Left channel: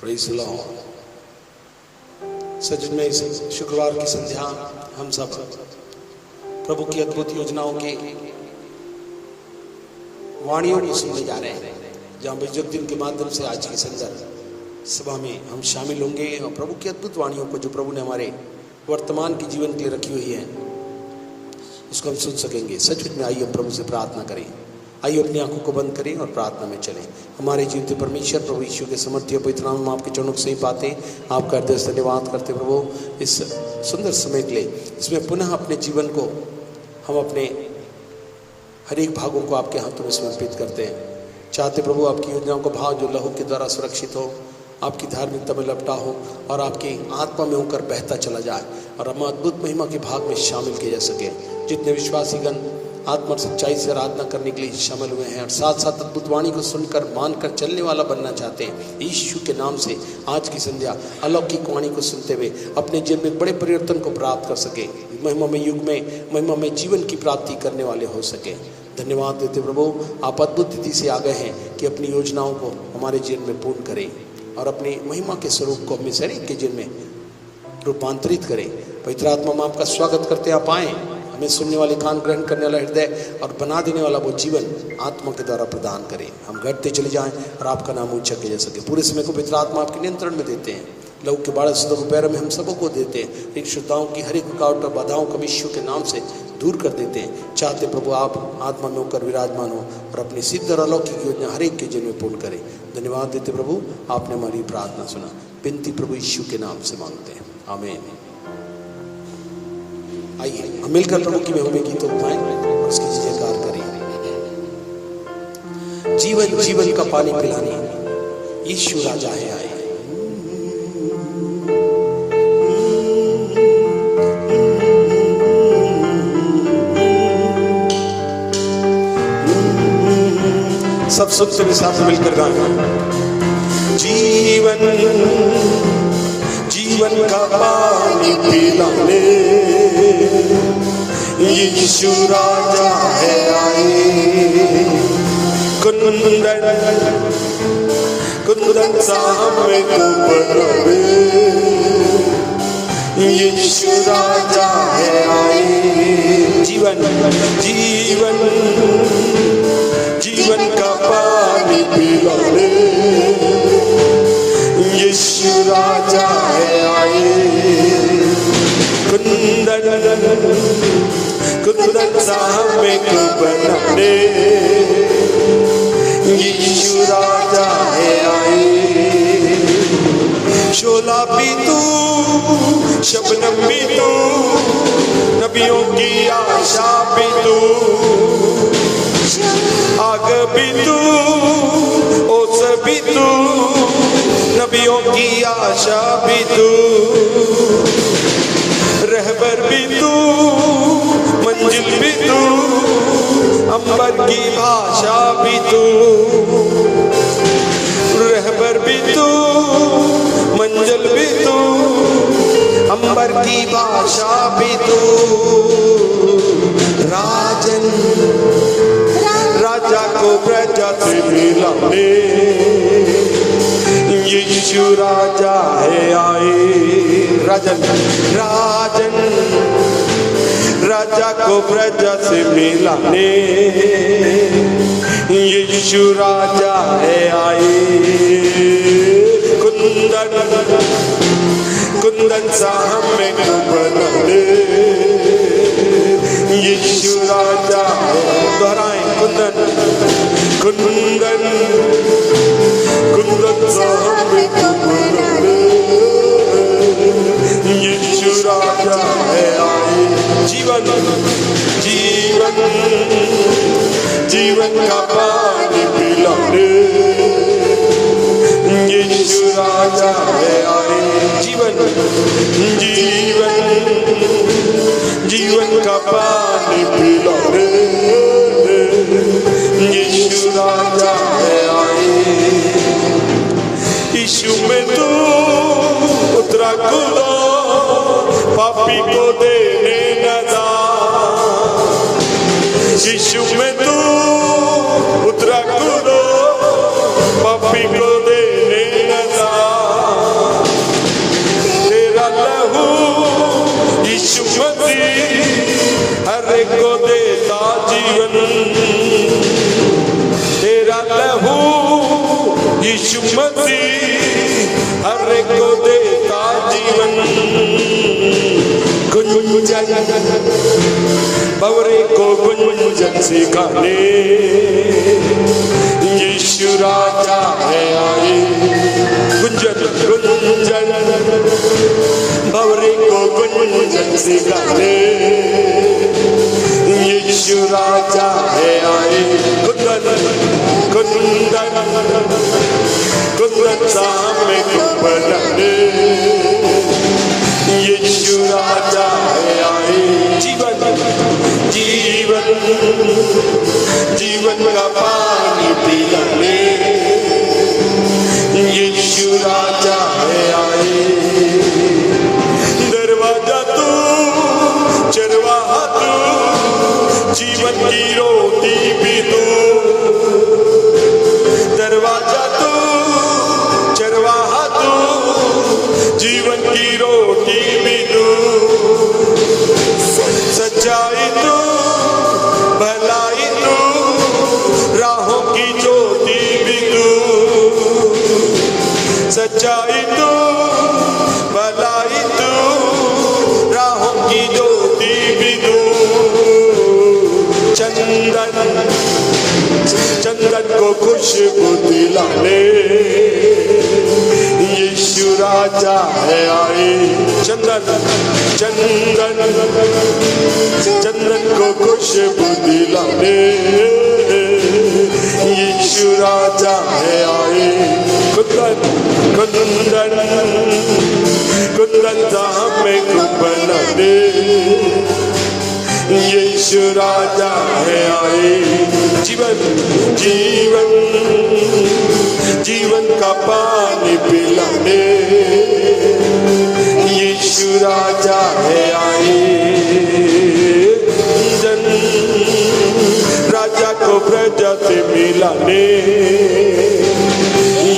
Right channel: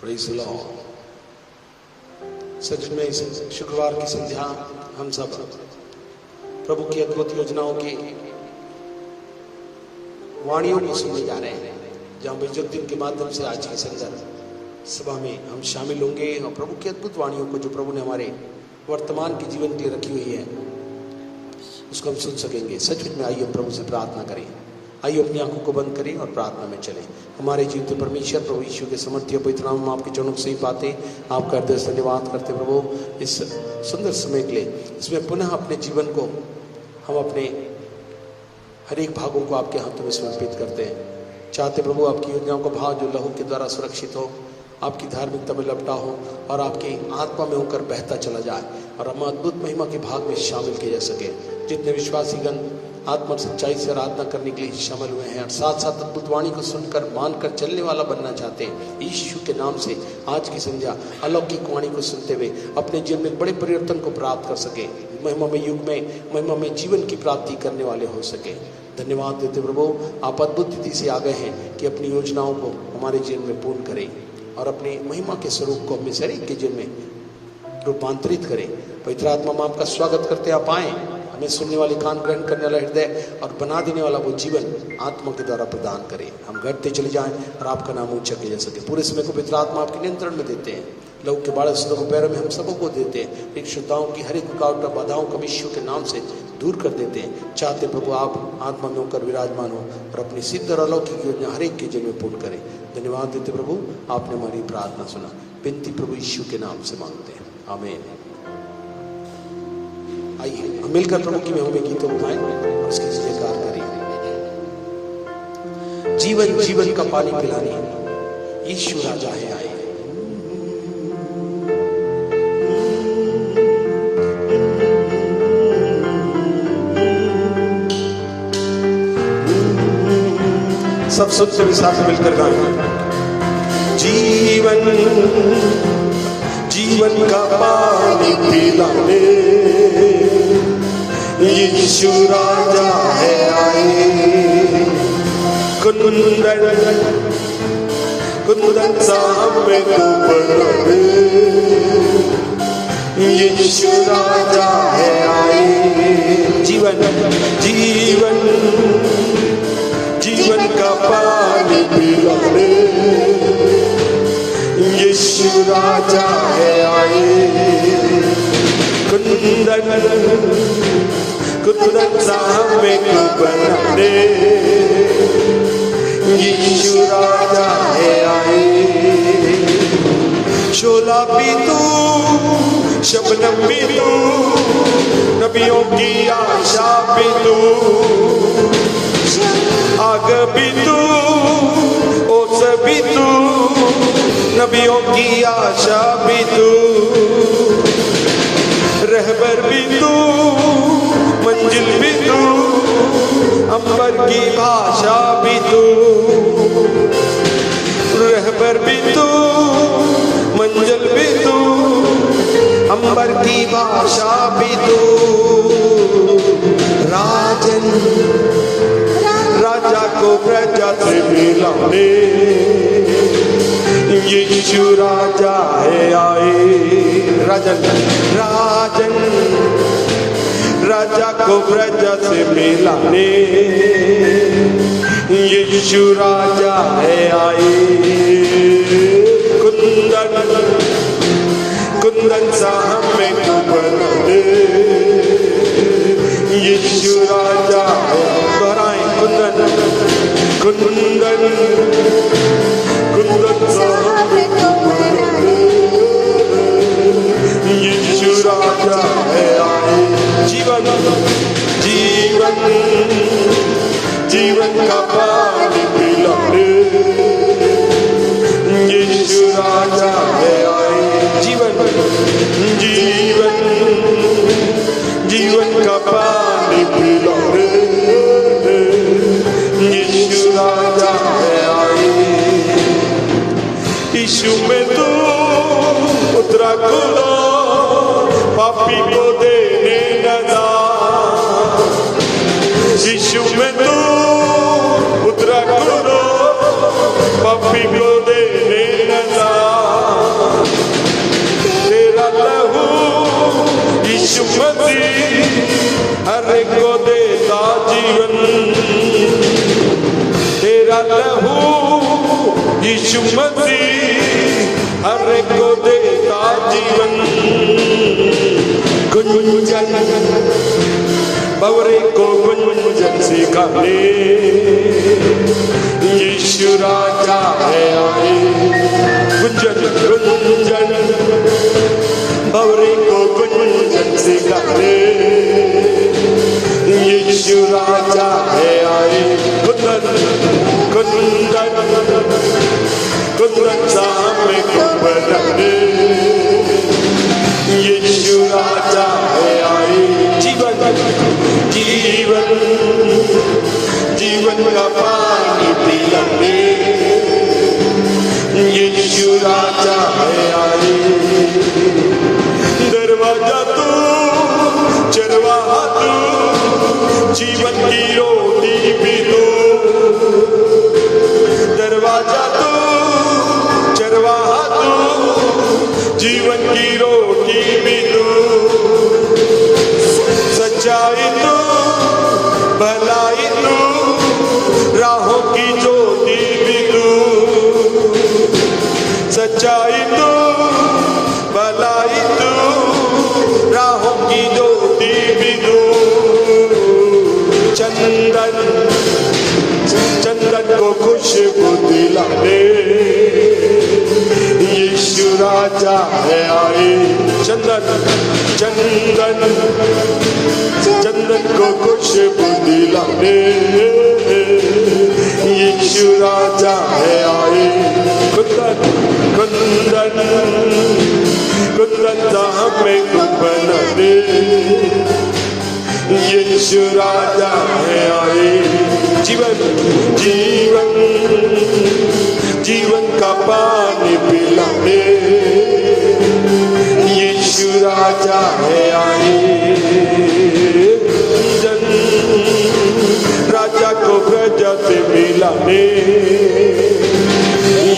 Praise the Lord. सच में इस शुक्रवार की संध्या हम सब प्रभु की अद्भुत योजनाओं की वाणियों को सुनने जा रहे हैं, जहाँ बेजुद्दीन के माध्यम से आज की संध्या सभा में हम शामिल होंगे और प्रभु की अद्भुत वाणियों को जो प्रभु ने हमारे वर्तमान के जीवन के लिए रखी हुई है उसको हम सुन सकेंगे। सच में आइए प्रभु से प्रार्थना करें। आइए अपनी आंखों को बंद करें और प्रार्थना में चलें। हमारे जीवित परमेश्वर प्रभु यीशु के समर्थी पवित्र नाम में आपके चरणों से ही पाते आपका हृदय से धन्यवाद करते प्रभु इस सुंदर समय के लिए, इसमें पुनः अपने जीवन को हम अपने हर एक भागों को आपके हाथों में समर्पित करते हैं। चाहते प्रभु आपकी योजनाओं का भाव जो लहू के द्वारा सुरक्षित हो, आपकी धार्मिकता में लपटा हो और आपकी आत्मा में होकर बहता चला जाए और हम अद्भुत महिमा के भाग में शामिल किए जा सके। जितने विश्वासीगण आत्मा और सच्चाई से आराधना करने के लिए शामिल हुए हैं और साथ साथ अद्भुत वाणी को सुनकर मानकर चलने वाला बनना चाहते हैं, यीशु के नाम से आज की संध्या अलौकिक वाणी को सुनते हुए अपने जीवन में बड़े परिवर्तन को प्राप्त कर सके, महिमा में युग में महिमा में जीवन की प्राप्ति करने वाले हो सके। धन्यवाद देते प्रभु, आप अद्भुत तिथि से आ गए हैं कि अपनी योजनाओं को हमारे जीवन में पूर्ण करें और अपने महिमा के स्वरूप को अपने शरीर के जीवन में रूपांतरित करें। पवित्र आत्मा में आपका स्वागत करते आप आए, हमें सुनने वाले कान, ग्रहण करने वाला हृदय और बना देने वाला वो जीवन आत्मा के द्वारा प्रदान करें। हम घटते चले जाएं और आपका नाम ऊंचा किया जा सके। पूरे समय को पवित्र आत्मा आपके नियंत्रण में देते हैं। लहू के बाढ़ के पैरों में हम सबको देते हैं। इन श्रोताओं की हर एक रुकावट और बाधाओं को यीशु के नाम से दूर कर देते हैं। चाहते प्रभु आप आत्मा में होकर विराजमान हो और अपनी सिद्ध और अलौकिक योजना हर एक के जीवन में पूर्ण करें। धन्यवाद देते प्रभु, आपने हमारी प्रार्थना सुना। विनती प्रभु यीशु के नाम से मांगते हैं, आमीन। आइए मिलकर प्रभु की महिमा गीत उठाएं, उसकी जयकार करें। जीवन जीवन का पानी पिलाने यीशु राजा है आए। सब सुनते हुए साथ मिलकर गाएं। जीवन जीवन का पानी पिलाने यीशु राजा है आए। कुंदन कुंदन साहब में तू बने, यीशु राजा है आए। जीवन जीवन जीवन का पानी पिलाने यीशु राजा है आए। कुंदन कुंदन साहब में तू बने, यीशु राजा है आए। शोला भी तू, शबनम भी तू, नबियों की आशा भी तू, आग भी तू, ओस भी तू, नबियों की आशा भी तू, रहबर भी तू, मंजिल भी तू, अंबर की भाषा भी तू, रहबर भी तू, मंजिल भी तू, अंबर की भाषा भी तू। राजन राजा को प्रजा से मिलाने यीशु राजा है आए। राजन राजन राजा को प्रजा से मिलाने यीशु राजा है आए। कुंदन कुंदन साहब में तू बने, यीशु राजा है। दोहराए कुंदन कुंदन कुंदन साहब में तू बने, यीशु राजा है आए। जीवन जीवन जीवन का पानी पिलाने यीशु राजा है आए। जीवन जीवन गुंजन भंवरे को गुंजन से गाने यीशु राजा है आए गुंजन गुंजन भंवरे को गुंजन से गाने यीशु राजा है आए गुंजन गुंजन गुंजन सामने गुंजन यीशु राजा है आए जीवन जीवन जीवन का पानी पिलाने यीशु राजा है आए दरवाजा तू चरवाहा तू जीवन की रोटी भी तू दरवाजा तू चरवाहा तू जीवन की रोटी भी तू सच्चाई तू भलाई तू राहों की ज्योति भी तू सच्चाई तू भलाई तू राहों की ज्योति भी तू चंदन चंदन को खुशबू दिलाने यीशु राजा है आए चंदन चंदन चंदन को खुशबू दिलाने यीशु राजा है आए कुंदन कुंदन कुंदन धाम में कुंदन यीशु राजा है आए जीवन जीवन जीवन का पानी पिलाने यीशु राजा है आए जन राजा को प्रजा से मिलाने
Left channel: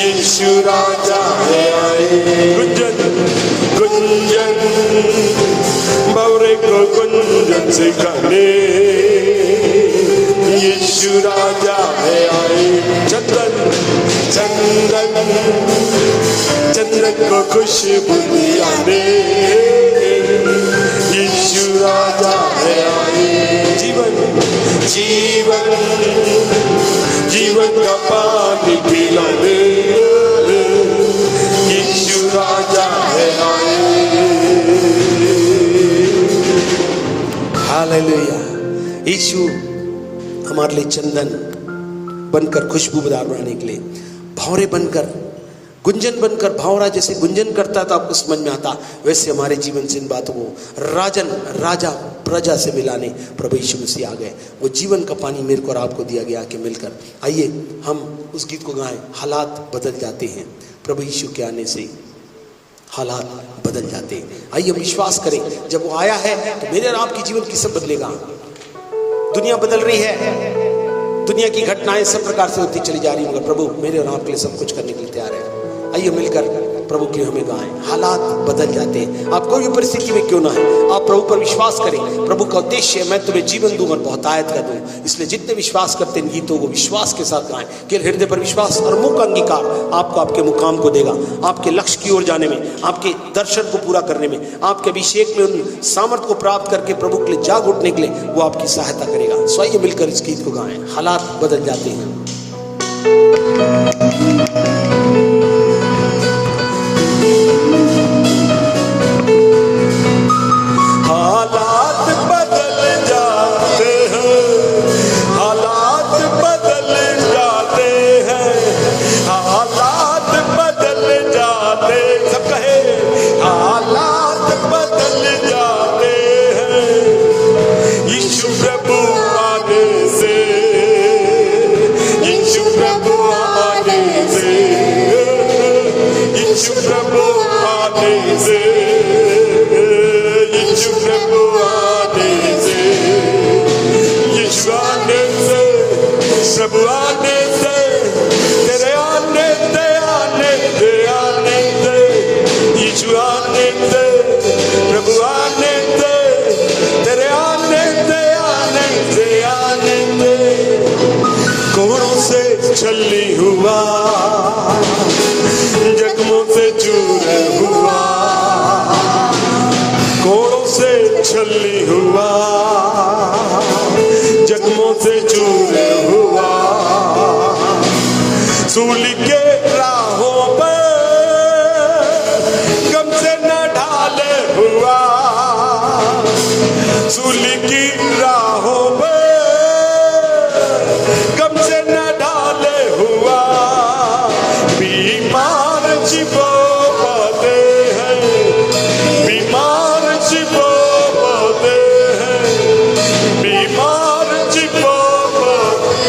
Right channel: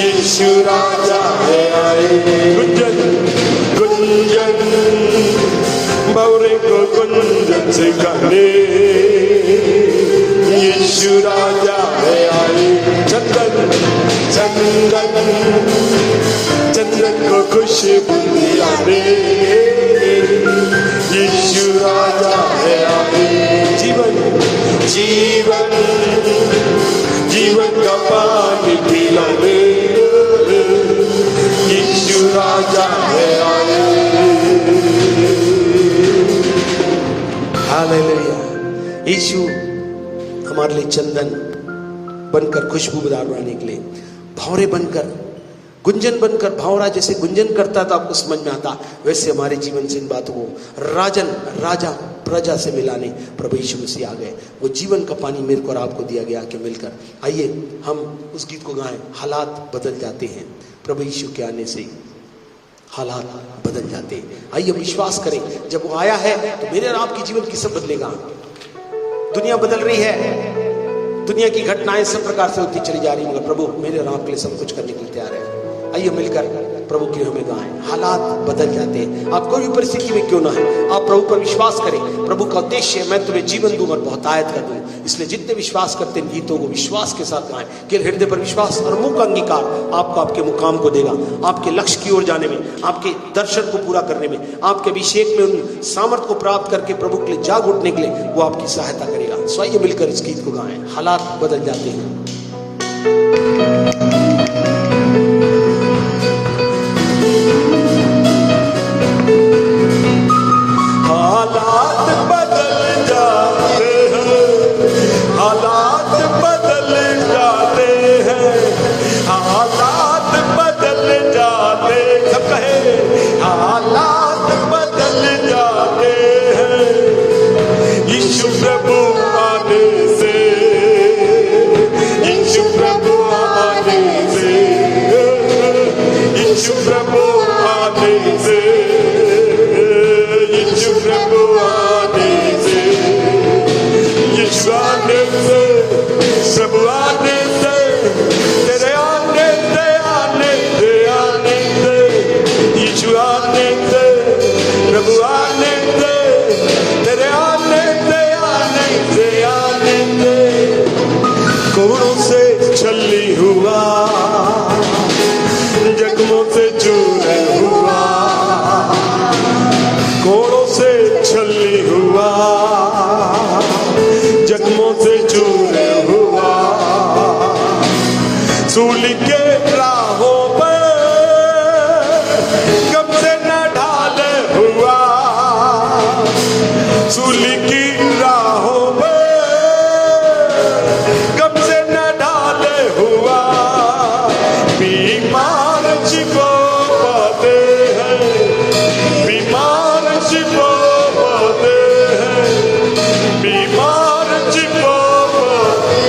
यीशु राजा है आए गुंजन गुंजन भंवरे को गुंजन से गाने यीशु राजा है आए चंदन चंदन चंदन को खुशबू दिलाने यीशु राजा है आए जीवन जीवन जीवन का पानी पिलाने यीशु राजा है आए हालेलुया। यीशु हमारे लिए चंदन बनकर खुशबूदार बनाने के लिए भंवरे बनकर गुंजन बनकर भंवरा जैसे गुंजन करता था आपको समझ में आता वैसे हमारे जीवन से इन बातों को राजन राजा प्रजा से मिलाने प्रभु यीशु मसीह आ गए। वो जीवन का पानी मेरे को और आपको दिया गया कि मिलकर आइए हम उस गीत को गाएं। हालात बदल जाते हैं प्रभु यीशु के आने से हालात बदल जाते हैं। आइए विश्वास करें जब वो आया है तो मेरे और आपके जीवन की सब बदलेगा। दुनिया बदल रही है, दुनिया की घटनाएं सब प्रकार से होती चली जा रही है। प्रभु मेरे और आपके लिए सब कुछ करने के लिए तैयार है। आइए मिलकर प्रभु की हमें गाएं। हालात बदल जाते हैं। आप कोई भी परिस्थिति में क्यों ना है, आप प्रभु पर विश्वास करें। प्रभु का उद्देश्य है मैं तुम्हें जीवन दूं और बहुतायत कर दूं। इसलिए जितने विश्वास करते हैं गीतों को विश्वास के साथ गाएं कि हृदय पर विश्वास और मुंह का अंगीकार आपको आपके मुकाम को देगा, आपके लक्ष्य की ओर जाने में, आपके दर्शन को पूरा करने में, आपके अभिषेक में उन सामर्थ्य को प्राप्त करके प्रभु के लिए जाग उठने के लिए वो आपकी सहायता करेगा। सो आइए मिलकर इस गीत को गाएं। हालात बदल जाते हैं। जख्मों से चूर हुआ छलनी हुआ, जख्मों से चूर हुआ, सूली के राहों पर गम से न ढाले हुआ, सूली की राहों पर गम से न ढाले हुआ, बीमार छिपाते हैं, बीमार छिपाते हैं, बीमार छिपाते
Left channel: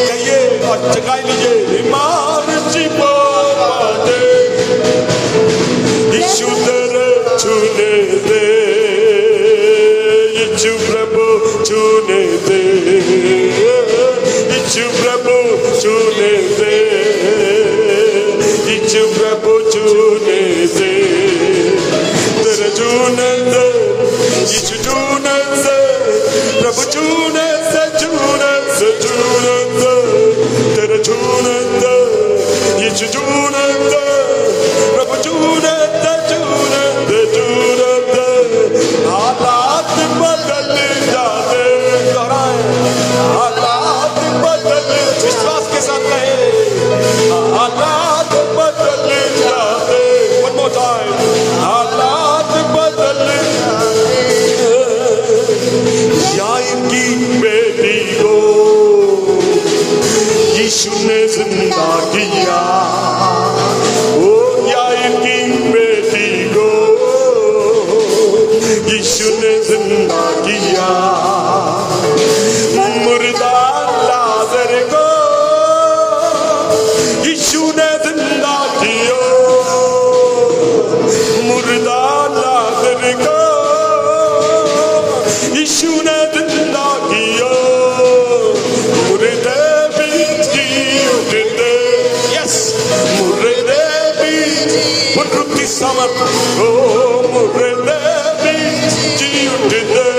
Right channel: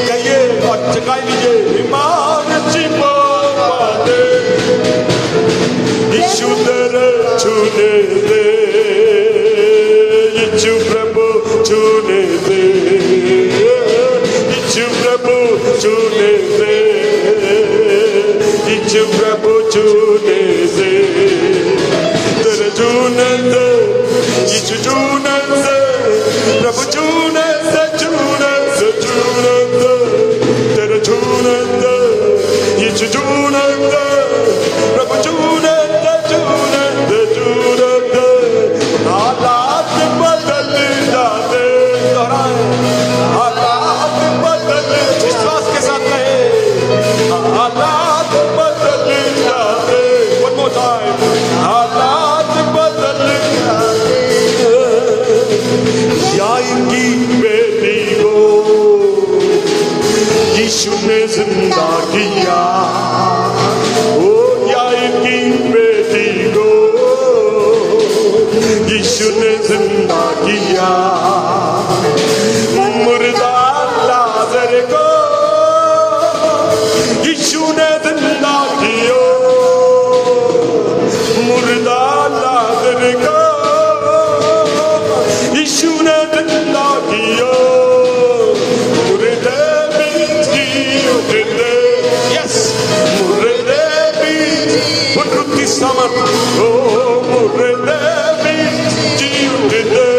कहिए और चकाई लीजिए, बीमार छिपाते यीशु तेरे छूने दे, यीशु प्रभु छूने दे, यीशु प्रभु छूने दे, यीशु प्रभु छूने दे, तेरे छूने दे, यीशु छूने दे, प्रभु छूने से छूने से छूने दे, तेरे छूने दे, यीशु छूने दे, प्रभु छूने दे, छूने दे, छूने दे, हालात बदल जाते, हालात बदल, विश्वास के साथ रहे, हालात बदल जाते, one more time, हालात बदल जाते, याईर की बेटी को यीशु ने जिंदा किया, ओ याईर की बेटी को यीशु ने जिंदा किया, मुर्दा लाजर को यीशु ने जिंदा किया, मुर्दा लाजर को यीशु ने जिंदा किया, मुर्दे भी जी उठते, यस मुर्दे भी उठती समझ, ओ मुर्दे भी जी उठते,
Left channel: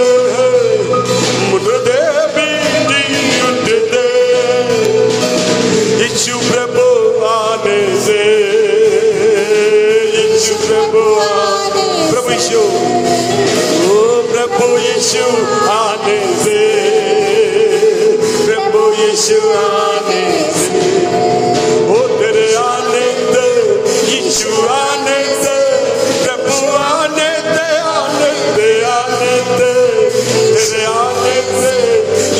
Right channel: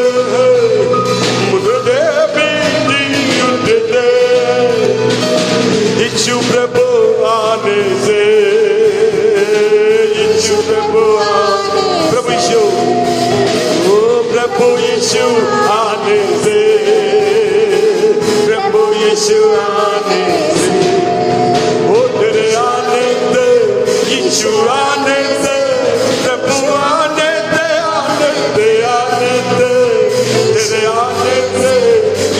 मुर्दे भी जी उठते, यीशु प्रभु आने से, यीशु प्रभु प्रभु यीशु, ओ प्रभु यीशु आने से, प्रभु यीशु आने से, ओ तेरे आने से, यीशु आने से, प्रभु आने से, आने से, आने से, तेरे आने से,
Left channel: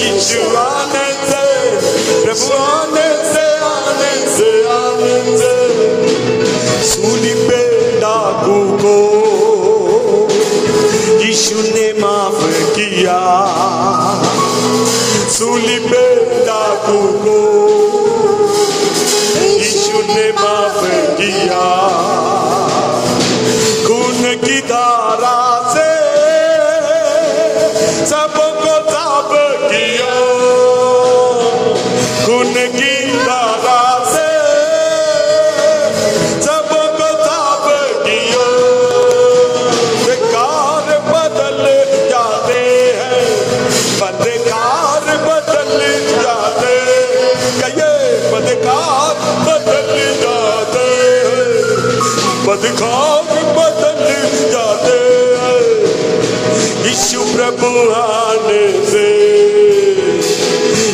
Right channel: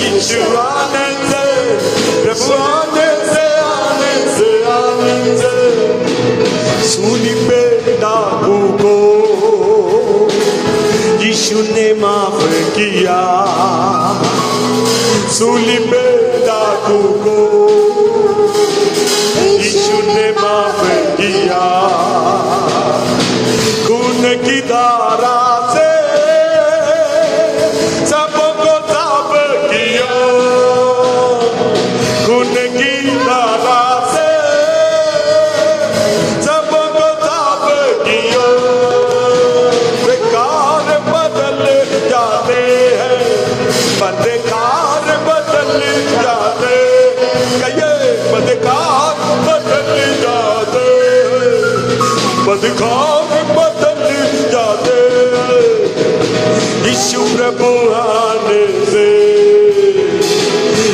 यीशु आने से, प्रभु आने से, आने से, आने से, सूली पे डाकू को यीशु ने माफ किया, सूली पे डाकू को यीशु ने माफ किया, खून की धारा से सबको साफ किया, खून की धारा से सबको साफ किया, बेकार बदल जाते हैं, बदकार बदल जाते, कहिए बदकार बदल जाते, बदकार बदल जाते, यीशु प्रभु आने से,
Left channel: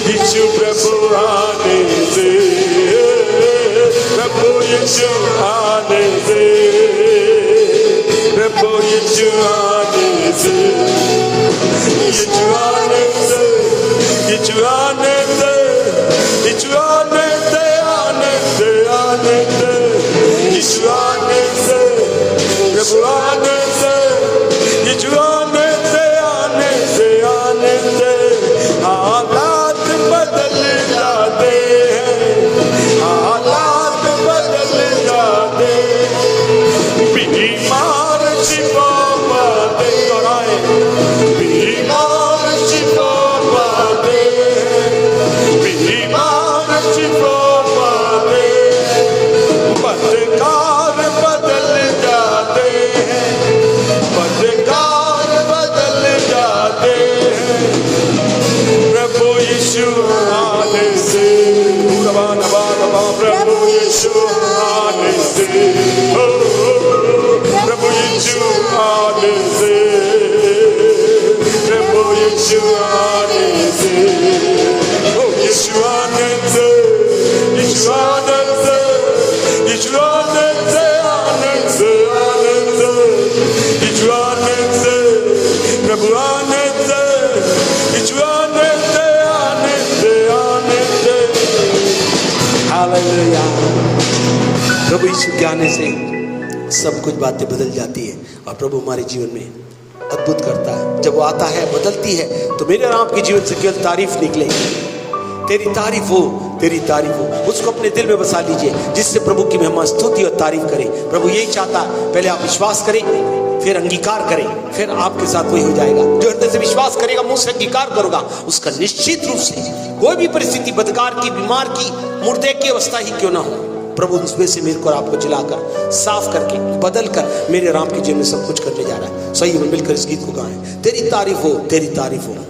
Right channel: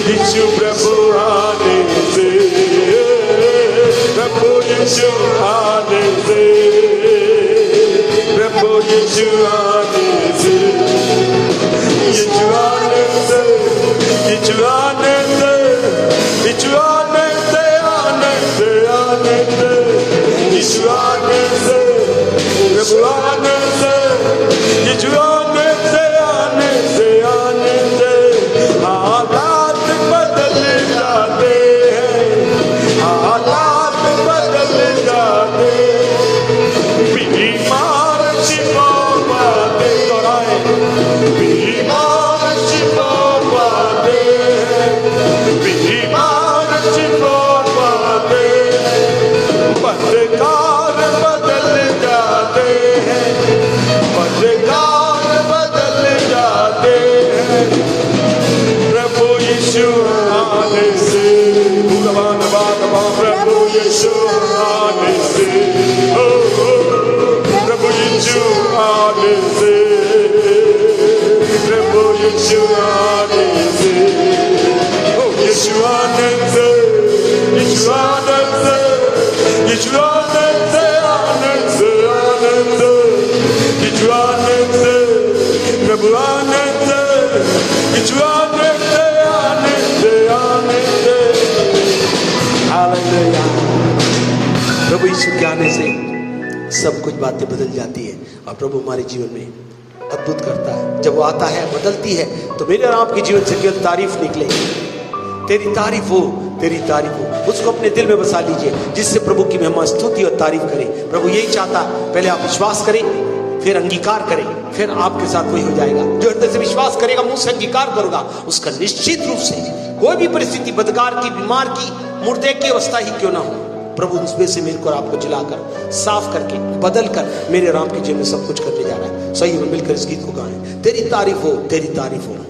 यीशु प्रभु आने से, प्रभु यीशु आने से, प्रभु यीशु आने से, यीशु आने से, यीशु आने से, यीशु आने से, आने से, आने से, यीशु आने से, प्रभु आने से, यीशु आने से, आने से, आने से, हालात बदल जाते हैं, हालात बदल जाते, बीमार छिपाते कराए, बीमार छिपाते, बीमार छिपाते, बदकार बदल जाते हैं, बदकार बदल जाते हैं, प्रभु यीशु आने से, प्रभु यीशु आने से, प्रभु यीशु आने से, हमारे जीवन में अद्भुत करता है। जब वो आता है, बदलती है, तो मेरे और आपके जीवन से केवल तारीफ निकलेगी। तेरी तारीफ हो, तेरी तारीफ हो। उसको अपने दिल में बसा लीजिए, जिससे प्रभु की महिमा, स्तुति और तारीफ करें। प्रभु यही चाहता है, पहले आप विश्वास करें, फिर अंगीकार करें, फिर आपके साथ वही हो जाएगा। जो हृदय से विश्वास करेगा, मुंह से अंगीकार करेगा, उसका निश्चित रूप से कोई भी परिस्थिति, बदकार की, बीमार की, मुर्दे की अवस्था ही क्यों ना हो, प्रभु उसमें से मेरे को आपको जिलाकर, साफ करके, बदल कर मेरे राम के जीवन में सब कुछ करने जा रहा है। सही में मिलकर इस गीत को गाएं। तेरी तारीफ हो, तेरी तारीफ हो।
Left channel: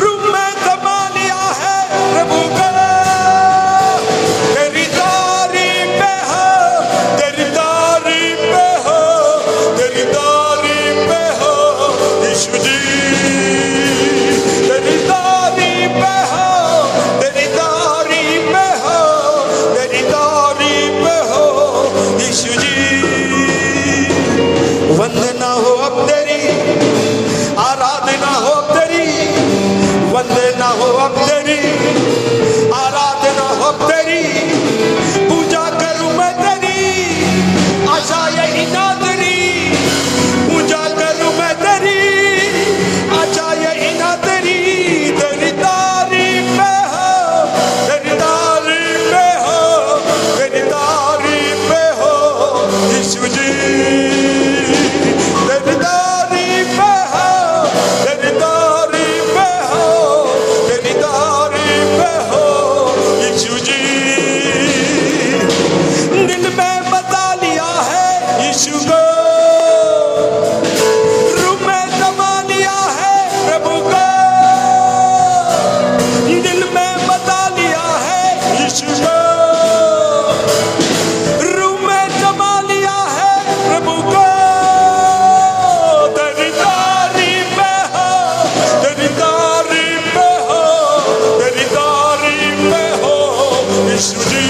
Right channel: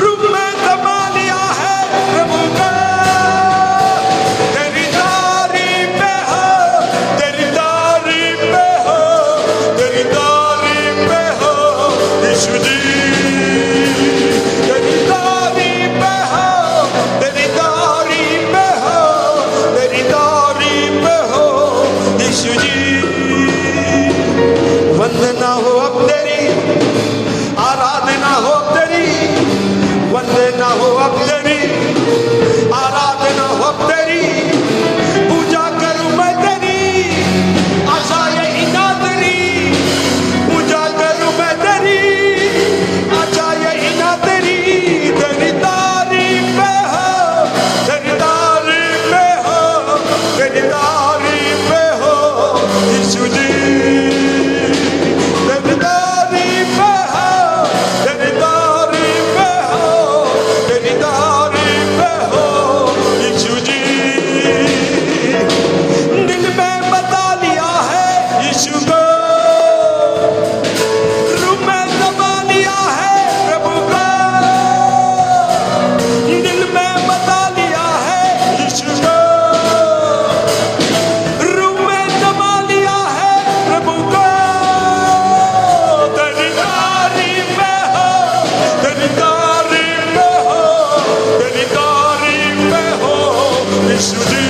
रूप में समा लिया है प्रभु का। यीशु जी तेरी तारीफ हो, तेरी तारीफ हो, तेरी तारीफ हो यीशु जी। दिल में बता लिया है यीशु को, रूह में दबा लिया है प्रभु को, दिल में बता लिया है यीशु को, रूह में दबा लिया है प्रभु को। तेरी तारीफ हो, तेरी तारीफ हो, तेरी तारीफ हो यीशु जी।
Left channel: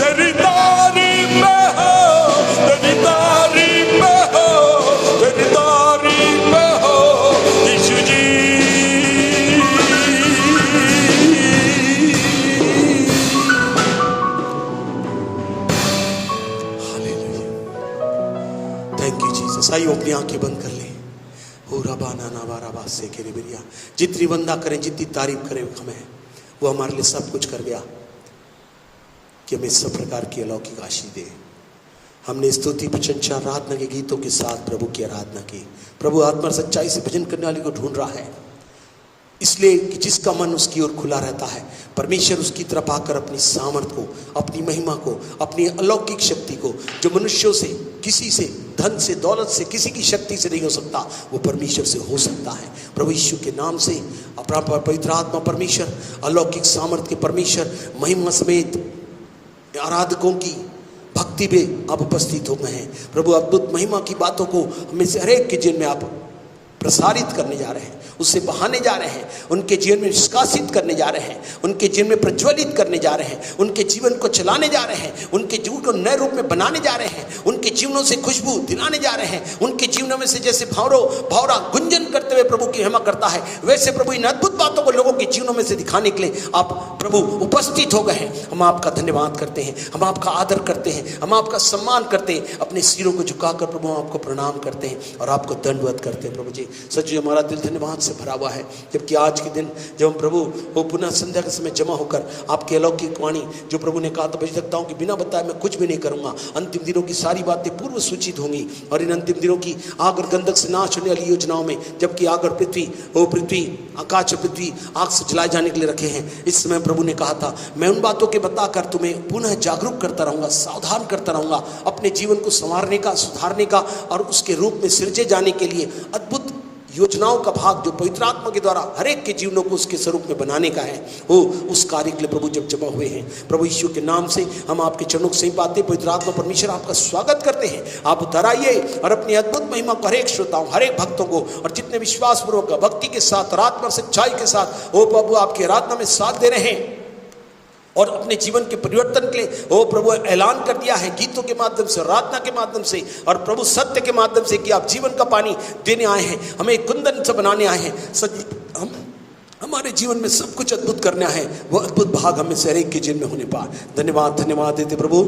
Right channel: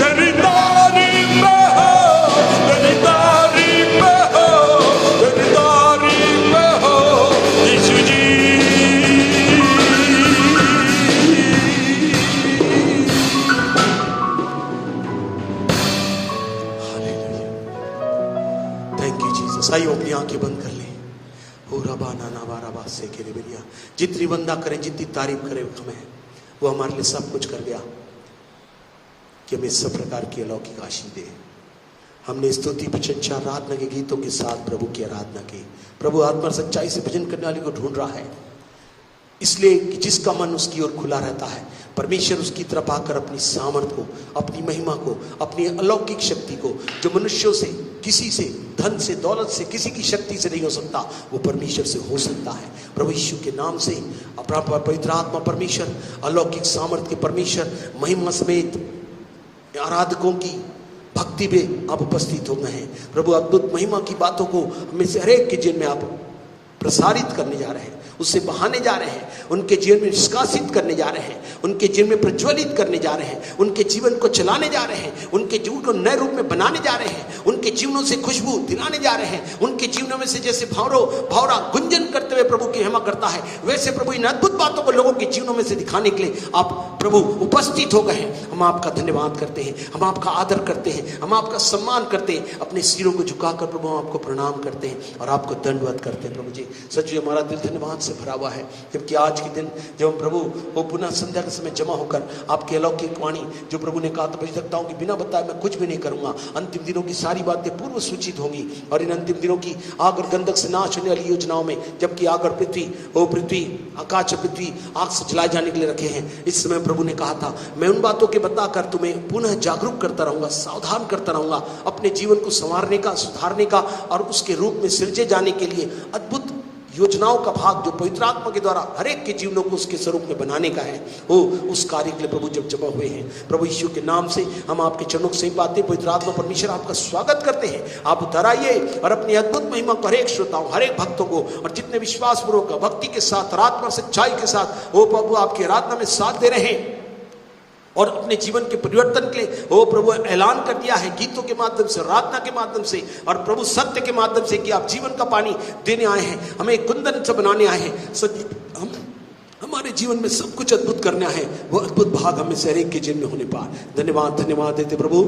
तेरी तारीफ हो, तेरी तारीफ हो, तेरी तारीफ हो Yeshu ji. Thank you Jesus. आइए अपनी आंखें बंद कर लें। ओ रबाना नावारा से के रिबिया, जितनी बंदा करें, जितनी तारीफ करें हमें, वो हमारे लिए सब कुछ कर गया कि हमें सब प्रकार की अलौकिक आशीष दे। हमने स्तुति प्रशंसा आराधना के गीतों के साथ प्रभु की आराधना की। प्रभु आत्मा सच्चाई से भजन करने वाले को ढूंढ रहा है, इसलिए कि जिसका मन उसकी ओर खुला रहता है, परमेश्वर उसकी तरफ आकर अपनी सामर्थ को, अपनी महिमा को, अपनी अलौकिक शक्ति को, जो मनुष्यों से, किसी से, धन से, दौलत से, किसी की शक्ति से नहीं हो सकता, वो परमेश्वर से हो सकता है। प्रभु यीशु के नाम से अपना पवित्र आत्मा परमेश्वर, अलौकिक सामर्थ के परमेश्वर, महिमा समेत आराधकों की भक्ति में आप उपस्थित हो गए हैं। प्रभु अद्भुत महिमा की बातों को हमें से हरेक के जीवन में आप प्रसारित करने जा रहे हैं, उससे बहाने जा रहे हैं, उनके जीवन में निष्कासित करने जा रहे हैं, उनके जीवन में प्रज्वलित करने जा रहे हैं, उनके जीवन को चलाने जा रहे हैं, उनके जीवन को नए रूप में बनाने जा रहे हैं, उनके जीवनों से खुशबू दिलाने जा रहे हैं, उनके जीवनों में से जैसे भावरा गुंजन करते हुए प्रभु की महिमा करता है, वैसे प्रभु इन अद्भुत बातों को लोगों के जीवनों में से दिखाने के लिए आप प्रभु उपस्थित हो गए हैं। हम आपका धन्यवाद करते हैं, हम आपका आदर करते हैं, हम आपका सम्मान करते हैं, अपने सिरों को झुकाकर प्रभु आपको प्रणाम करते हैं और आपको दंडवत करते हैं। प्रभु जी सच हमारा दिल धन्यवाद से भरा हुआ है, जबकि आज के दिन जब हम प्रभु वो पुनः संध्या के समय जमा होकर आपकी अलौकिक वाणी, जो प्रभु ने कहा था भविष्यवक्ताओं की बिना बताए मैं कुछ भी नहीं करूंगा, अंतिम दिनों की सारी बातें पूर्व सूचित होंगी और इन अंतिम दिनों की आग और गंधक से नाश होने वाली योजनाओं में, जबकि आग और पृथ्वी आकाश और पृथ्वी आग से जलाए जाने के लिए रखे हैं, इस समय प्रभु ने कहा था मैं उन बातों के बताकर तुम्हें पुनः जागरूक करता रहूंगा, सावधान करता रहूंगा, अपने जीवन को संवारने का, सुधारने का और उसके रूप में सिरजे जाने के लिए अद्भुत योजनाओं का भाग जो पवित्र आत्मा के द्वारा हर एक के जीवनों को उसके स्वरूप में बनाने का है, वो उस कार्य के लिए प्रभु जब जमा हुए हैं। प्रभु यीशु के नाम से हम आपके चरणों से पाते पवित्र आत्मा परमेश्वर आपका स्वागत करते हैं। आप उतर आइए और अपनी अद्भुत महिमा को हर एक श्रोताओं, हर एक भक्तों को और जितने विश्वास पूर्वक भक्ति के साथ, आराधना और सच्चाई के साथ वो प्रभु आपकी आराधना में साथ दे रहे हैं और अपने जीवन के परिवर्तन के लिए वो प्रभु ऐलान कर दिया है गीतों के माध्यम से, आराधना के माध्यम से और प्रभु सत्य के माध्यम से कि आप जीवन का पानी देने आए हैं, हमें कुंदन से बनाने आए हैं, हम हमारे जीवन में सब कुछ अद्भुत करना है, वो अद्भुत भाग हमें से हर एक के जीवन में होने पाए। धन्यवाद देते प्रभु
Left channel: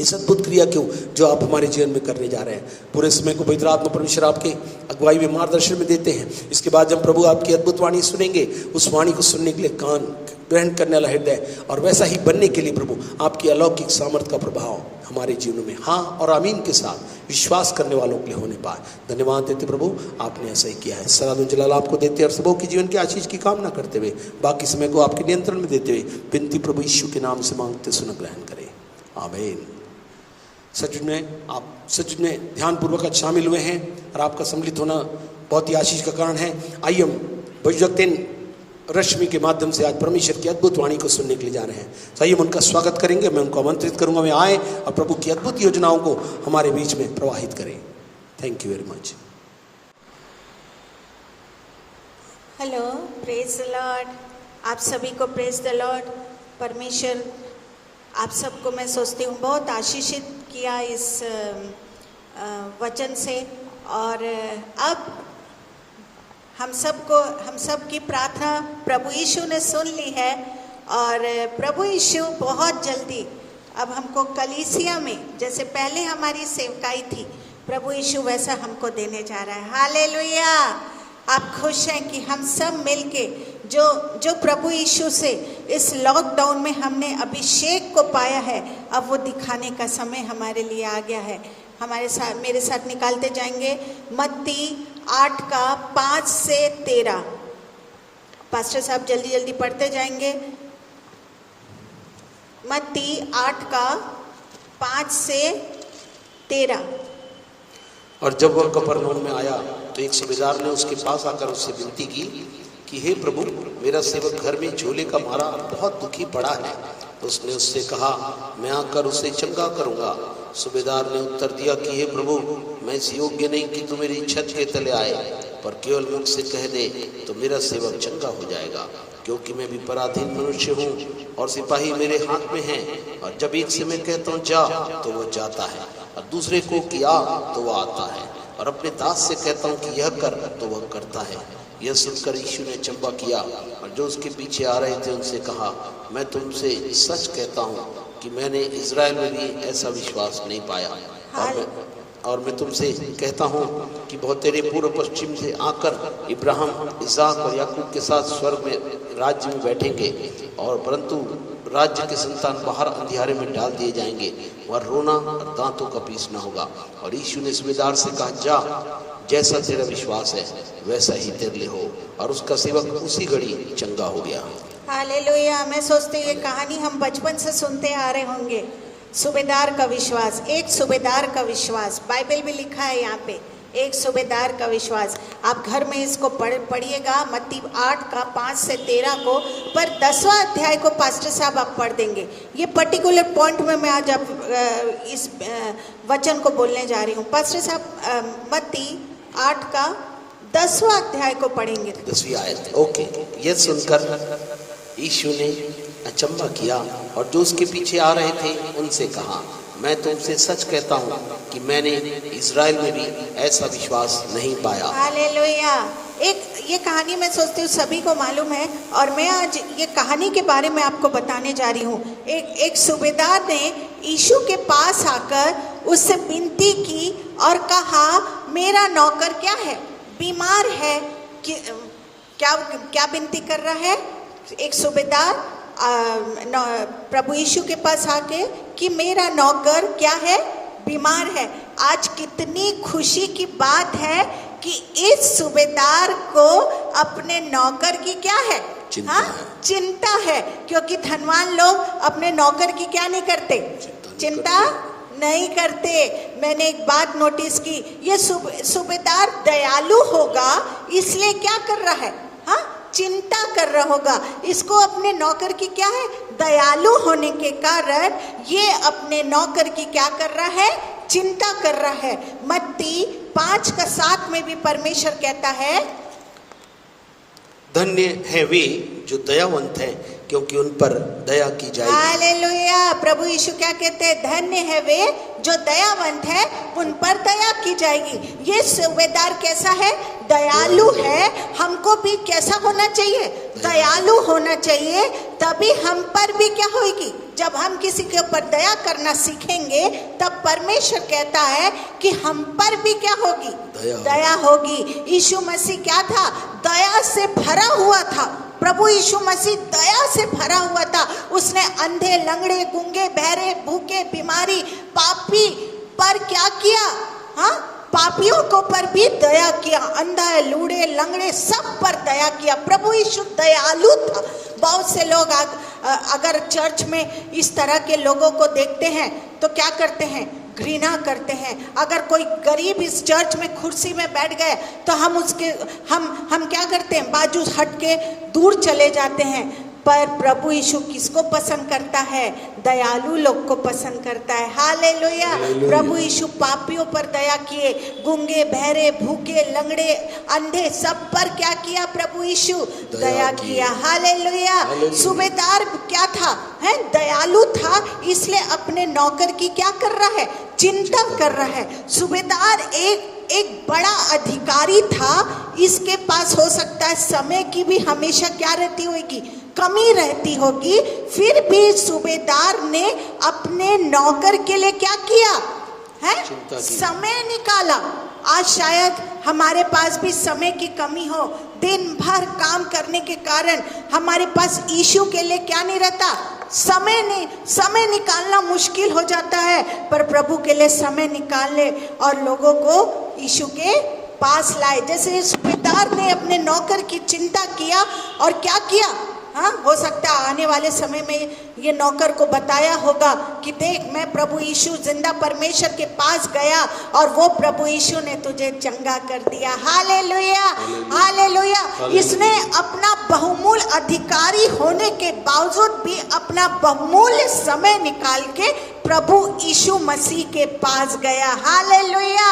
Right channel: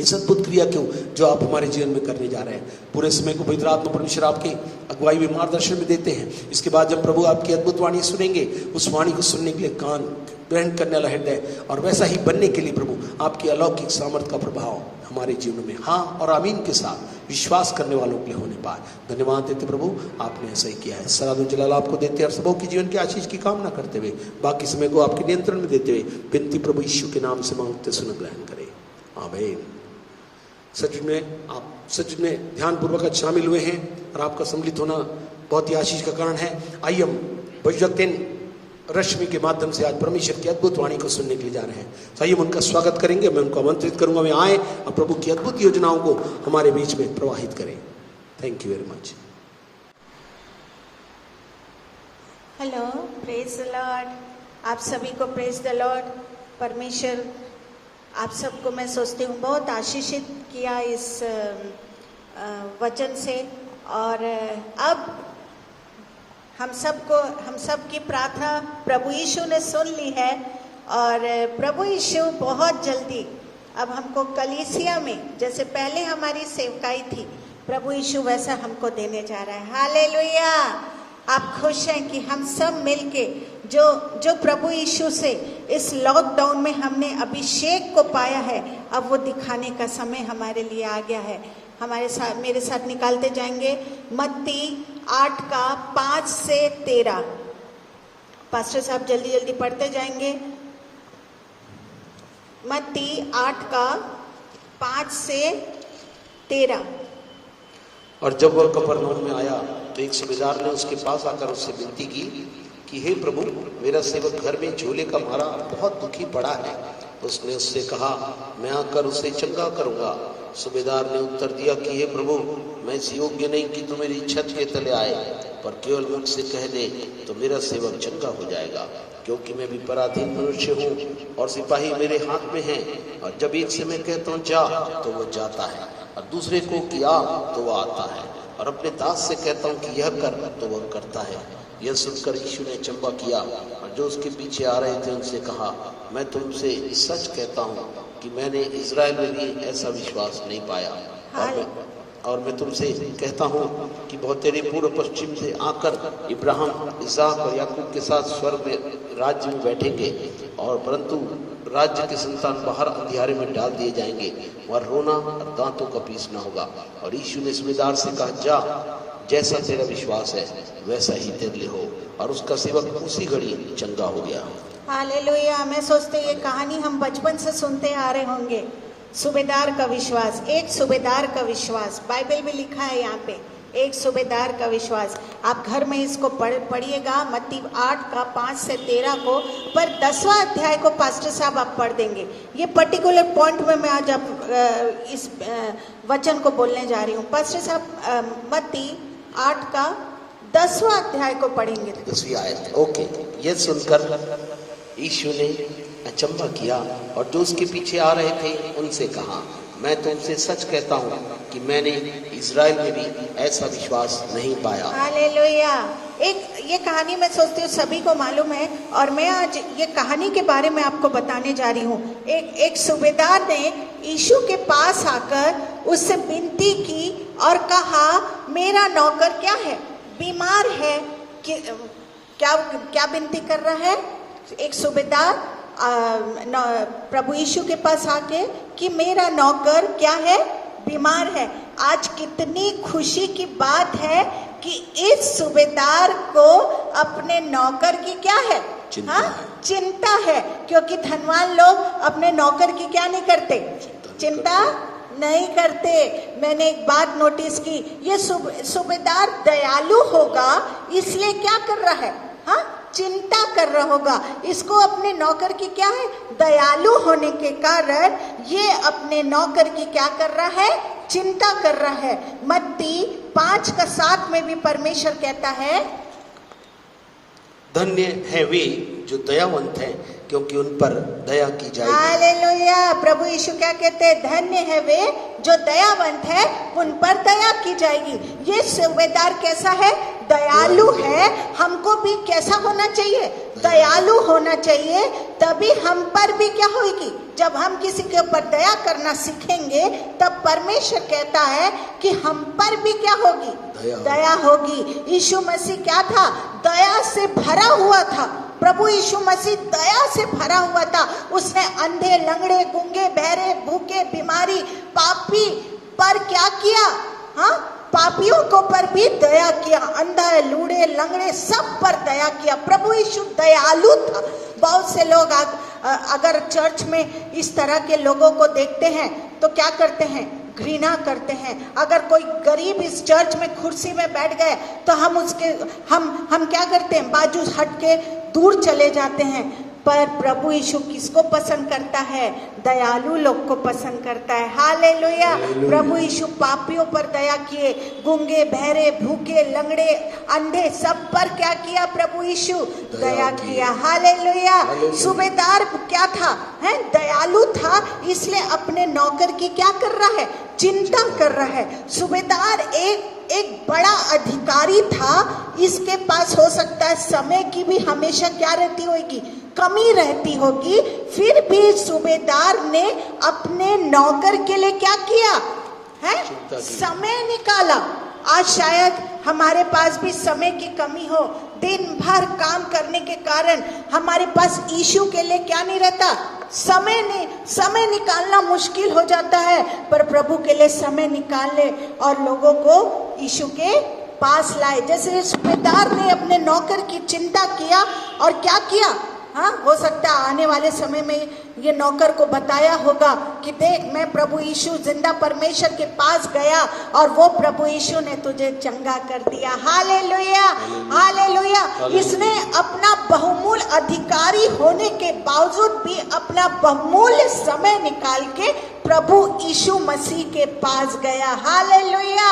इस अद्भुत क्रिया क्यों जो आप हमारे जीवन में करने जा रहे हैं। पूरे समय को पवित्र आत्मा परमेश्वर आपके अगुवाई में, मार्गदर्शन में देते हैं। इसके बाद जब प्रभु आपकी अद्भुत वाणी सुनेंगे, उस वाणी को सुनने के लिए कान ग्रहण करने वाला हृदय और वैसा ही बनने के लिए प्रभु आपकी अलौकिक सामर्थ का प्रभाव हमारे जीवन में हाँ और आमीन के साथ विश्वास करने वालों के लिए होने पाए। धन्यवाद देते प्रभु, आपने ऐसा ही किया है। सलाम जलाल आपको देते और सबों के जीवन के आशीष की कामना करते हुए बाकी समय को आपके नियंत्रण में देते हुए विनती प्रभु यीशु के नाम से मांगते सुन ग्रहण करें, आमीन। सच में ध्यानपूर्वक शामिल हुए हैं और आपका सम्मिलित होना बहुत ही आशीष का कारण है। आइए हम भविष्यवक्ता रश्मि के माध्यम से आज परमेश्वर की अद्भुत वाणी को सुनने के लिए जा रहे हैं। तो आइए हम उनका स्वागत करेंगे, मैं उनको आमंत्रित करूंगा मैं आए और प्रभु की अद्भुत योजनाओं को हमारे बीच में प्रवाहित करें। Thank you very much. Hello, praise the Lord. आप सभी को प्रेज द लॉर्ड। परमेश्वर आप सबको मैं सोचती हूँ बहुत आशीषित किया इस वचन से। और अब हम सब की प्रार्थना प्रभु यीशु ने सुन ली है और प्रभु यीशु बहुत जल्दी अब हमको कलीसिया में जैसे पहले हमारी सेवकाई थी, प्रभु यीशु वैसा हमको देने जा रहा है। हालेलुया। आप खुश हैं कि हम सब मिलके जो प्रभु यीशु से इस लॉकडाउन में हमने अभिषेक को पाया है, अब वो दिखाने का समय हमारे लिए आ गया है। हमारे साथ, मेरे साथ निकालते जाएंगे मत्ती 8 का 5 से 13। पास्टर साहब जल्दी जल्दी पढ़ते जाएंगे। मत्ती 8 का 5 से 13। और जब वह कफरनहूम में आया तो एक सूबेदार ने उसके पास आकर उससे विनती की कि हे प्रभु, मेरा सेवक घर में झोले का मारा बहुत दुखी पड़ा है। उसने उससे कहा, मैं आकर उसे चंगा करूंगा। सूबेदार ने उत्तर दिया कि हे प्रभु, मैं इस योग्य नहीं कि तू मेरी छत के तले आए, पर केवल मुझसे कह दे तो मेरा सेवक चंगा हो जाएगा, क्योंकि मैं भी पराधीन मनुष्य हूँ और सिपाही मेरे हाथ में हैं। और जब एक से मैं कहता हूँ जा तो वो जाता है, और दूसरे को किया तो वो आता है, और अपने दास से कहता हूँ कि यह कर तो वो करता है। यह सुनकर यीशु ने चंबा किया और जो उसके पीछे आ रहे थे उनसे कहा, मैं तुमसे सच कहता हूँ कि मैंने इजराइल में भी ऐसा विश्वास नहीं पाया। और मैं तुमसे कहता हूँ कि बहुत तेरे पूर्व पश्चिम से आकर इब्राहिम, इसहाक और याकूब के साथ स्वर्ग में राज्य में बैठेंगे, और परंतु राज्य के संतान बाहर अंधियारे में डाल दिए जाएंगे, वह रोना और दांतों का पीसना होगा। और यीशु ने सूबेदार से कहा, जा, जैसा तेरा विश्वास है वैसा ही तेरे लिए हो। और उसका सेवक उसी घड़ी चंगा हो गया। हालेलुया। मैं सोचते ये कहानी हम बचपन से सुनते आ रहे होंगे। सूबेदार का विश्वास, एक सूबेदार का विश्वास, बाइबल में लिखा है यहाँ पे, एक सूबेदार का विश्वास। आप घर में इसको पढ़िएगा, मत्ती 8 का 5 से 13 को, पर 10वां अध्याय को पास्टर साहब आप पढ़ देंगे। ये पर्टिकुलर पॉइंट में मैं आज इस वचन को बोलने जा रही हूँ। पास्टर साहब मत्ती 8 का 10वां अध्याय को पढ़ेंगे। 10वीं आयत। ओके। यह सुनकर यीशु ने अचंभा किया और जो उसके पीछे आ रहे थे उनसे कहा, मैं तुमसे सच कहता हूँ कि मैंने इजराइल में भी ऐसा विश्वास नहीं पाया। हालेलुया। एक ये कहानी मैं सोचती हूँ सभी को मालूम है, और मैं आज ये कहानी के बारे में आपको बताने जा रही हूँ। एक सूबेदार ने यीशु के पास आकर उससे विनती की और कहा, मेरा नौकर क्या है, बीमार है। क्या विनती कर रहा है एक सूबेदार प्रभु यीशु के पास आके कि मेरा नौकर क्या है, बीमार है। आज कितनी खुशी की बात है कि इस सूबेदार को अपने नौकर की क्या है, चिंता है। क्योंकि धनवान लोग अपने नौकर की क्या नहीं करते, चिंता नहीं करते। मैंने एक बात नोटिस की, ये सूबेदार दयालु होगा इसलिए क्या कर रहा है, हाँ, चिंता कर रहा होगा। इसको अपने नौकर की क्या है, दयालु होने के कारण ये अपने नौकर की क्या कर रहा है, चिंता कर रहा है। मत्ती 5 का 7 में भी परमेश्वर कहता है, धन्य है वे जो दयावंत है, क्योंकि उन पर दया की जाएगी। हालेलुया। प्रभु यीशु क्या कहते हैं, धन्य है वे जो दयावंत है, उन पर दया की जाएगी। ये सूबेदार कैसा है, दयालु है। हमको भी कैसा होना चाहिए, दयालु होना चाहिए, तभी हम पर भी क्या होगी। जब हम किसी के ऊपर दया करना सीखेंगे तब परमेश्वर कहता है कि हम पर भी क्या होगी, दया होगी। यीशु मसीह क्या था, दया से भरा हुआ था। प्रभु यीशु मसीह दया से भरा हुआ था। उसने अंधे, लंगड़े, गूंगे, बहरे, भूखे, बीमारी, पापी पर क्या किया, हाँ, पापियों को पर भी दया किया। अंधा, लूड़े, लंगड़े सब पर दया किया। प्रभु यीशु दयालु था। बहुत से लोग अगर चर्च में इस तरह के लोगों को देखते हैं तो क्या करते हैं, घृणा करते हैं। अगर कोई गरीब इस चर्च में कुर्सी में बैठ गए तो हम क्या करते हैं, बाजू हट के दूर चले जाते हैं। पर प्रभु यीशु किसको पसंद करता है, दयालु लोग को पसंद करता है। हालेलुया। प्रभु यीशु पापियों पर दया किए, गूंगे, बहरे, भूखे, लंगड़े, अंधे सब पर क्या किया, प्रभु यीशु दया किया। हालेलुया। सूबेदार क्या था, है, दयालु था, इसलिए अपने नौकर की क्या कर रहा है, चिंता कर रहा है। सूबेदार एक बड़ा अधिकारी था। इसके पास हो सकता है समय की भी हमेशा क्या रहती होगी, कमी रहती होगी, फिर भी सूबेदार ने अपने नौकर के लिए क्या किया है, समय निकाला। आज शायद हमारे पास भी समय की कमी हो, दिन भर काम करने के कारण हमारे पास यीशु के लिए क्या नहीं रहता, समय निकालना मुश्किल हो जाता है। पर प्रभु के लिए समय निकालने और लोगों को यीशु के पास लाए। जैसे सूबेदार ने अपने नौकर की चिंता किया और क्या किया, हाँ, हो सकता है आने वाले समय में ये नौकर को बताया होगा कि देख, मैं प्रभु यीशु जिंदा परमेश्वर के पास गया और वो प्रभु यीशु ने तुझे चंगा कर दिया। Hallelujah, hallelujah. इसने अपना बहुमूल्य अधिकारी होने के बावजूद भी अपना बहुमूल्य समय निकाल के प्रभु यीशु मसीह के पास गया। हालेलुया।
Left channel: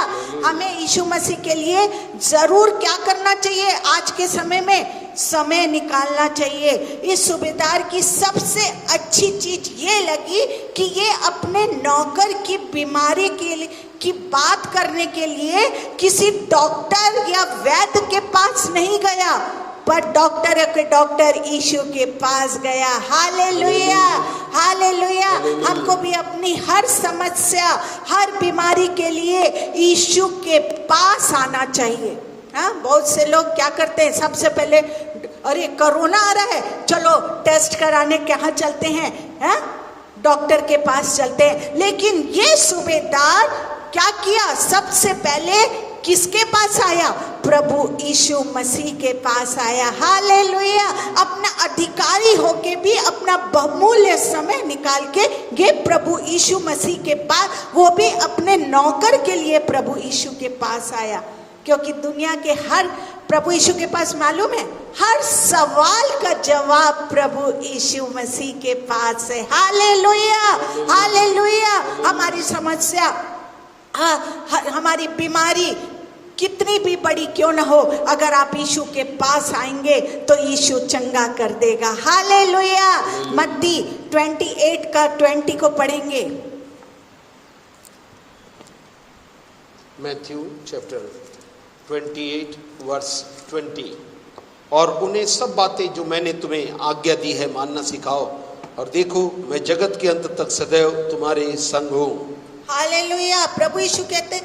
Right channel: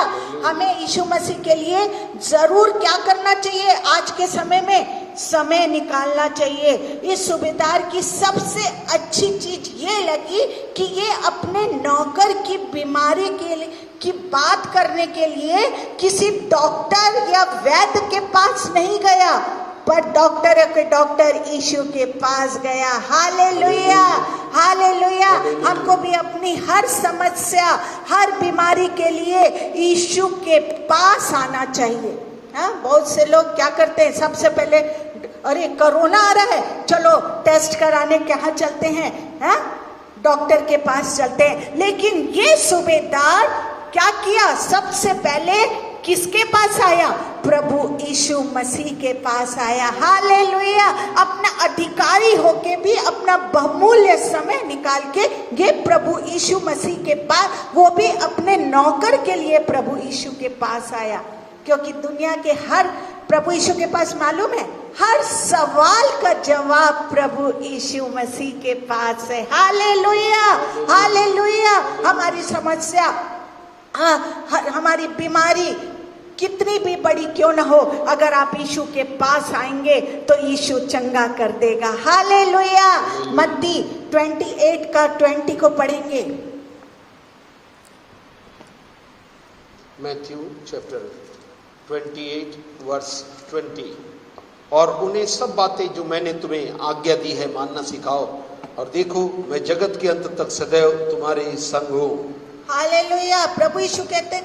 हमें यीशु मसीह के लिए जरूर क्या करना चाहिए, आज के समय में समय निकालना चाहिए। इस सूबेदार की सबसे अच्छी चीज ये लगी कि ये अपने नौकर की बीमारी की बात करने के लिए किसी डॉक्टर या वैद्य के पास नहीं गया, पर डॉक्टर यीशु के पास गया। Hallelujah, hallelujah. हमको भी अपनी हर समस्या, हर बीमारी के लिए यीशु के पास आना चाहिए। हाँ, बहुत से लोग क्या करते हैं, सबसे पहले अरे कोरोना आ रहा है, चलो टेस्ट कराने कहाँ चलते हैं, हाँ, डॉक्टर के पास चलते हैं। लेकिन ये सूबेदार क्या किया, सबसे पहले किसके पास आया, प्रभु यीशु मसीह के पास आया। हालेलुया। अपना अधिकारी होके भी अपना बहुमूल्य समय निकाल के ये प्रभु यीशु मसीह के पास, वो भी अपने नौकर के लिए प्रभु यीशु के पास आया। क्योंकि दुनिया के हर, प्रभु यीशु के पास मालूम है, हर सवाल का जवाब प्रभु यीशु मसीह के पास है। Hallelujah, hallelujah. हमारी समस्या, हमारी बीमारी कितनी भी बड़ी क्यों न हो, अगर आप यीशु के पास आएंगे तो यीशु चंगा कर देगा। हालेलुया। मत्ती 28 का 20 को पढ़ेंगे। Matthew chapter 28 verse 20। और उन्हें सब बातें जो मैंने तुम्हें आज्ञा दी है मानना सिखाओ, और देखो मैं जगत के अंत तक सदैव तुम्हारे संग हूँ। हालेलुया। प्रभु यीशु कहते,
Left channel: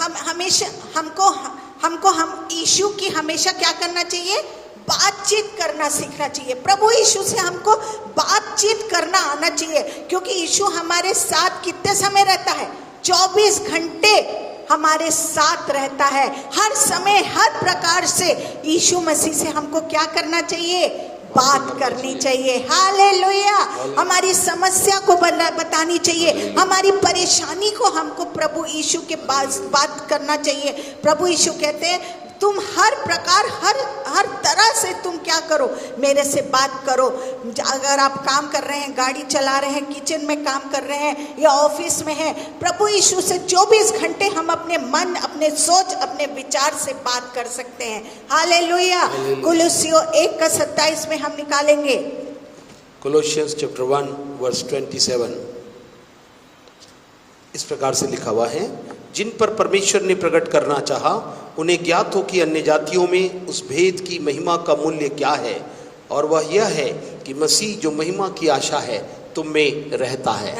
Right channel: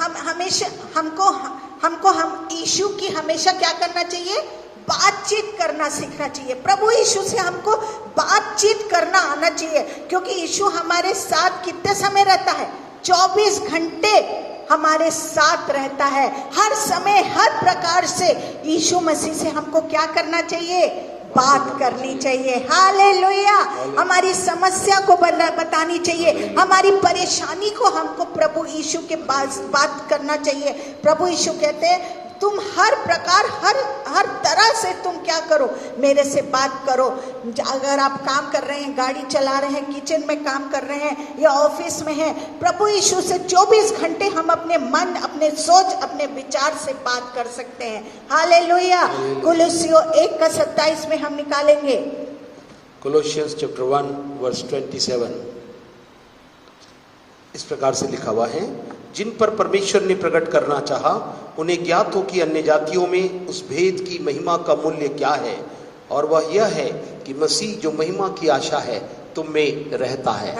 हम हमेशा हम यीशु की हमेशा क्या करना चाहिए, बातचीत करना सीखना चाहिए। प्रभु यीशु से हमको बातचीत करना आना चाहिए, क्योंकि यीशु हमारे साथ कितने समय रहता है, 24 घंटे हमारे साथ रहता है। हर समय हर प्रकार से यीशु मसीह से हमको क्या करना चाहिए, बात करनी चाहिए। हालेलुया। हमारी समस्या को बतानी चाहिए, हमारी परेशानी को हमको प्रभु यीशु के पास बात करना चाहिए। प्रभु यीशु कहते हैं तुम हर प्रकार हर तरह से तुम क्या करो, मेरे से बात करो। अगर आप काम कर रहे हैं, गाड़ी चला रहे हैं, किचन में काम कर रहे हैं या ऑफिस में हैं, प्रभु यीशु से 24 घंटे हम अपने मन, अपने सोच, अपने विचार से बात कर सकते हैं। हालेलुया। कुलुस्सियों 1:27 में हम निकालेंगे। कोलोसियंस चैप्टर 1 वर्स 27 इस प्रकार से लिखा हुआ है, जिन पर परमेश्वर ने प्रकट करना चाहा उन्हें ज्ञात हो कि अन्य जातियों में उस भेद की महिमा का मूल्य क्या है, और वह यह है कि मसीह जो महिमा की आशा है तुम में रहता है।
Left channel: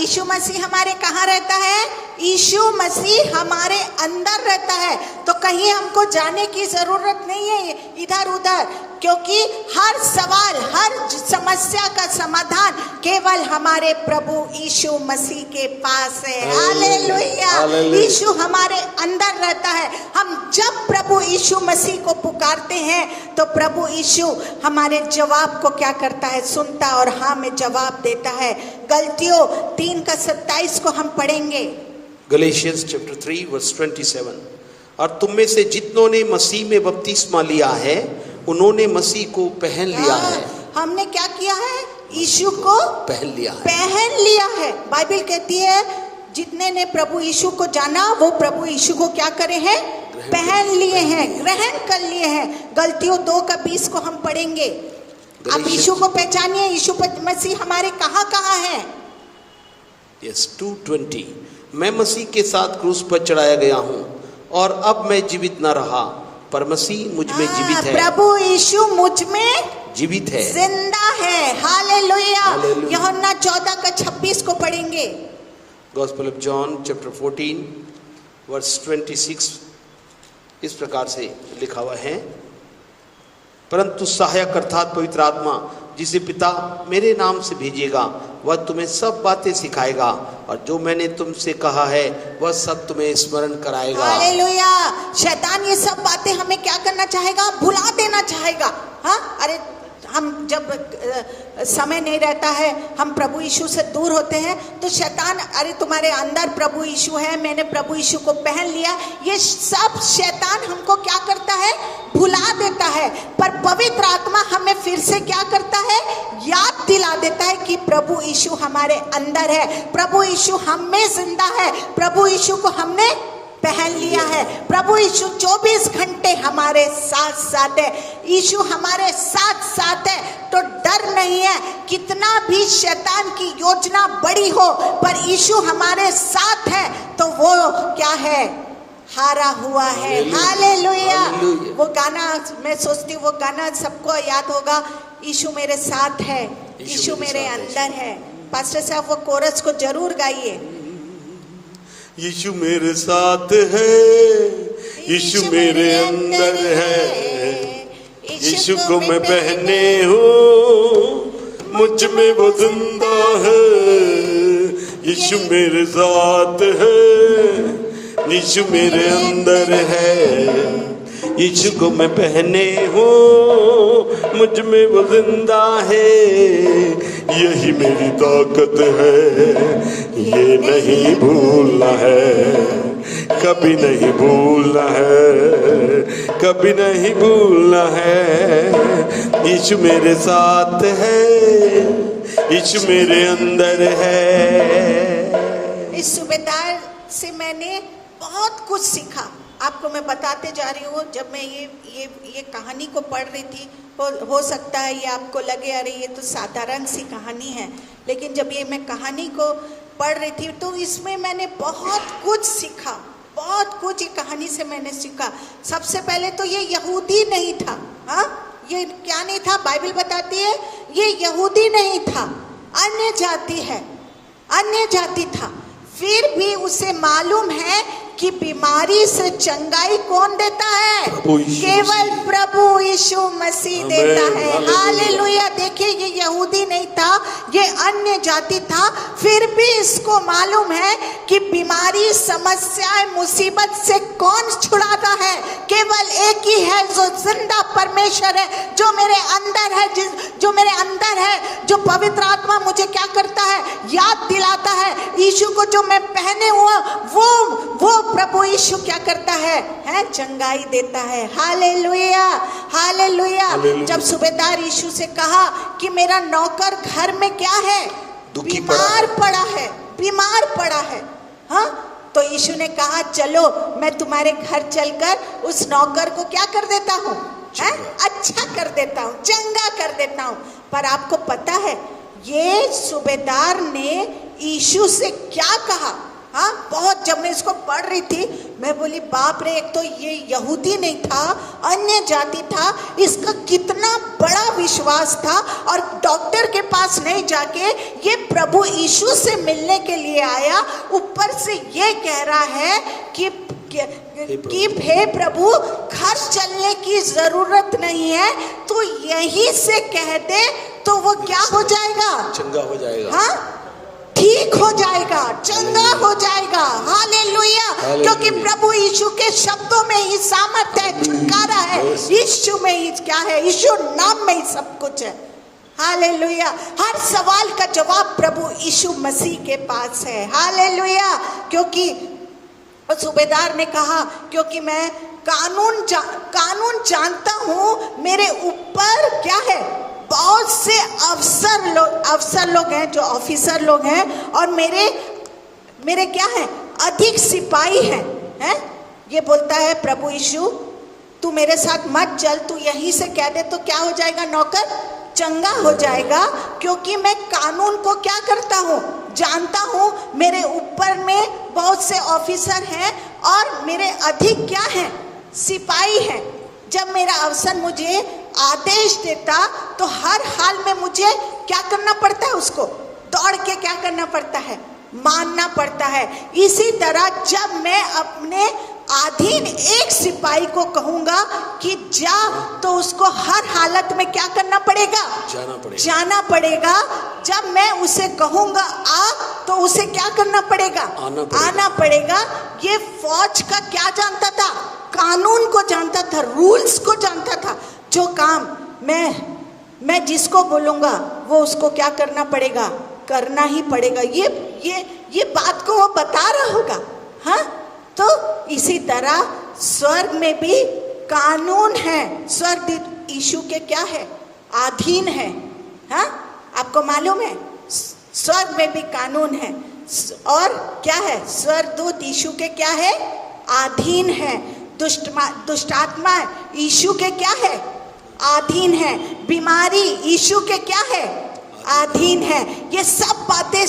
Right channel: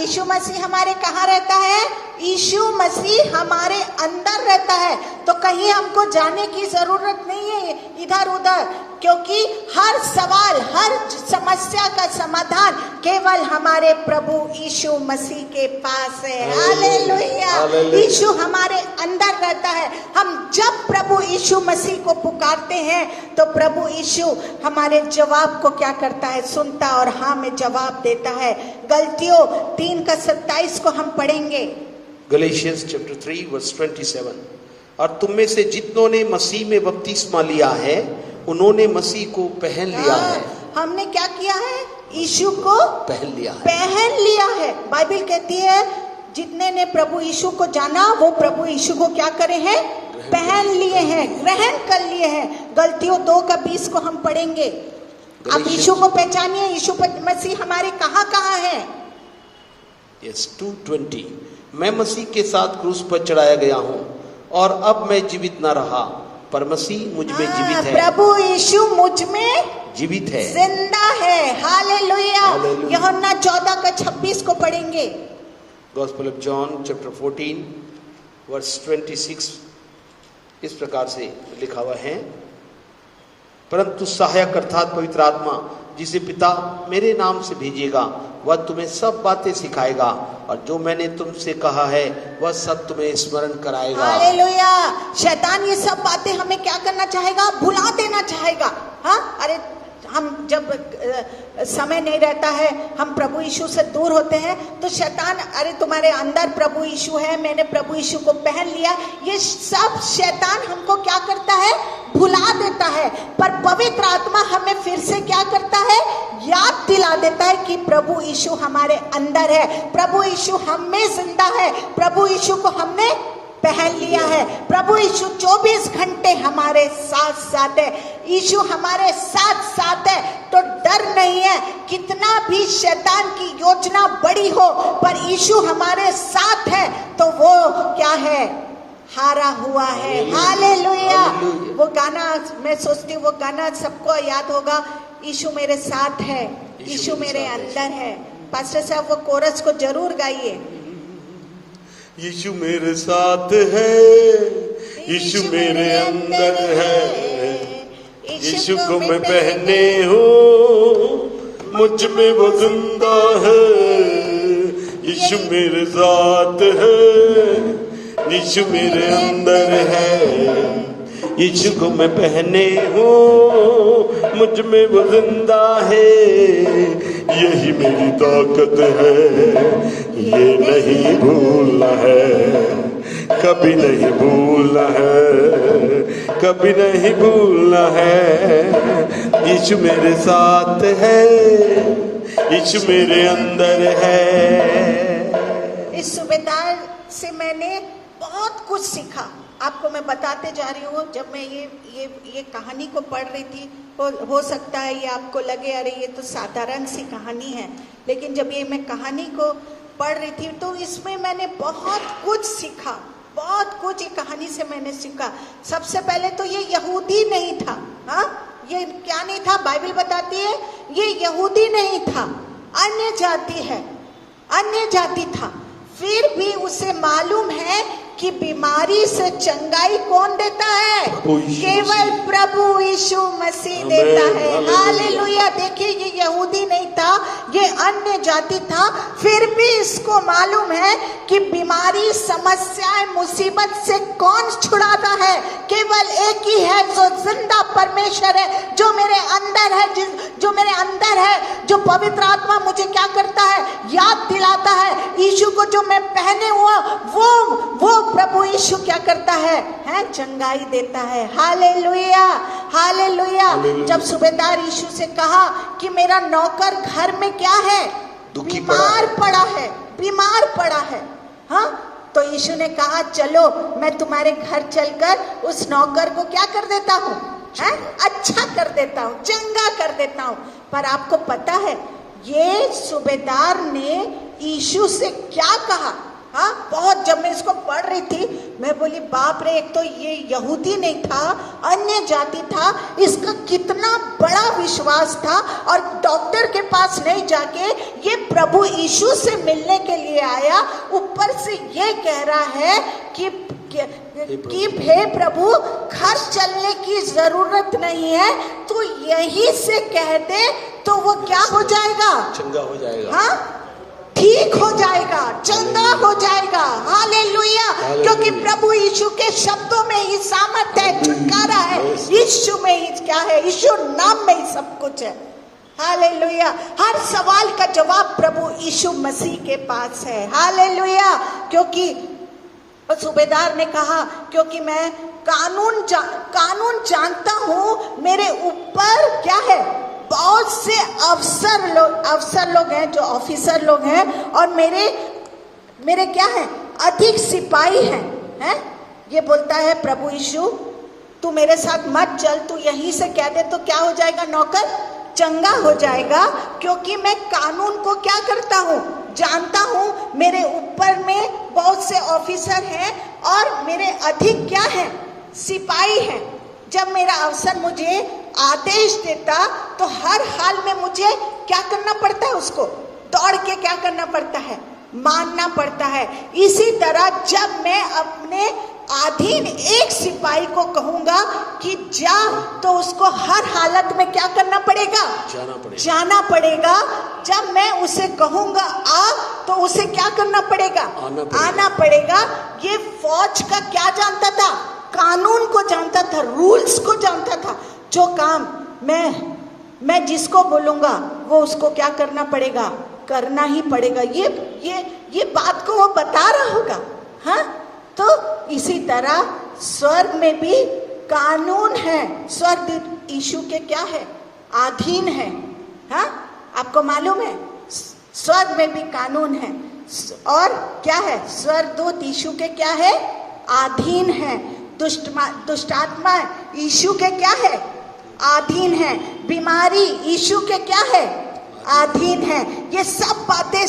यीशु मसीह हमारे कहाँ रहता है, यीशु मसीह हमारे अंदर रहता है। तो कहीं हमको जाने की जरूरत नहीं है इधर उधर, क्योंकि हर सवाल, हर समस्या का समाधान केवल हमारे प्रभु यीशु मसीह के पास है। हालेलुया। यीशु हमारे अंदर रहता है। हम जब प्रभु यीशु मसीह को पुकारते हैं तो प्रभु यीशु हमारे जवाब को क्या करता है, सुनता और हाँ में जवाब देता है। गलतियों 3:27 को हम पढ़ेंगे। Galatians chapter 3 verse 27। और तुम में से जितनों ने मसीह में बपतिस्मा लिया है उन्होंने मसीह को पहन लिया है। हमने क्या किया है, यीशु को पहन लिया है, पहन लिया है। बाइबल कहती है जितने ने प्रभु यीशु को जाना वो प्रभु यीशु को क्या करे हैं, पहन लिए हैं, ग्रहण कर लिए हैं। गलतियों 2:20 को हम पढ़ेंगे। अब यीशु को पहचानिए, यीशु मसीह हमारे कहाँ कहाँ है। यस 2:20 मैं मसीह के साथ क्रूस पर चढ़ाया गया हूँ और अब मैं जीवित न रहा पर मसीह मुझ में जीवित है। प्रभु यीशु मुझ में जीवित है, जिंदा है। हालेलुया। यूहन्ना 14:26 को पढ़ेंगे। Gospel of John chapter 14 verse 26 इस प्रकार से लिखा हुआ है, परंतु सहायक अर्थात पवित्र आत्मा जिसे पिता मेरे नाम से भेजेगा वह तुम्हें सब बातें सिखाएगा और जो मैंने तुमसे कहा है वह सब तुम्हें स्मरण कराएगा। हालेलुया। शैतान ये सब बातें हमें क्या करना चाहेगा? भुला देना चाहेगा। हाँ, अरे हम जब समय नहीं रहता है, हम प्रभु यीशु से दूर होते हैं, तो शैतान, अरे तुम्हारे अंदर प्रभु यीशु है, मैंने प्रभु यीशु को पहन लिया, ये सब शैतान हमको क्या करता है? भुला देता है। पर पवित्र आत्मा हमें फिर से क्या करता है? याद दिला देता है कि प्रभु यीशु हमारे अंदर है, प्रभु यीशु हम में जिंदा है, प्रभु यीशु को हमने पहन लिया है, प्रभु यीशु 24 घंटे हमारे साथ साथ है, यीशु हमारे साथ साथ है, तो डर नहीं है। कितना भी शैतान की योजना बड़ी हो, पर यीशु हमारे साथ है, तो वो क्या है? हारा हुआ है। हालेलुया। वो गाना मैं सोचती हूँ, वो गाना सबको याद होगा, यीशु मेरे साथ है, यीशु मेरे अंदर है। पास्टर साहब वो कोरस को जरूर गाइए। यीशु मेरे साथ है, यीशु मेरे अंदर है, यीशु को मैं पहने हूँ, मुझ में वो जिंदा है। यीशु मेरे साथ है, यीशु मेरे अंदर है, यीशु को मैं पहने हूँ, मुझ में वो जिंदा है। यही मेरी ताकत है, ये नहीं भूलना है, कभी नहीं भूलना है, कभी नहीं भूलना है। यीशु मेरे साथ है, यीशु मेरे अंदर है। इस सूबेदार से मैंने बहुत कुछ सीखा। आपको मैं बताते जा रही हूँ, जब मैं ये कहानी को पढ़ रही थी, हो सकता है ये आपको लगे अरे ये तो साधारण सी कहानी है, लेकिन जब ये मैं कहानी को पढ़ रही थी तो इसमें मैंने बहुत कुछ सीखा, बहुत कुछ ये कहानी से मैंने सीखा। सबसे पहले तो ये यहूदी नहीं था। हाँ, ये क्या नहीं था? बाइबल बताती है ये यहूदी नहीं था, अन्य जाति है, अन्य जाति था। फिर भी उसे मालूम है कि बीमारी से चंगाई कौन देता है? केवल प्रभु यीशु मसीह देता है। हालेलुया। देखिए, ये यहूदी नहीं था, ये अन्य जाति था, फिर भी इसको मालूम है कि बीमारी, समस्याएं, मुसीबत से कौन छुड़ाता है? केवल एक ही है जो जिंदा परमेश्वर है, जो मेरे अंदर है, जो मेरे अंदर है, जो पवित्र आत्मा मुझे क्या करता है? याद दिलाता है। यीशु को जो मैं पहने हुआ, वो प्रभु यीशु क्या करता है? चंगाई देता है। Hallelujah, hallelujah. जब सूबेदार यीशु से कहा कि मेरा नौकर घर में क्या है? बीमार पड़ा है, बीमार पड़ा है। हाँ, तो यीशु ने कहा चलो मैं तुम्हारे घर चलकर उस नौकर को क्या कर देता हूँ? अच्छा कर देता हूँ, चंगा कर देता हूँ। पर आपको पता है ये सूबेदार ने यीशु से क्या कहा? हाँ, बहुत, जब मैं इसको पढ़ रही थी मैं बोली बाप रे, एक तो ये यहूदी नहीं था, अन्य जाति था, इसका कितना बड़ा विश्वास था, और डॉक्टर के पास नहीं जाके ये प्रभु यीशु से मिलने के लिए आया। ऊपर से ये कह रहा है कि हे प्रभु, घर चलने की जरूरत नहीं है, तो यही से कह दे तो वो क्या हो जाएगा? चंगा हो जाएगा। हाँ, ठीक हो जाएगा, चंगा हो जाएगा। हालेलुया। क्योंकि प्रभु यीशु के शब्दों में ही सामर्थ्य है, छुटकारा है। यीशु में ही क्या है? यीशु नाम में ही सब कुछ है। हालेलुया। हर सवाल का जवाब प्रभु यीशु मसीह के पास है। हालेलुया। क्योंकि सूबेदार ने कहा क्योंकि मैं कानून जानता हूँ, मेरे ऊपर क्या है? बहुत से अफसर लोग हैं, जो ऑफिसर लोग हैं, और मेरे क्या है? अधिक सिपाही हैं। ये बोलता है प्रभु यीशु, तू मेरे साथ मत चल, तू यहीं से कह दे तो क्या हो जाएगा? नौकर चंगा हो जाएगा। क्योंकि मैं कानून को क्या करता हूँ? जानता हूँ। मेरे ऊपर में बहुत से ऑफिसर हैं और मेरे अधिक क्या है? सिपाही हैं। जब मेरा अफसर मुझे आदेश देता तो हर हाल में मुझे क्या करना पड़ता है? उसको दौड़ के क्या करना पड़ता है? मानना पड़ता है। इसी तरह जब मैं अपने अधीन एक सिपाही को कहूंगा कि जा, तो उसको हर हालत में क्या करना पड़ेगा? जाना पड़ेगा। जब मैं उसे कहूंगा आ, तो उसे क्या करना पड़ेगा? आना पड़ेगा। ये फौज का क्या जानता था? कानून को जानता था, रूल्स को जानता था। जो काम मैं जिसको बोलूंगा वो उसको क्या करना पड़ेगा? करना ही पड़ेगा। ये बात को वो बता रहा होगा। हाँ, तो इसी तरह स्वर्ग में भी कानून है। स्वर्ग यीशु के क्या है? अधीन है। हाँ, आपको मालूम है स्वर्ग में भी कानून है। और क्या है? स्वर्गदूत यीशु के क्या है? अधीन है। दुष्ट आत्मा यीशु के क्या है? अधीन है। बीमारी यीशु के क्या है? अधीन है। ये सब बातें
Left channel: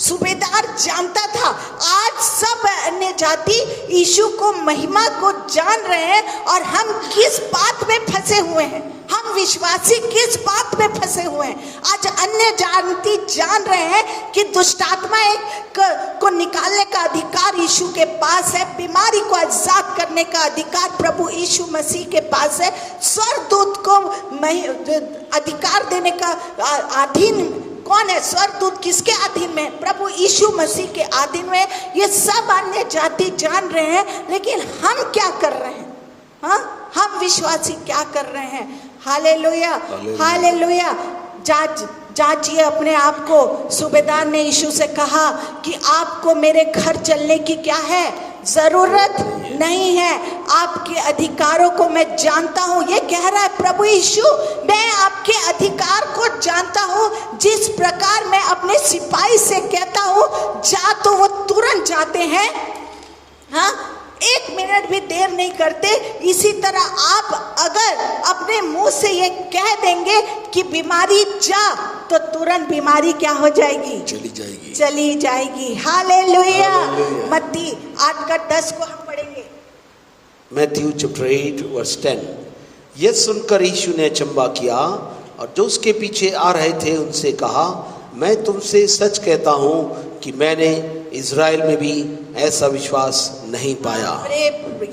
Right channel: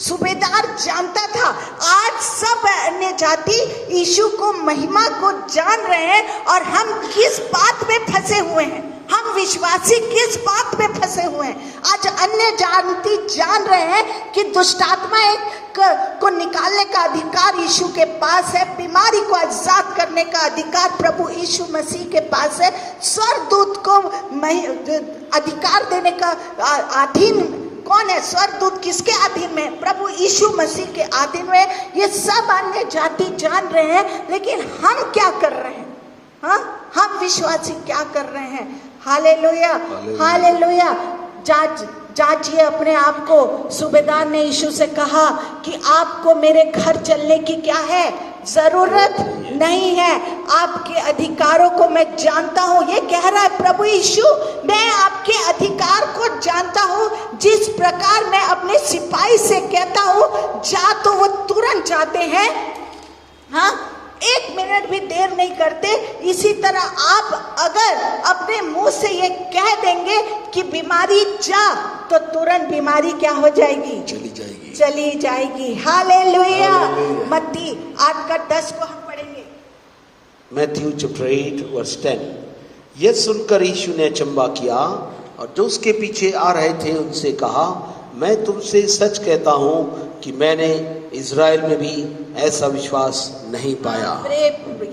सूबेदार जानता था। आज सब अन्य जाति यीशु को, महिमा को जान रहे हैं। और हम किस बात में फंसे हुए हैं? हम विश्वासी किस बात में फंसे हुए हैं? आज अन्य जाति जान रहे हैं कि दुष्ट आत्माएं को निकालने का अधिकार यीशु के पास है। बीमारी को आजाद करने का अधिकार प्रभु यीशु मसीह के पास है। स्वर्गदूत को अधिकार देने का अधीन कौन है? स्वर्गदूत किसके अधीन में? प्रभु यीशु मसीह के अधीन में। ये सब अन्य जाति जान रहे हैं, लेकिन हम क्या कर रहे हैं? हाँ, हम विश्वासी क्या कर रहे हैं? Hallelujah, hallelujah. जांचिए अपने आप को। सूबेदार ने यीशु से कहा कि आपको मेरे घर चलने की क्या है? जरूरत नहीं है। आपके अधिकारों को मैं जानता हूँ। ये कह रहा है प्रभु यीशु, मैं आपके अधिकार को जानता हूँ। जिस प्रकार मैं अपने सिपाही से कहता हूँ जा, तो वो तुरंत जाते हैं। हाँ, एक मिनट भी देर नहीं करते। इसी तरह आप अगर अपने मुंह से ये कह देंगे कि बीमारी जा, तो तुरंत बीमारी क्या हो जाएगी? चली जाएगी। हालेलुया। मत्ती 8:10 को हम पढ़ेंगे। Matthew chapter 8 verse 10। यह सुनकर यीशु ने अचंभा किया और जो उसके पीछे आ रहे थे उनसे कहा, मैं तुमसे सच कहता हूँ कि मैंने इज़राइल में भी ऐसा विश्वास नहीं पाया। अरे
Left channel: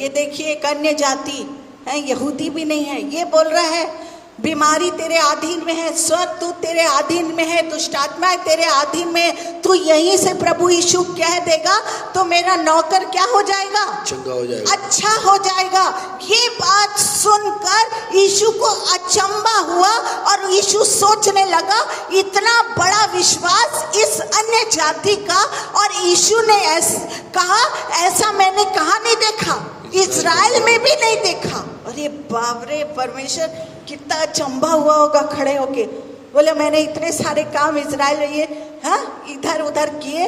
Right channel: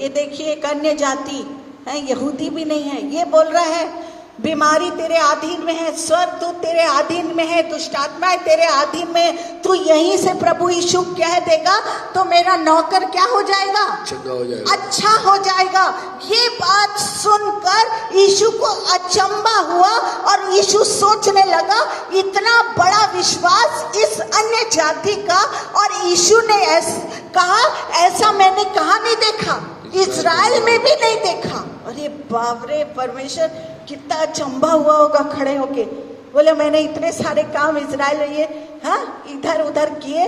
ये देखिए, एक अन्य जाति है, यहूदी भी नहीं है, ये बोल रहा है बीमारी तेरे अधीन में है, स्वर्गदूत तेरे अधीन में है, दुष्ट आत्माएं तेरे अधीन में है। तू यहीं से प्रभु यीशु कह देगा तो मेरा नौकर क्या हो जाएगा? चंगा हो जाएगा, अच्छा हो जाएगा। ये बात सुनकर यीशु को अचंभा हुआ और यीशु सोचने लगा, इतना बड़ा विश्वास इस अन्य जाति का। और यीशु ने कहा, ऐसा मैंने कहाँ नहीं देखा, इज़राइल में भी नहीं देखा। अरे बाप रे, परमेश्वर कितना अचंभा हुआ होगा खड़े होके। बोले मैंने इतने सारे काम इज़राइल ये इधर उधर किए,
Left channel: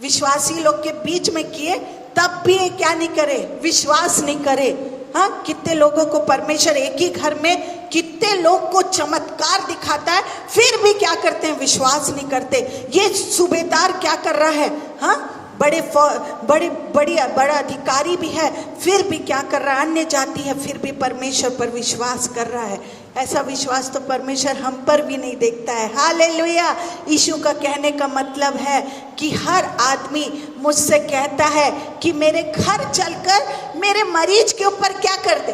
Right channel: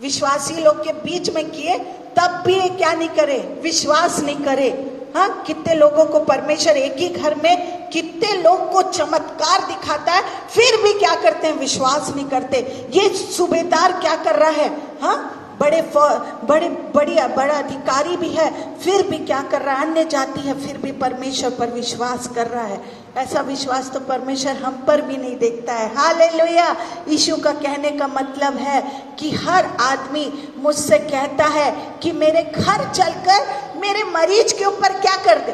विश्वासी लोग के बीच में किए, तब भी क्या नहीं करे? विश्वास नहीं करे। हाँ, कितने लोगों को परमेश्वर एक ही घर में कितने लोग को चमत्कार दिखाता है, फिर भी क्या करते हैं? विश्वास नहीं करते। ये सूबेदार क्या कर रहा है? हाँ, बड़ा अधिकारी भी है, फिर भी क्या कर रहा है? अन्य जाति है, फिर भी परमेश्वर पर विश्वास कर रहा है। ऐसा विश्वास तो परमेश्वर हम पर भी नहीं देखता है। हालेलुया। यीशु का कहने का मतलब है कि हर आदमी मुझसे कहता है कि मेरे घर चलकर मेरे मरीज के ऊपर क्या कर दे?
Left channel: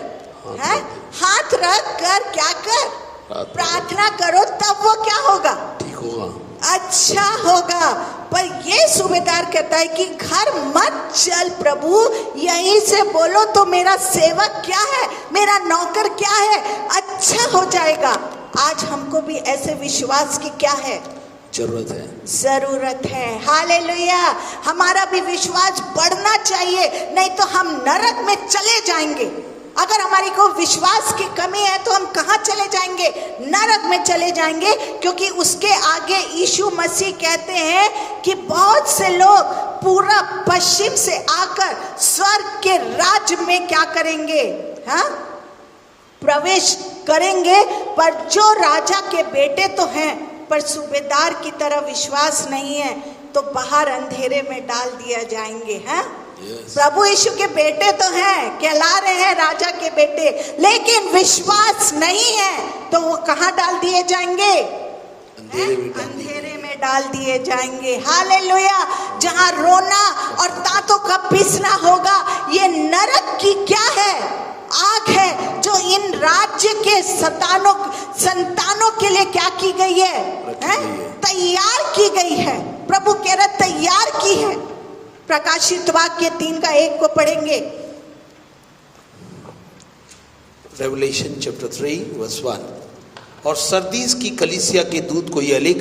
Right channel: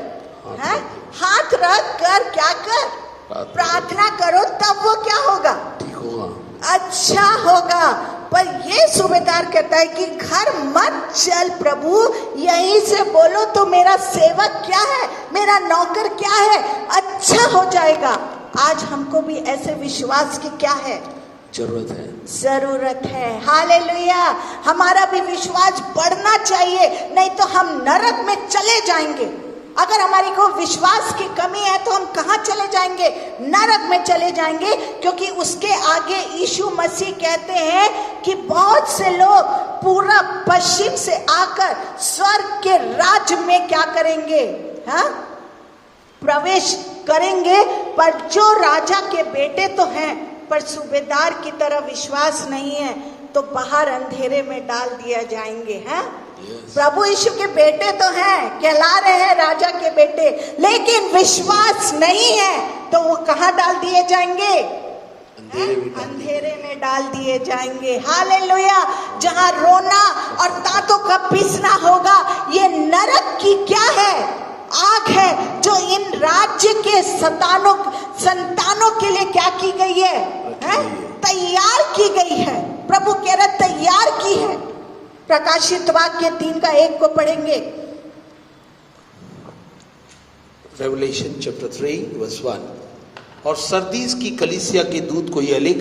हाथ रख कर क्या कर? प्रार्थना करो, तब वो क्या होगा? ठीक होगा, अच्छा होगा। पर ये सूबेदार कहता है कि घर मत चल प्रभु, यहीं से बोलो तो मेरा सेवक क्या है, मेरा नौकर क्या है, अच्छा हो जाएगा। आज हमको भी ऐसे विश्वास की क्या है? जरूरत है। हालेलुया। हमारा भी विश्वास बढ़ना चाहिए, नहीं तो हम नरक में चले जाएंगे। अगर हमारी को विश्वास की कमी है तो हम कहाँ चले जाएंगे? नरक में चले जाएंगे। क्योंकि उसके आगे यीशु मसीह कहते हैं कि बहुत से लोग पूरब पश्चिम से आकर स्वर्ग के राज्य में क्या करेंगे? हाँ, प्रवेश करेंगे। पर जो राजा के बेटे तो हैं, पर सूबेदार की तरह विश्वास नहीं है, तो बाहर अंधेरे में डाल दिया जाएंगे। हैं? प्रभु यीशु के बेटे तो हैं, कहला रहे हैं राजा के बेटे, लेकिन विश्वास नहीं है तो वो कहाँ डाल दिए जाएंगे? अंधेरे में डाल दिए जाएंगे। हालेलुया। जहाँ रोना और दांतों का पीसना होगा, ये की क्या है? आग है जो इन राज्य के संतानों के लिए क्या की गई है? तैयार की गई है। प्रभु कह रहे तैयार की है। प्रकाशित वाक्य 3:1 को पढ़ेंगे। Revelation chapter 3 verse 1। और सरदीस की कलीसिया के दूत को यह लिख,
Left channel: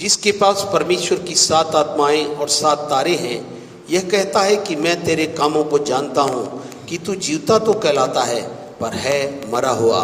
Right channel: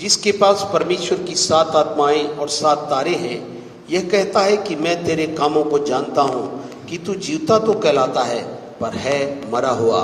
जिसके पास परमेश्वर की 7 आत्माएं और 7 तारे हैं, यह कहता है कि मैं तेरे कामों को जानता हूं कि तू जीवता तो कहलाता है पर है मरा हुआ।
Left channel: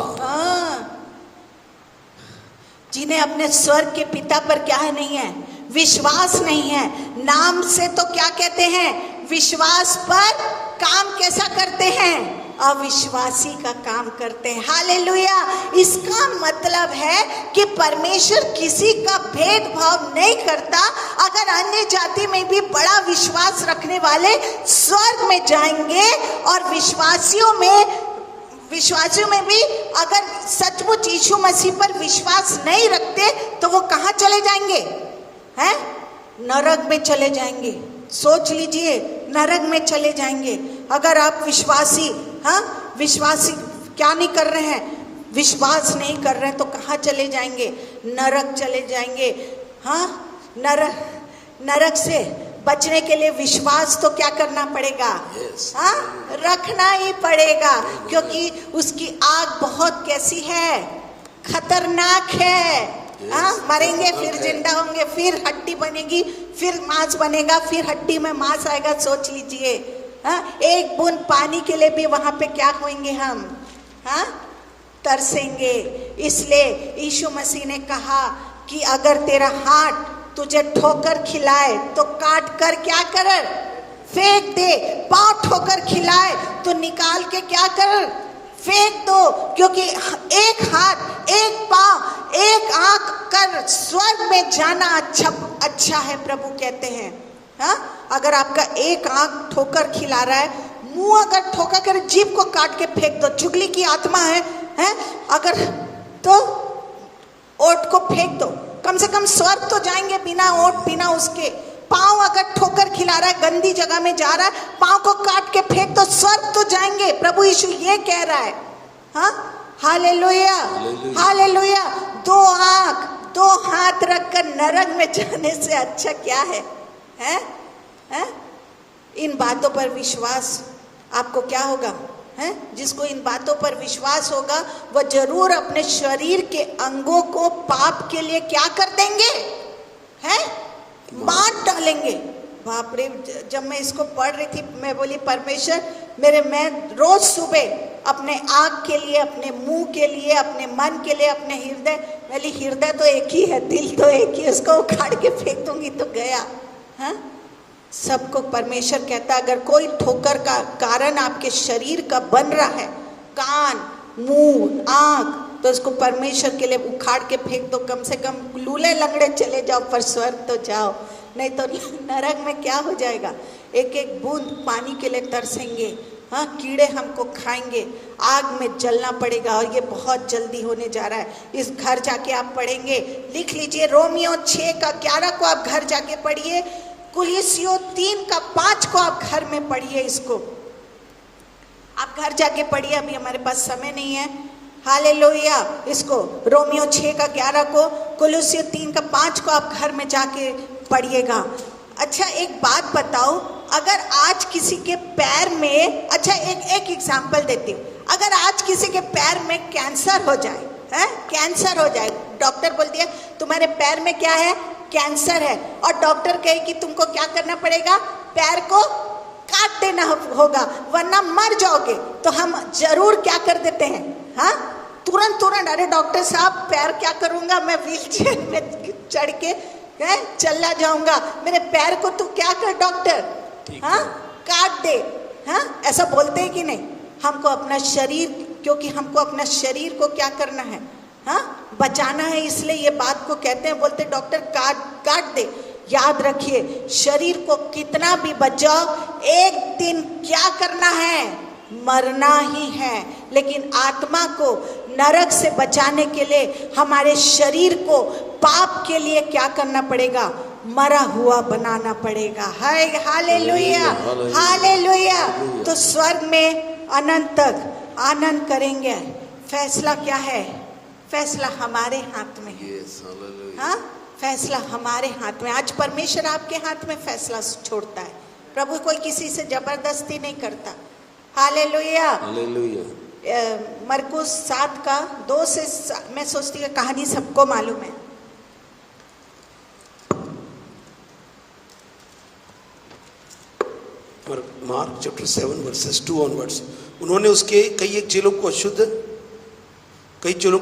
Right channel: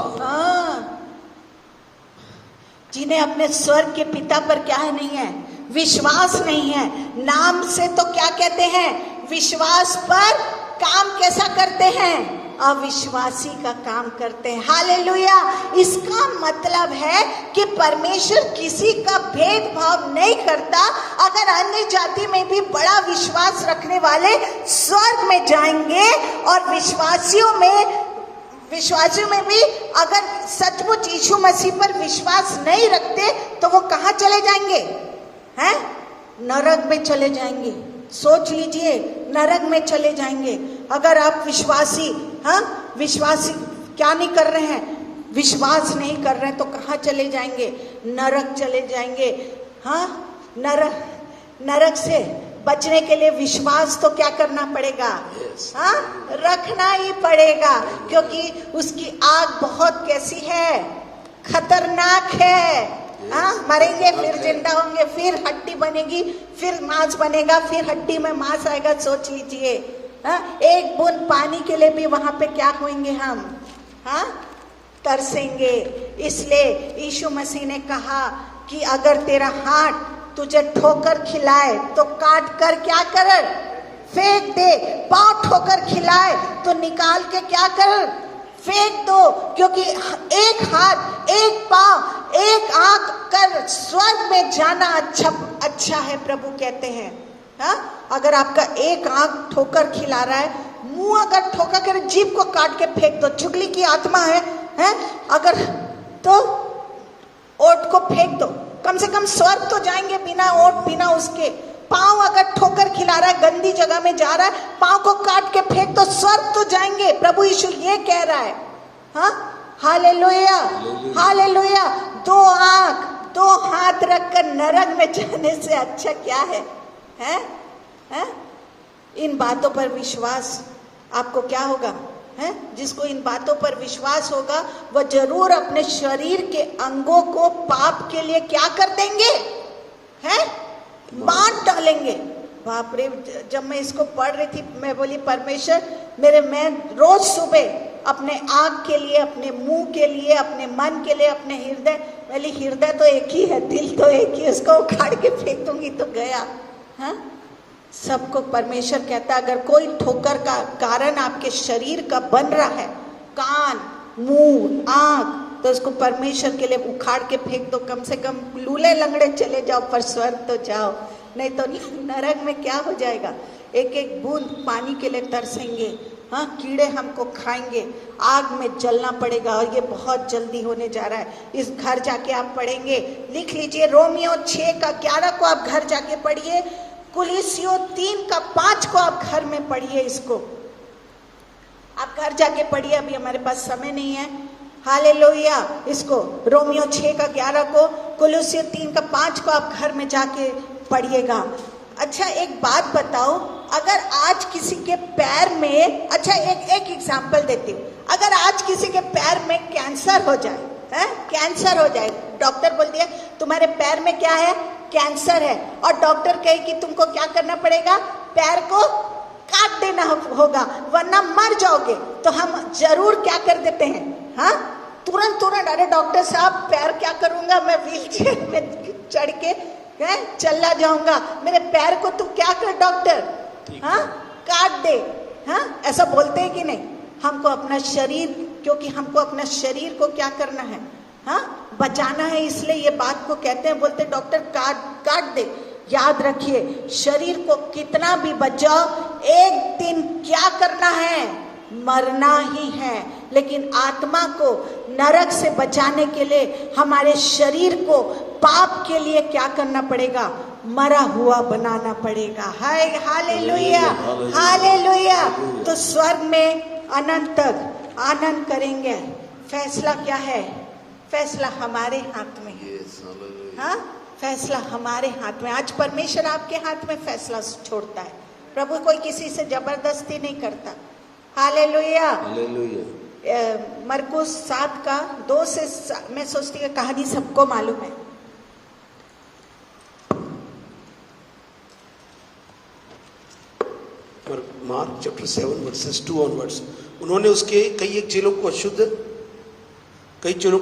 जिन्हें अपने स्वर्ग के पिता पर क्या है नहीं है? विश्वास नहीं है। नाम से तो क्या कहते हैं? विश्वास, पर काम कैसा करते हैं? अविश्वासी का काम करते हैं। हालेलुया। इसका मतलब है कि परमेश्वर किसी का भेदभाव नहीं करता। अगर अन्य जाति में भी बड़ा विश्वास रखने वाले स्वर्ग में जाएंगे और विश्वासियों में भी अगर सचमुच यीशु मसीह पर विश्वास नहीं रखते तो वो कहाँ चले जाएंगे? हैं? नरक में चले जाएंगे। सोच लीजिए, नरक में चले जाएंगे। अगर आप विश्वासी क्या नहीं कर रहे हैं? विश्वास नहीं कर रहे हैं तो कहाँ चले जाएंगे? नरक चले जाएंगे। नरक से बचने के लिए विश्वास तो क्या करना पड़ेगा? रखना ही पड़ेगा, क्योंकि उसकी आग बहुत कैसी है? खतरनाक है। मरेंगे फिर जिंदा होंगे, फिर हड्डी बनेगी, फिर मांस बनेगा, फिर हड्डी में मांस आएगा। सोच लीजिए, एक बूंद पानी के लिए भी वहां पे क्या होंगे हम? तरसेंगे। इसलिए यीशु मसीह ने कहा कि अगर तेरा हाथ तुझे ठोकर खिलाए तो काट कर क्या कर? फेंक दे। पांव ठोकर खिलाए तो निकाल के क्या कर? फेंक दो। क्योंकि एक हाथ, एक पांव, एक आंख कर स्वर्ग में जाना अच्छा है, प्रभु कहते हैं। अगर आपका एक आंख ठोकर खिला रहा है, मुंह अगर ठोकर कर जीभ को काट के फेंक दो। चुगली की आत्मा है अगर, तो ओठ को फेंक दो। कम से कम स्वर्ग तो जाएंगे बिना ओठ, बिना उसके। पांव अगर ठोकर खिला रहा है, गंदी जगह में जा रहा है, पांव को काट के फेंक दो, स्वर्ग तो जाएंगे। प्रभु यीशु ये कह रहा है। Hallelujah, hallelujah. 2 आंख 2 हाथ रखकर नरक में जाने से अच्छा क्या है? इन बातों पर विश्वास आपको क्या होगा? जिसको इन बातों पर विश्वास होगा वह जरूर अपने शरीर के अंगों को पाप के लिए क्या कर देंगे? बांट डालेंगे। बाप रे, जब मैं इसको पढ़ रही थी मैं बोली परमेश्वर मैं रोज सुबह अपने आँख के लिए, अपने मुंह के लिए, अपने मन के लिए, अपने हृदय तो एक ही है, दिल तो एक ही, उसको उखाड़ के फेंक दूंगी तो गया। सबको परमेश्वर कहता है अगर कोई ठोकर का कारण आपके शरीर का बन रहा है, कान, मुंह, आँख, तो उसको परमेश्वर के लिए उखाड़ के फेंक दो। कम से कम लूले लंगड़े चले जाओ पर स्वर्ग तो जाओ, नहीं तो नरक में क्या हो जाएगा? एक एक बूंद पानी के लिए तरसेंगे। कीड़े हमको खाएंगे, आग में जलना पड़ेगा और ये बहुत जल्दी होने जा रहा है। इस घर जाके आप पढ़ेंगे, लिख लीजिए, रोमियो 6:11 को आप घर जाके पढ़िए, कुलिसियों 3:5 को आप घर में पढ़िए। इसको आप घर जाके पढ़िए, अभी हमारे पास समय नहीं है। हालेलुया। इसको रोमियो 6:11 को, कुलिसियों 3:5 को आप घर में जाके पढ़िएगा। अच्छा एक बात बताओ, अगर आज किसी के पैर में, अच्छा एक एग्जांपल देती हूँ, अगर आज किसी के पैर में कैंसर हो जाए, कैंसर हो जाए, डॉक्टर बोल दिया तुम्हारे पैर में क्या है? कैंसर है, और डॉक्टर कहे कि तुमको क्या करना पड़ेगा? पैर को काट देना होगा वरना मर जाओगे, तो हम जरूर क्या कर देते हैं? तुरंत अरे डॉक्टर साहब पैर क्या करूंगा, मैं व्हीलचेयर में चढ़ के चला जाऊंगा, मेरे पैर को तू क्या कर डॉक्टर? काट दे। ऐसा बोलते हैं कि नहीं? हमको अपना शरीर, क्योंकि हमको अपना शरीर को क्या करना है? बचाना है, इसलिए ये बात को कहते हैं, बोलते डॉक्टर काट दे। याद रखिए, शरीर को कितना भी बचाओ, एक दिन क्या करना है? मरना ही है। लेकिन आत्मा को नरक से बचाने के लिए हमारे शरीर को पाप के लिए क्या करना पड़ेगा? मरा हुआ बनाना पड़ेगा। हाय हालेलुया, हालेलुया। तो स्वर्ग में अनंत तक आनंद करेंगे। फैसला क्या है? फैसला हमारे हाथ में है। हाँ, फैसला हमारे हाथ में। आज परमेश्वर आपके हाथ में फैसला छोड़ता है। प्रभु कोई किसी से जबरदस्ती नहीं करता। हालेलुया। मरकुस 7 का 2 से मैं सोचती हूँ कहानी सबको मालूम है। Mark chapter 7 versus 2 onwards. उन्होंने उसके कई चेलों को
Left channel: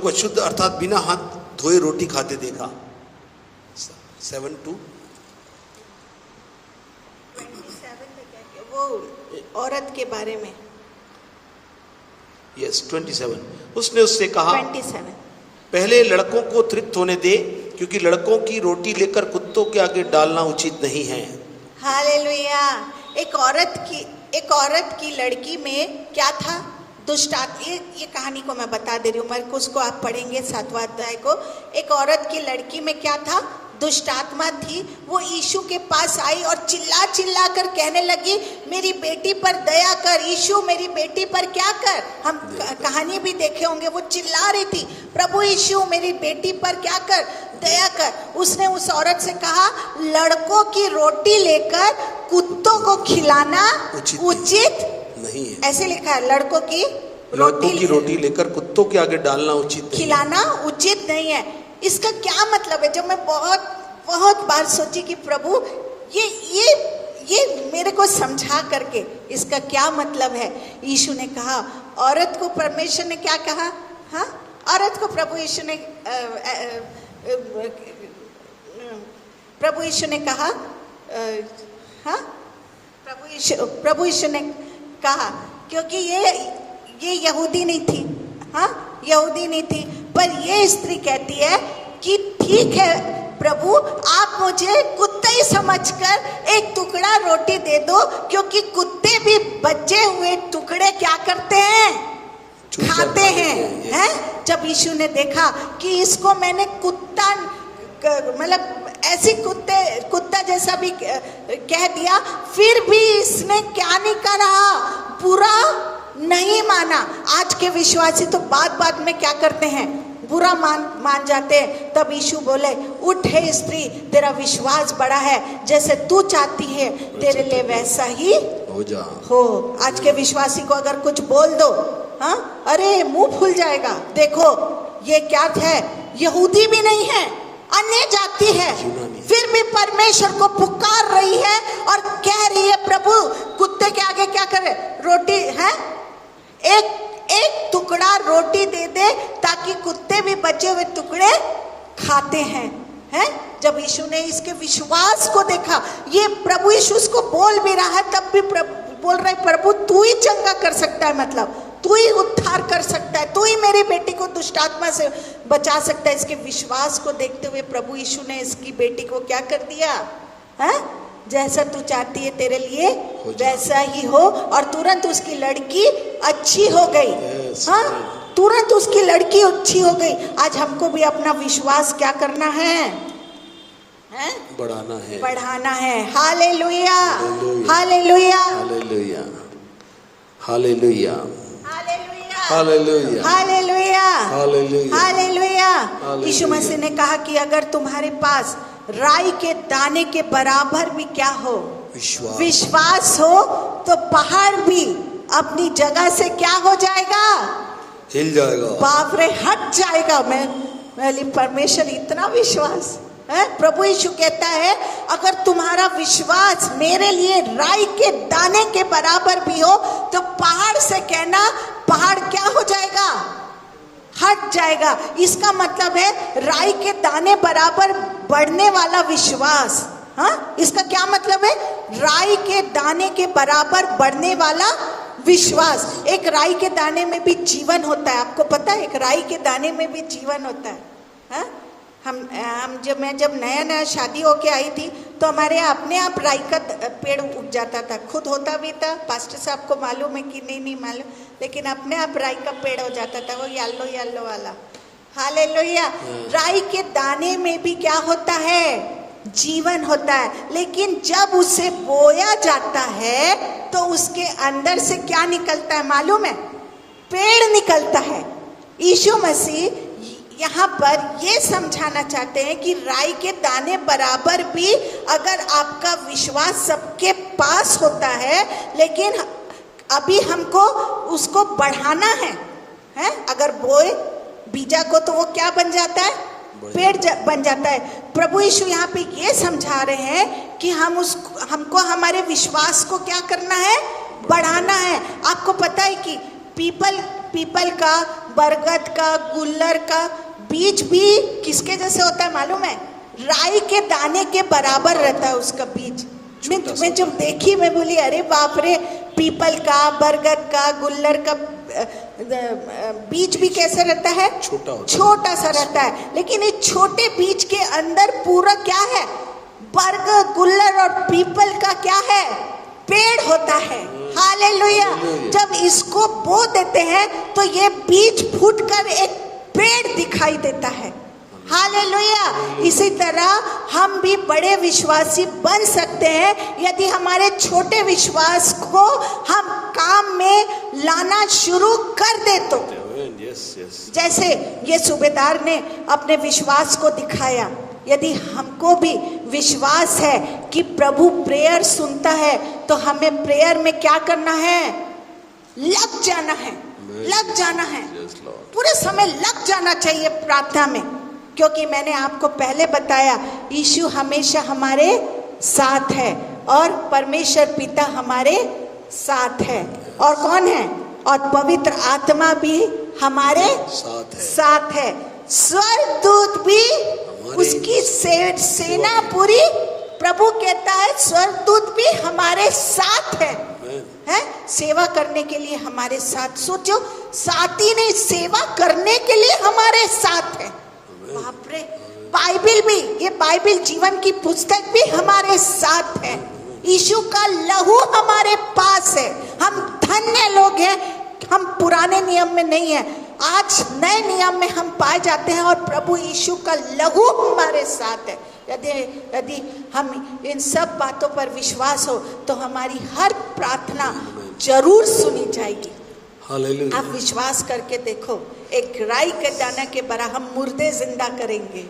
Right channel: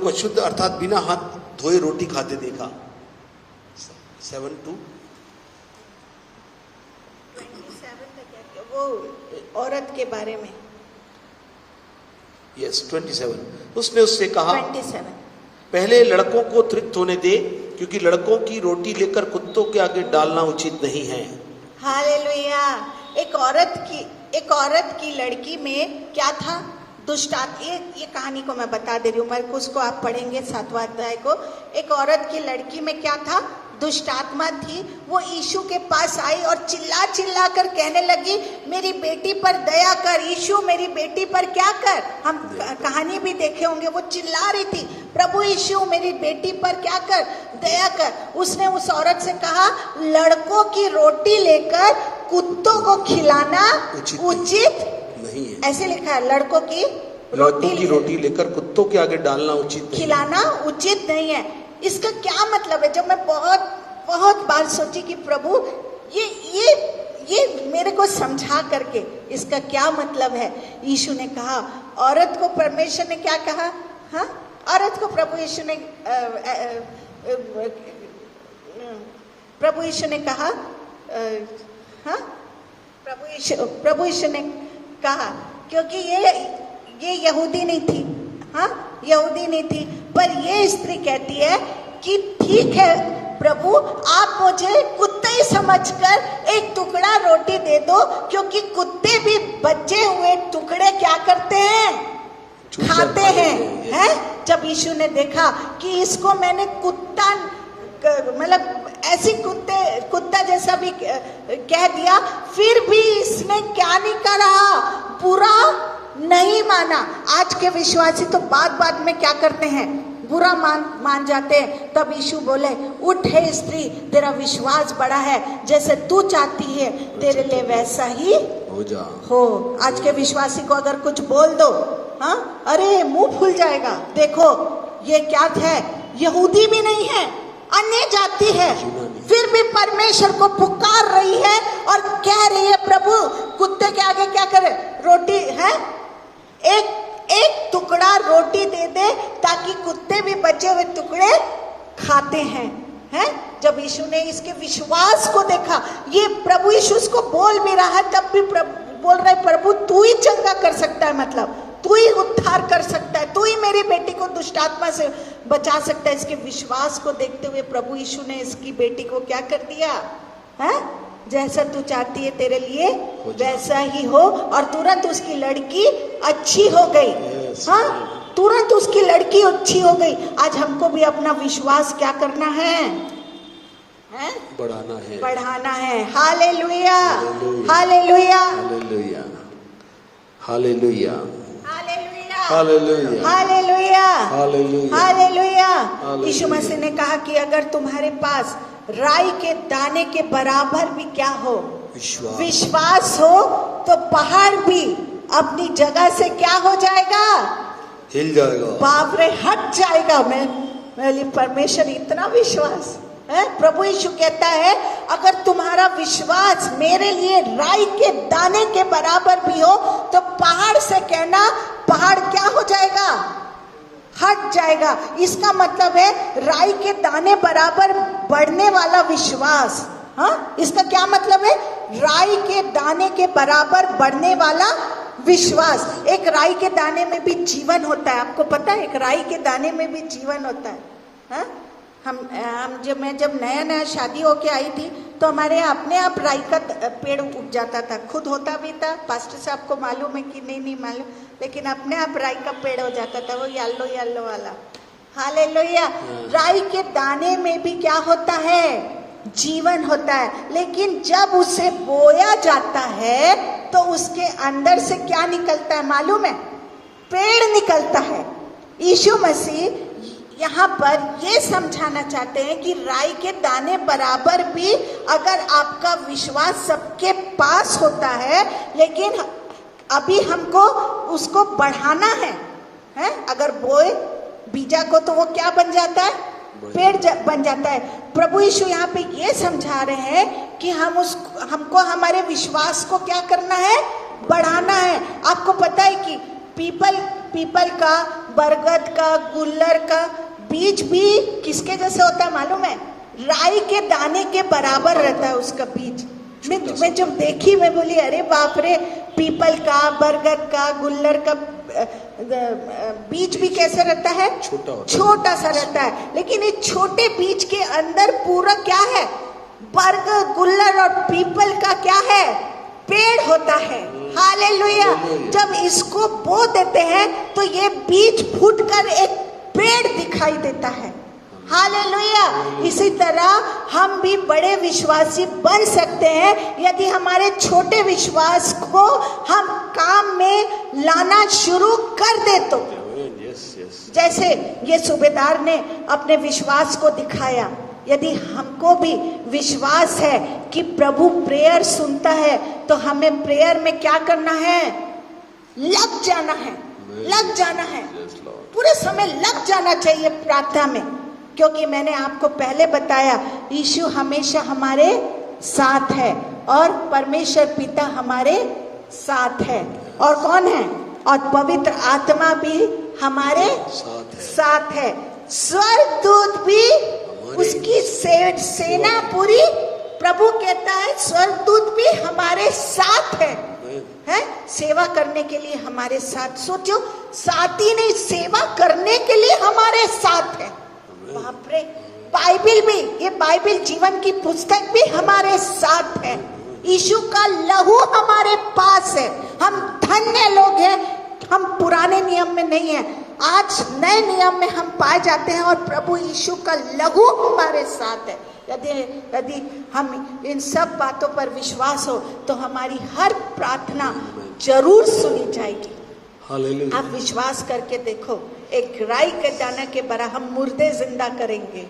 अशुद्ध अर्थात बिना हाथ धोए रोटी खाते देखा। 7:2 वो औरत के बारे में। यस 27। उसने उससे कहा 27 पहले लड़कों को तृप्त होने दे, क्योंकि लड़कों की रोटी लेकर कुत्तों के आगे डालना उचित नहीं है। हालेलुया। एक औरत की लड़की में क्या था? दुष्ट आत्मा। ये कहानी को मैं बता दे रही हूँ, मरकुस को आप पढ़ेंगे 7वां अध्याय को। एक औरत की लड़की में क्या था? दुष्ट आत्मा थी। वो यीशु के पास आई और चिल्ला कर कहने लगी, मेरी बेटी पर दया कर यीशु, मेरी बेटी पर क्या कर। हम कहानी भी देखे होंगे, वो चिल्ला रही थी, प्रभु यीशु मेरी बेटी पर क्या कर, दया कर। उसने उस औरत से कहा, लड़कों की रोटी लेकर कुत्तों को खिलाना उचित नहीं है। ऐसे लिखा है, लड़कों की रोटी लेकर कुत्तों के आगे डालना उचित नहीं, खिलाना उचित नहीं है। इसका क्या मतलब है? जब मैं बहुत बार सोची कि प्रभु ये मेरे को समझा करके इसका क्या मतलब है। यीशु ने कहा, औरत को परमेश्वर ने क्या कहा? हाँ, औरत को प्रभु यीशु ने कहा, हाँ, प्रभु यीशु ने कहा, क्योंकि ये यहूदी नहीं थी। हाँ, यहूदी नहीं थी, पर ये स्त्री कहती है कि ठीक है प्रभु, आप मुझे कुत्ता ही समझकर एक टुकड़ा रोटी दे दो, क्योंकि कुत्ते भी बचे हुए टुकड़े क्या करते हैं? खाते हैं। जब यीशु ने देखा कि इसको मैंने कुत्ता मतलब ऐसी कुत्ता जैसा भी कह दिया, फिर भी इसने क्या नहीं करा? बुरा नहीं माना। आज के विश्वासी तो बात में क्या करते हैं? बुरा मान जाते हैं। तब यीशु बोले, उठ हे स्त्री, तेरा विश्वास बड़ा है, जैसे तू चाहती है तेरे लिए वैसा ही हो। आज के विश्वासी को अगर कुछ बोल दो, हाँ, अरे मुंह फूल जाएगा। देखो ये क्या है? यहूदी भी नहीं है, अन्य जाति है, फिर भी परमेश्वर को पुकार रही है और कह रही है, प्रभु कुत्ते के आगे क्या करे? रोटी है, एक टुकड़ा रोटी दे दे, ताकि कुत्ते भी बचे हुए टुकड़े खाते हैं। जब यीशु ने इसके विश्वास को देखा, ये प्रभु यीशु उसको बोल भी रहा है, तब भी बोल रहा है, प्रभु तू ही चंगा कर सकता है, मतलब तू ही उद्धार कर सकता है, तू ही मेरी बेटी को दुष्ट आत्मा से बचा सकता है। इसके विश्वास को देखते हुए प्रभु यीशु ने इसकी बेटी को क्या कर दिया? है, जैसा तू चाहती है तेरे लिए वैसा ही हो। और तुरंत उसकी लड़की अच्छी हो गई। हाँ, तुरंत उसकी लड़की अच्छी हो गई। आज हमको भी अपना विश्वास क्या करना है? बढ़ाना है। Hallelujah, hallelujah, hallelujah, hallelujah, hallelujah, hallelujah, hallelujah. Yeshu Masih ने कहा कि अगर तुम्हारे पास राई के दाने के बराबर भी क्या हो? विश्वास हो, तो पहाड़ भी अपनी जगह से क्या हो जाएगा? हिल जाएगा, बाप रे, हट जाएगा। मैं परमेश्वर इतना विश्वास है। प्रभु यीशु कहता है, अगर तुम्हारा विश्वास मेरे लिए राई के दाने के बराबर भी हो, तो पहाड़ से कहना, पहाड़ क्या हो जाएगा? हट जाएगा। इसका मतलब है राई के दाने बराबर बढ़ने वाला विश्वास। हाँ, इसका क्या मतलब है? राई के दाने के बराबर बढ़ने वाला विश्वास। एक राई के दाने में भी जीवन होता है, आपको पता है? एक राई के दाने में भी जीवन होता है। हाँ? मैं जब नया शादी होके आई थी, तो हमारे अपने आप राई का पेड़ उग जाता था, खुद होता भी था। पास्टर साहब को मालूम है कि नहीं मालूम, लेकिन अपने आप राई का पेड़ हो जाता था, वो येलो वाला। हालेलुया। राई के दाने में भी क्या होता है? जीवन होता है, लेकिन जब उसे बोया जाता है तो उसके अंदर से क्या निकलता है मालूम है? पेड़ निकलता है। यीशु मसीह यहाँ पर ये समझाना चाहते हैं कि राई के दाने बराबर भी अगर आपका विश्वास सबके पास होता है, लेकिन अभी हमको उसको बढ़ाना है, अगर बोए बीजा को तो वो क्या बन जाता है? पेड़ बन जाता है। प्रभु यीशु यहाँ पे ये समझा रहे हैं कि हमको हमारे विश्वास को क्या करना है? बढ़ाना है। आपको पता है कि पीपल का, बरगद का, गुल्लर का बीज भी किसके जैसे होता है मालूम है? राई के दाने के बराबर रहता है उसका बीज। मैं जब देखी मैं बोली अरे बाप रे, पीपल का, बरगद का, गुल्लर का बीज भी कैसे रहता है? छोटा सा रहता है, लेकिन इस छोटे बीज के अंदर पूरा क्या है? बरगद, गुल्लर और पीपल का क्या है? पेड़ होता है। हालेलुया। जब इसको बो देते हैं तो ये बीज फूटकर एक पेड़ दिखाई देता है। हालेलुया। इसी तरह हम भी बड़े विश्वासी बन सकते हैं यदि हमारे छोटे विश्वास को हम काम में लाना शुरू कर दे तो। जैसे ये सूबेदार ने अपने विश्वास को दिखाया, यदि हमको भी विश्वास है कि प्रभु प्रेयर सुनता है तो हमें प्रेयर में क्या करना है? लग जाना है, लग जाना है, पूरे समय लग जाना चाहिए प्रार्थना में। क्योंकि मैंने आपको पहले बताया यीशु हमेशा हमारे साथ है और परमेश्वर पिता हमारे साथ है, और कौन है? और पवित्र आत्मा भी हमारे साथ है। स्वर्गदूत भी उसकी सेना पूरी, प्रभु कहता है स्वर्गदूत भी हमारे साथ है, सेवा करने के लिए हमारे साथ। सोचो, साथ ही नहीं, सेवा करने के लिए हमारे साथ है। बाप रे, बाइबिल भी, ये बाइबिल जीवन की पुस्तक भी हमारे साथ है। यीशु का लहू हमारे पास है। हम धन्य लोग हैं, हम पुराने नियम में नहीं है, आज नए नियम में हम पाए जाते हैं और प्रभु यीशु का लहू हमारे साथ है। यदि हम इन सब बातों पर विश्वास हो तो हमारी हर प्रार्थना जरूर सुनी जाएगी। आप विश्वास करके देखो, एक राई के दाना के बराबर हम मुर्दे जिंदा करेंगे।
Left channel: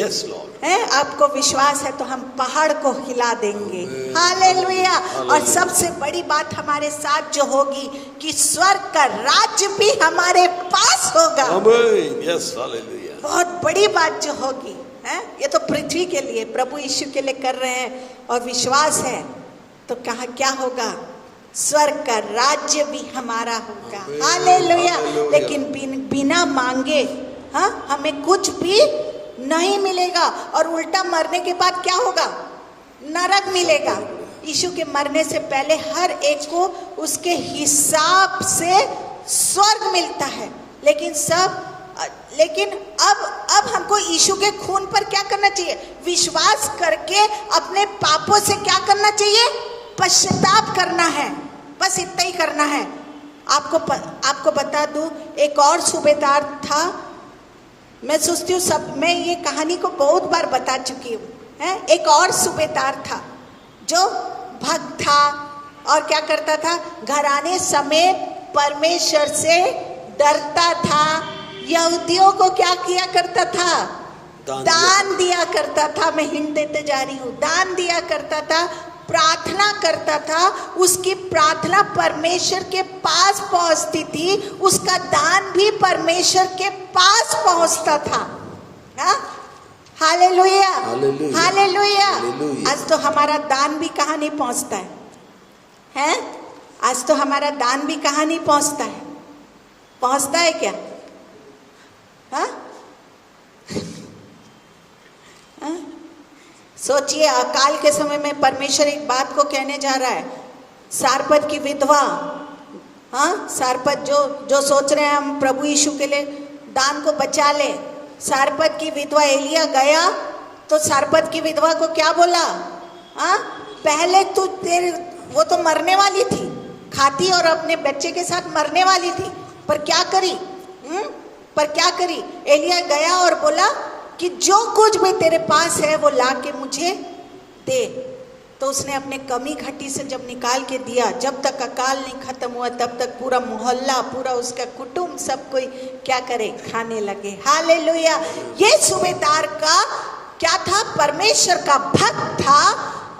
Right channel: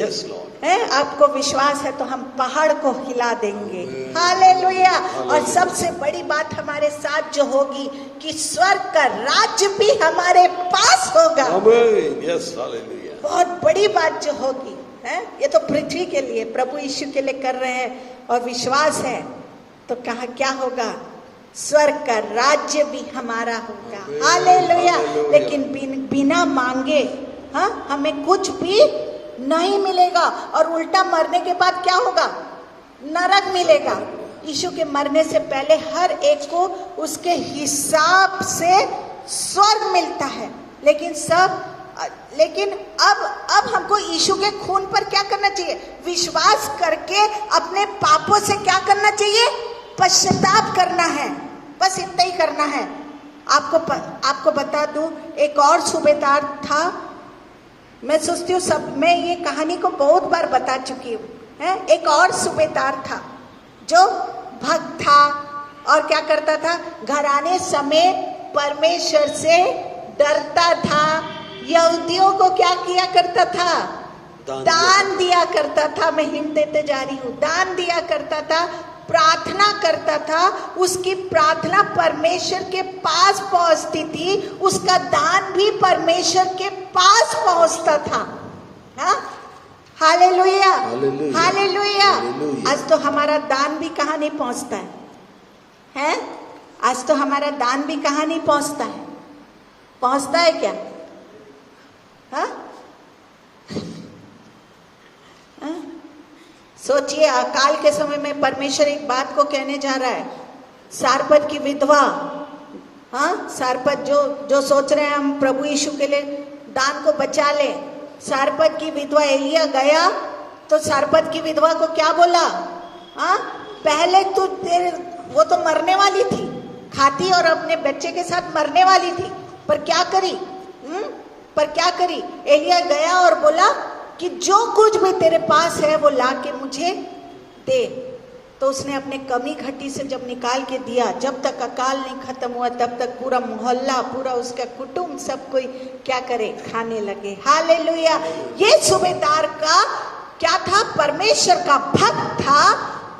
Yes Lord. आपको विश्वास है तो हम पहाड़ को हिला देंगे। हालेलुया। और सबसे बड़ी बात हमारे साथ जो होगी कि स्वर्ग का राज्य भी हमारे पास होगा। Yes, hallelujah. बहुत बड़ी बात जो होगी, ये तो पृथ्वी के लिए, प्रभु यीशु के लिए कर रहे हैं और विश्वास है तो कहा क्या होगा? स्वर्ग का राज्य भी हमारा होगा। हालेलुया। लेकिन बिना मांगे हमें कुछ भी नहीं मिलेगा, और उल्टा मरने के बाद क्या होगा? नरक मिलेगा। यीशु के मरने से पहले हर एक को उसके हिसाब से स्वर्ग मिलता है, लेकिन अब हमको यीशु के खून पर क्या करना चाहिए? विश्वास करके अपने पापों से क्या करना चाहिए? पश्चाताप करना है। बस इतना ही करना है। आपको बता दूं, एक और सूबेदार था। मैं सोचती हूँ मैं ये कहानी को बहुत बार बता चुकी हूँ। एक और सूबेदार था जो भक्त था और क्या करता था? घराने समेत परमेश्वर से डरता था। यहूदियों को क्या किया करता था? दान दिया करता था। मैं हिंट देते जा रही हूँ। दान दिया करता था, प्रार्थना करता था। उसकी प्रार्थना परमेश्वर के पास पहुंचती थी, उसका दान भी परमेश्वर के पास पहुंचता था। Hallelujah, hallelujah. आज तो हमारा दान भी कहाँ नहीं पहुंचता है? आज तो हमारा दान भी कहाँ नहीं पहुंचता है? पहुंचता है क्या? सोचिए, अकाल के समय में परमेश्वर एक बात को कहने जा रहा है। सारपत की विधवा, सारपत जो सोच रहे हैं हम प्रभु यीशु के लिए दान को बचा ले। सारपत की विधवा, एलिया गया तो सारपत की विधवा को क्या बोला? पहले वो तो मरने वाली थी, खाती और अपने बच्चे के साथ मरने वाली थी, पर क्या करी? एलिया गया और बोला कि जो कुछ भी तेरे पास है वो ला के मुझे दे। तो उसने अपने कमी घटी से जब निकाल के दिया, जब तक अकाल नहीं खत्म हुआ तब तक पूरा मोहल्ला, पूरा उसका कुटुंब, सब कोई क्या करे, खाने लगे। हालेलुया। ये सूबेदार का क्या था, परमेश्वर का भक्त था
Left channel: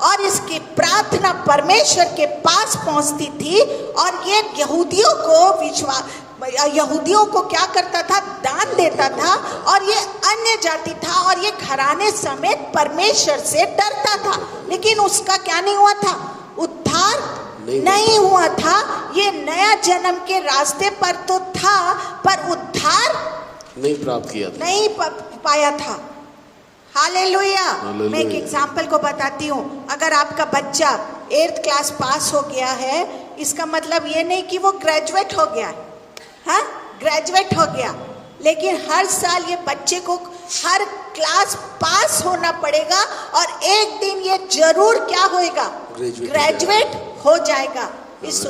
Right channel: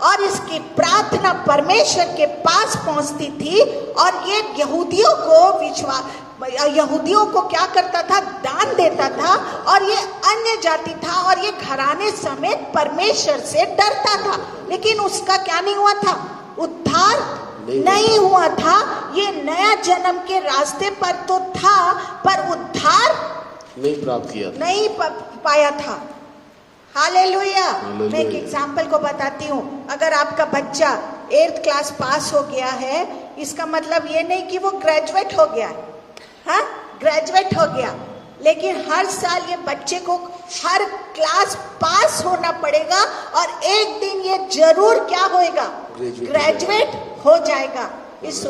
और इसकी प्रार्थना परमेश्वर के पास पहुंचती थी। और ये यहूदियों को क्या करता था, दान देता था। और ये अन्य जाति था और ये घराने समेत परमेश्वर से डरता था। लेकिन उसका क्या नहीं हुआ था, उद्धार नहीं हुआ था। ये नया जन्म के रास्ते पर तो था पर उद्धार नहीं प्राप्त किया था, नहीं पाया था। हालेलुया। मैं एक एग्जाम्पल को बताती हूँ। अगर आपका बच्चा 8th क्लास पास हो गया है, इसका मतलब ये नहीं कि वो ग्रेजुएट हो गया है। हाँ, ग्रेजुएट हो गया, लेकिन हर साल ये बच्चे को हर क्लास पास होना पड़ेगा और एक दिन ये जरूर क्या होएगा, ग्रेजुएट हो जाएगा। इस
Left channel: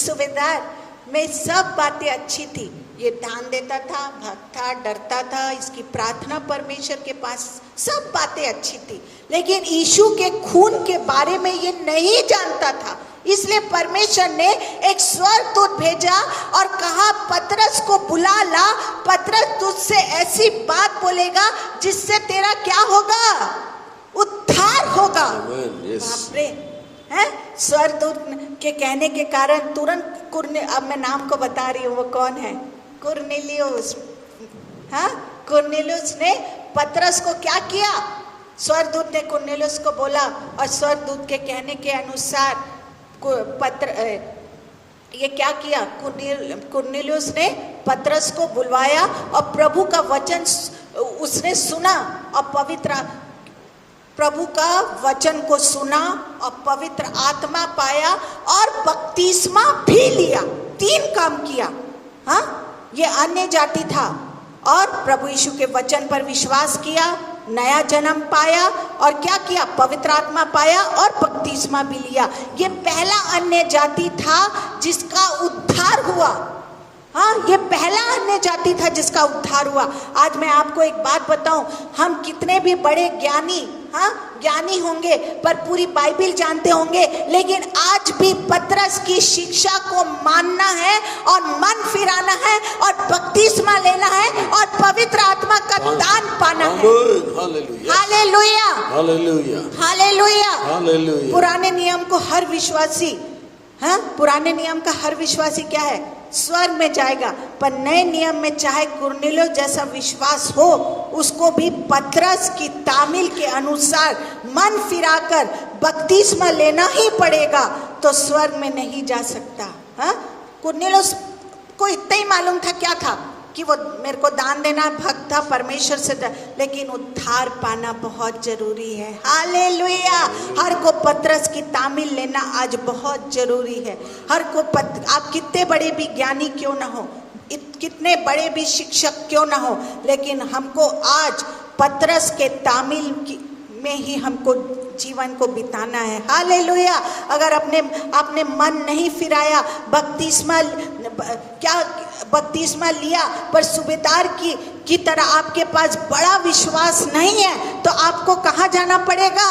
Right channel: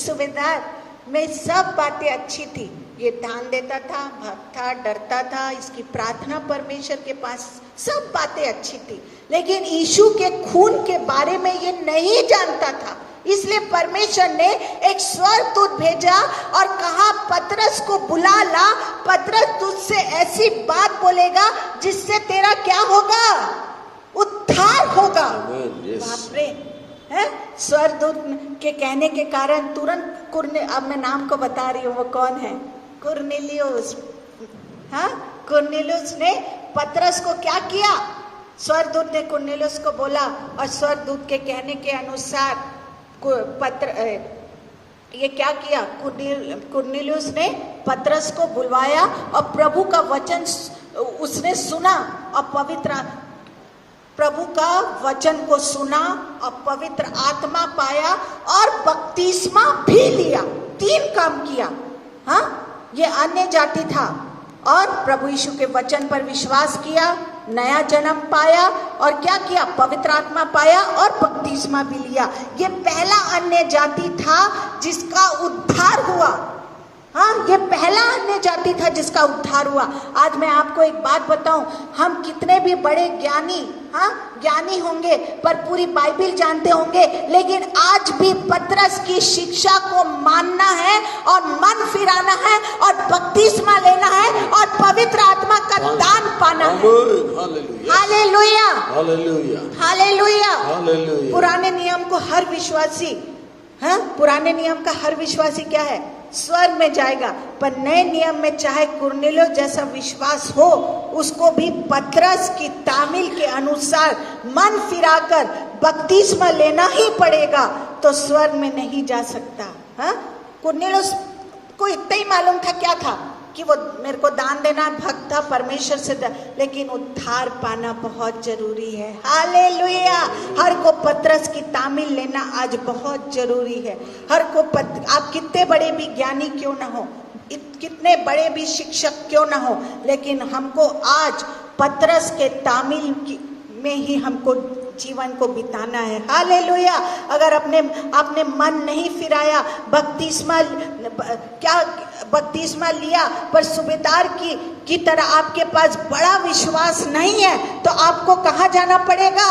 सूबेदार में सब बातें अच्छी थी। ये दान देता था, भक्त था, डरता था, इसकी प्रार्थना परमेश्वर के पास, सब बातें अच्छी थी। लेकिन यीशु के खून के बारे में ये नहीं जानता था। इसलिए परमेश्वर ने एक स्वर्गदूत भेजा और कहा, पतरस को बुला ला, पतरस तुझसे ऐसी बात बोलेगा जिससे तेरा क्या होगा, उद्धार होगा। स्वर्गदूत के कहने के कारण तुरंत अब मैं नाम को बता रही हूँ, वो कौन है, कुरनेलियुस। हाँ, कुरनेलियुस ने पतरस को क्या किया, स्वर्गदूत ने कुरनेलियुस को बोला और स्वर्गदूत के कहने के अनुसार ये क्या किया, कुरनेलियुस ने पतरस को बुलवाया और प्रभु का वचन उसने सुना और प्रभु का वचन को सुना और पवित्र आत्मा पाया और बपतिस्मा भी लिया। 3 काम किया। हाँ, ये अन्य जाति था और प्रभु यीशु के वचन पर विश्वास किया, नया जन्म पाया और क्या किया, पवित्र आत्मा पाया और बपतिस्मा भी लिया। ये पहला अन्य जाति था जिसका उद्धार हुआ। हाँ, ये पहला अन्य जाति था जिसका उद्धार हुआ। आज मैं आपको एक बात बताऊं, हम कितने भी बड़े ज्ञानी होंगे पर पूरी बाइबिल जानते होंगे, लेकिन आज भी पतरस की शिक्षा को मानना है और मन फिराना है और बपतिस्मा लेना है और पवित्र आत्मा का दान पाना है। Hallelujah, hallelujah. पुराने नियम का हर विश्वासी क्या है, स्वर्ग में जाएगा। पर नए नियम में चाहे कुरनेलियुस जैसा विश्वास हो, उसको भी पतरस की तामील के अनुसार मन फिराकर बपतिस्मा लेना ही पड़ेगा, तो स्वर्ग में नहीं जा सकता। हाँ, कुरनेलियुस को इतना ही मालूम था, क्या था कि वो मेरे को दान देना, भक्त था परमेश्वर से, लेकिन उद्धार पाना बहुत जरूरी है। हालेलुया। हर को पतरस की तामील लेना आज बहुत जरूरी है। हर को आप कितने बड़े भी ज्ञानी क्यों ना हो, कितने बड़े भी शिक्षक क्यों ना हो, लेकिन हमको आज पतरस के तामील में ही हमको जीवन को बिताना है। हालेलुया। अगर आपने मन नहीं फिराया, बपतिस्मा लिया पर सूबेदार की तरह आपके पास बड़ा विश्वास नहीं है, तो आपको कहाँ जाना पड़ेगा,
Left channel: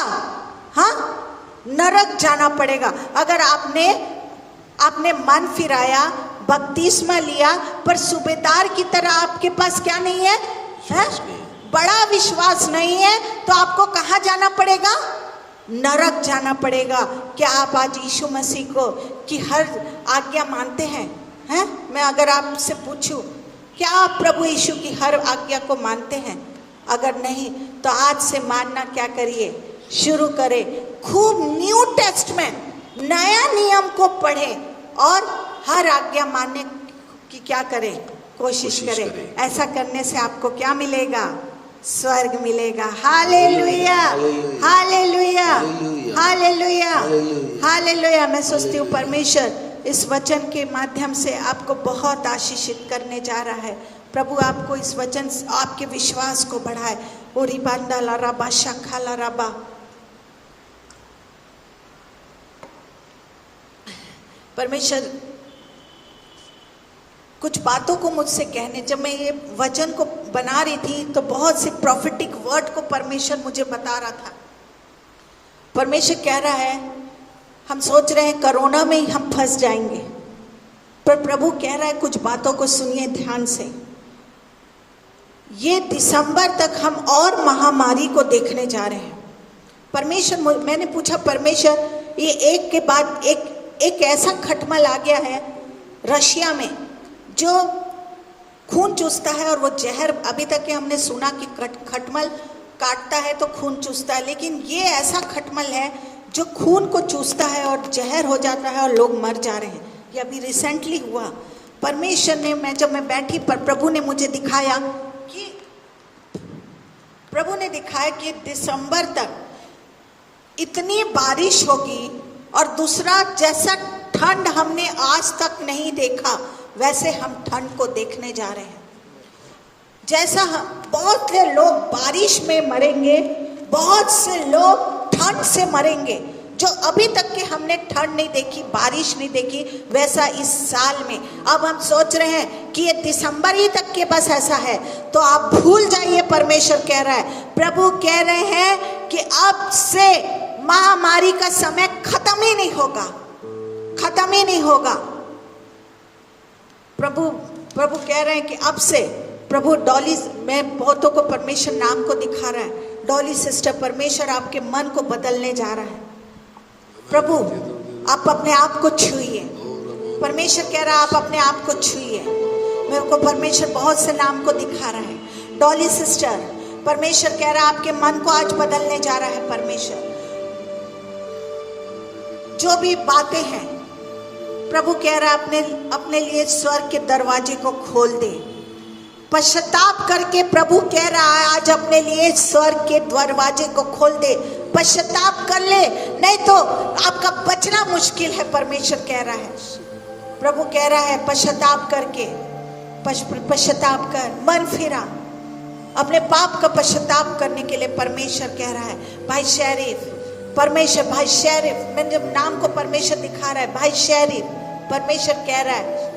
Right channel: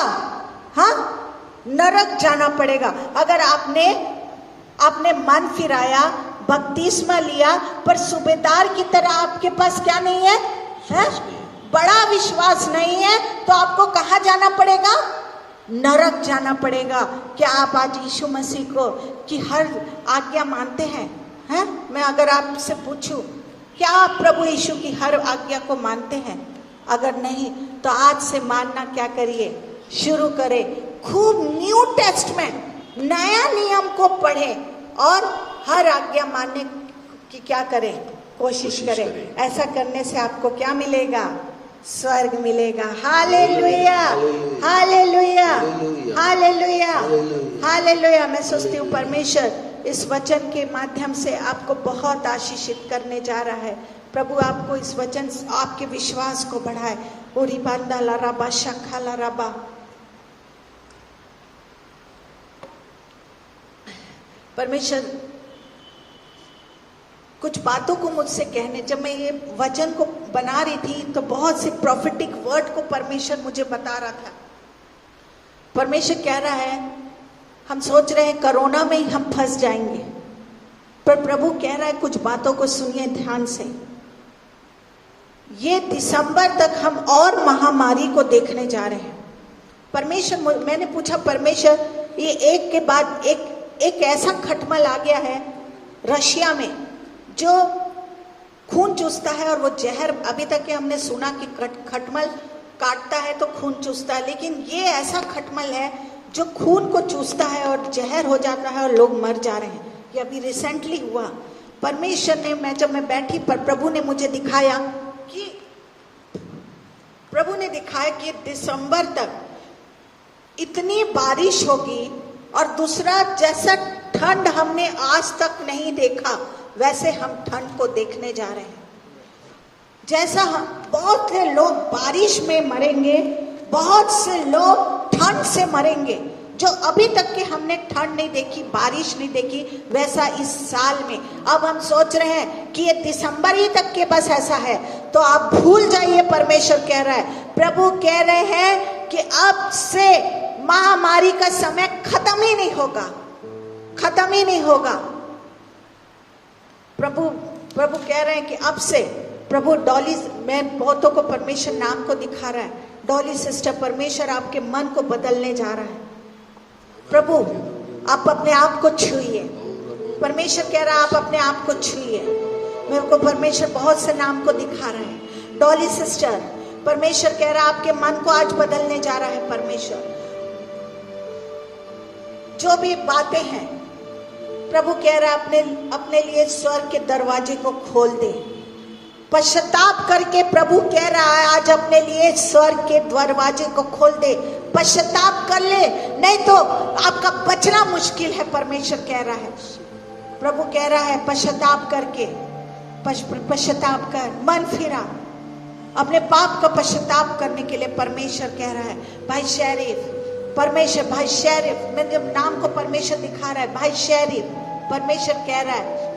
हाँ, नरक जाना पड़ेगा। अगर आपने मन फिराया, बपतिस्मा लिया पर सूबेदार की तरह आपके पास क्या नहीं है, बड़ा विश्वास नहीं है, तो आपको कहाँ जाना पड़ेगा, नरक जाना पड़ेगा। क्या आप आज यीशु मसीह को की हर आज्ञा मानते हैं? मैं अगर आपसे पूछूं, क्या आप प्रभु यीशु की हर आज्ञा को मानते हैं? अगर नहीं तो आज से मानना क्या करिए, शुरू करें। खूब न्यू टेस्टमेंट, नया नियम को पढ़ें और हर आज्ञा मानने की क्या करें, कोशिश करें। ऐसा करने से आपको क्या मिलेगा, स्वर्ग मिलेगा। Hallelujah, hallelujah, hallelujah, hallelujah. मैं सोचती हूँ परमेश्वर इस वचन के माध्यम से आपको बहुत आशीषित करने जा रहा है। प्रभु आपको इस वचन से आपके विश्वास को बढ़ाए। ओरी बांदा ला रबा शखा ला रबा। परमेश्वर कुछ बातों को मुझसे कहने, जब मैं ये वचन को बना रही थी तो बहुत सी प्रॉफिटिक वर्ड को परमेश्वर मुझे बता रहा था। परमेश्वर कह रहा है, हम सोच रहे हैं कोरोना में ही हम फंस जाएंगे, पर प्रभु कह रहा है कुछ बातों को सुनिए ध्यान से। ये दिसंबर तक हम और महामारी को देखने जा रहे हैं। परमेश्वर, मैंने पूछा परमेश्वर, ये एक के बाद एक ऐसा खटमल आ गया है रशिया में जो खून चूसता है, और वो जहर, अभी तक के हमने सुना कि खटमल काटता है तो खून चूसता है, लेकिन ये ऐसा खटमल है जो खून को चूसता है और जहर हो जाता है और लोग मर जा रहे हैं। ये अभी रिसेंटली हुआ। परमेश्वर ने, जब मैं बैठी पर प्रभु ने मुझे दिखाया कि दिसंबर तक इतनी बारिश होगी, और दूसरा, जैसा ठंड हमने आज तक नहीं देखा वैसे हम ठंड को देखने जा रहे हैं। जैसा बहुत से लोग बारिश में मरेंगे, बहुत से लोग ठंड से मरेंगे, जो अभी तक के हमने ठंड नहीं देखी, बारिश नहीं देखी, वैसा इस साल में। अब हम सोच रहे हैं कि ये दिसंबर ही तक के बस ऐसा है, तो आप भूल जाइए। परमेश्वर कह रहा है, प्रभु कह रहे हैं कि अब से महामारी का समय खत्म ही नहीं होगा, खत्म ही नहीं होगा। प्रभु कह रहे हैं कि अब से, प्रभु डॉली, मैं बहुतों को परमेश्वर नाम को दिखा रहा है, डॉली सिस्टर, परमेश्वर आपके मन को बदलने जा रहा है। प्रभु आप अपने आप को छूइए। परमेश्वर कह रहा है आप अपने आप को छूइए। मेरे को परमेश्वर बहुत से नाम को दिखा रहा है। डॉली सिस्टर, परमेश्वर कह रहा है आपके मन को आज बदलने जा रहा है। परमेश्वर जो भी बातें हैं, प्रभु कह रहा है अपने लिए स्वर्ग के दरवाजे को खोल दे। पश्चाताप करके प्रभु कह रहा है आज अपने लिए स्वर्ग के दरवाजे को खोल दे। पश्चाताप कर ले, नहीं तो आपका बचना मुश्किल है। परमेश्वर कह रहा है, प्रभु कह रहा है पश्चाताप करके, पश्चाताप कर, मन फिरा, अपने पाप का पश्चाताप करने के लिए परमेश्वर कह रहा है। भाई शेरिफ, परमेश्वर, भाई शेरिफ, मैंने जब नाम को परमेश्वर दिखा रहा है, भाई शेरिफ, परमेश्वर कह रहा है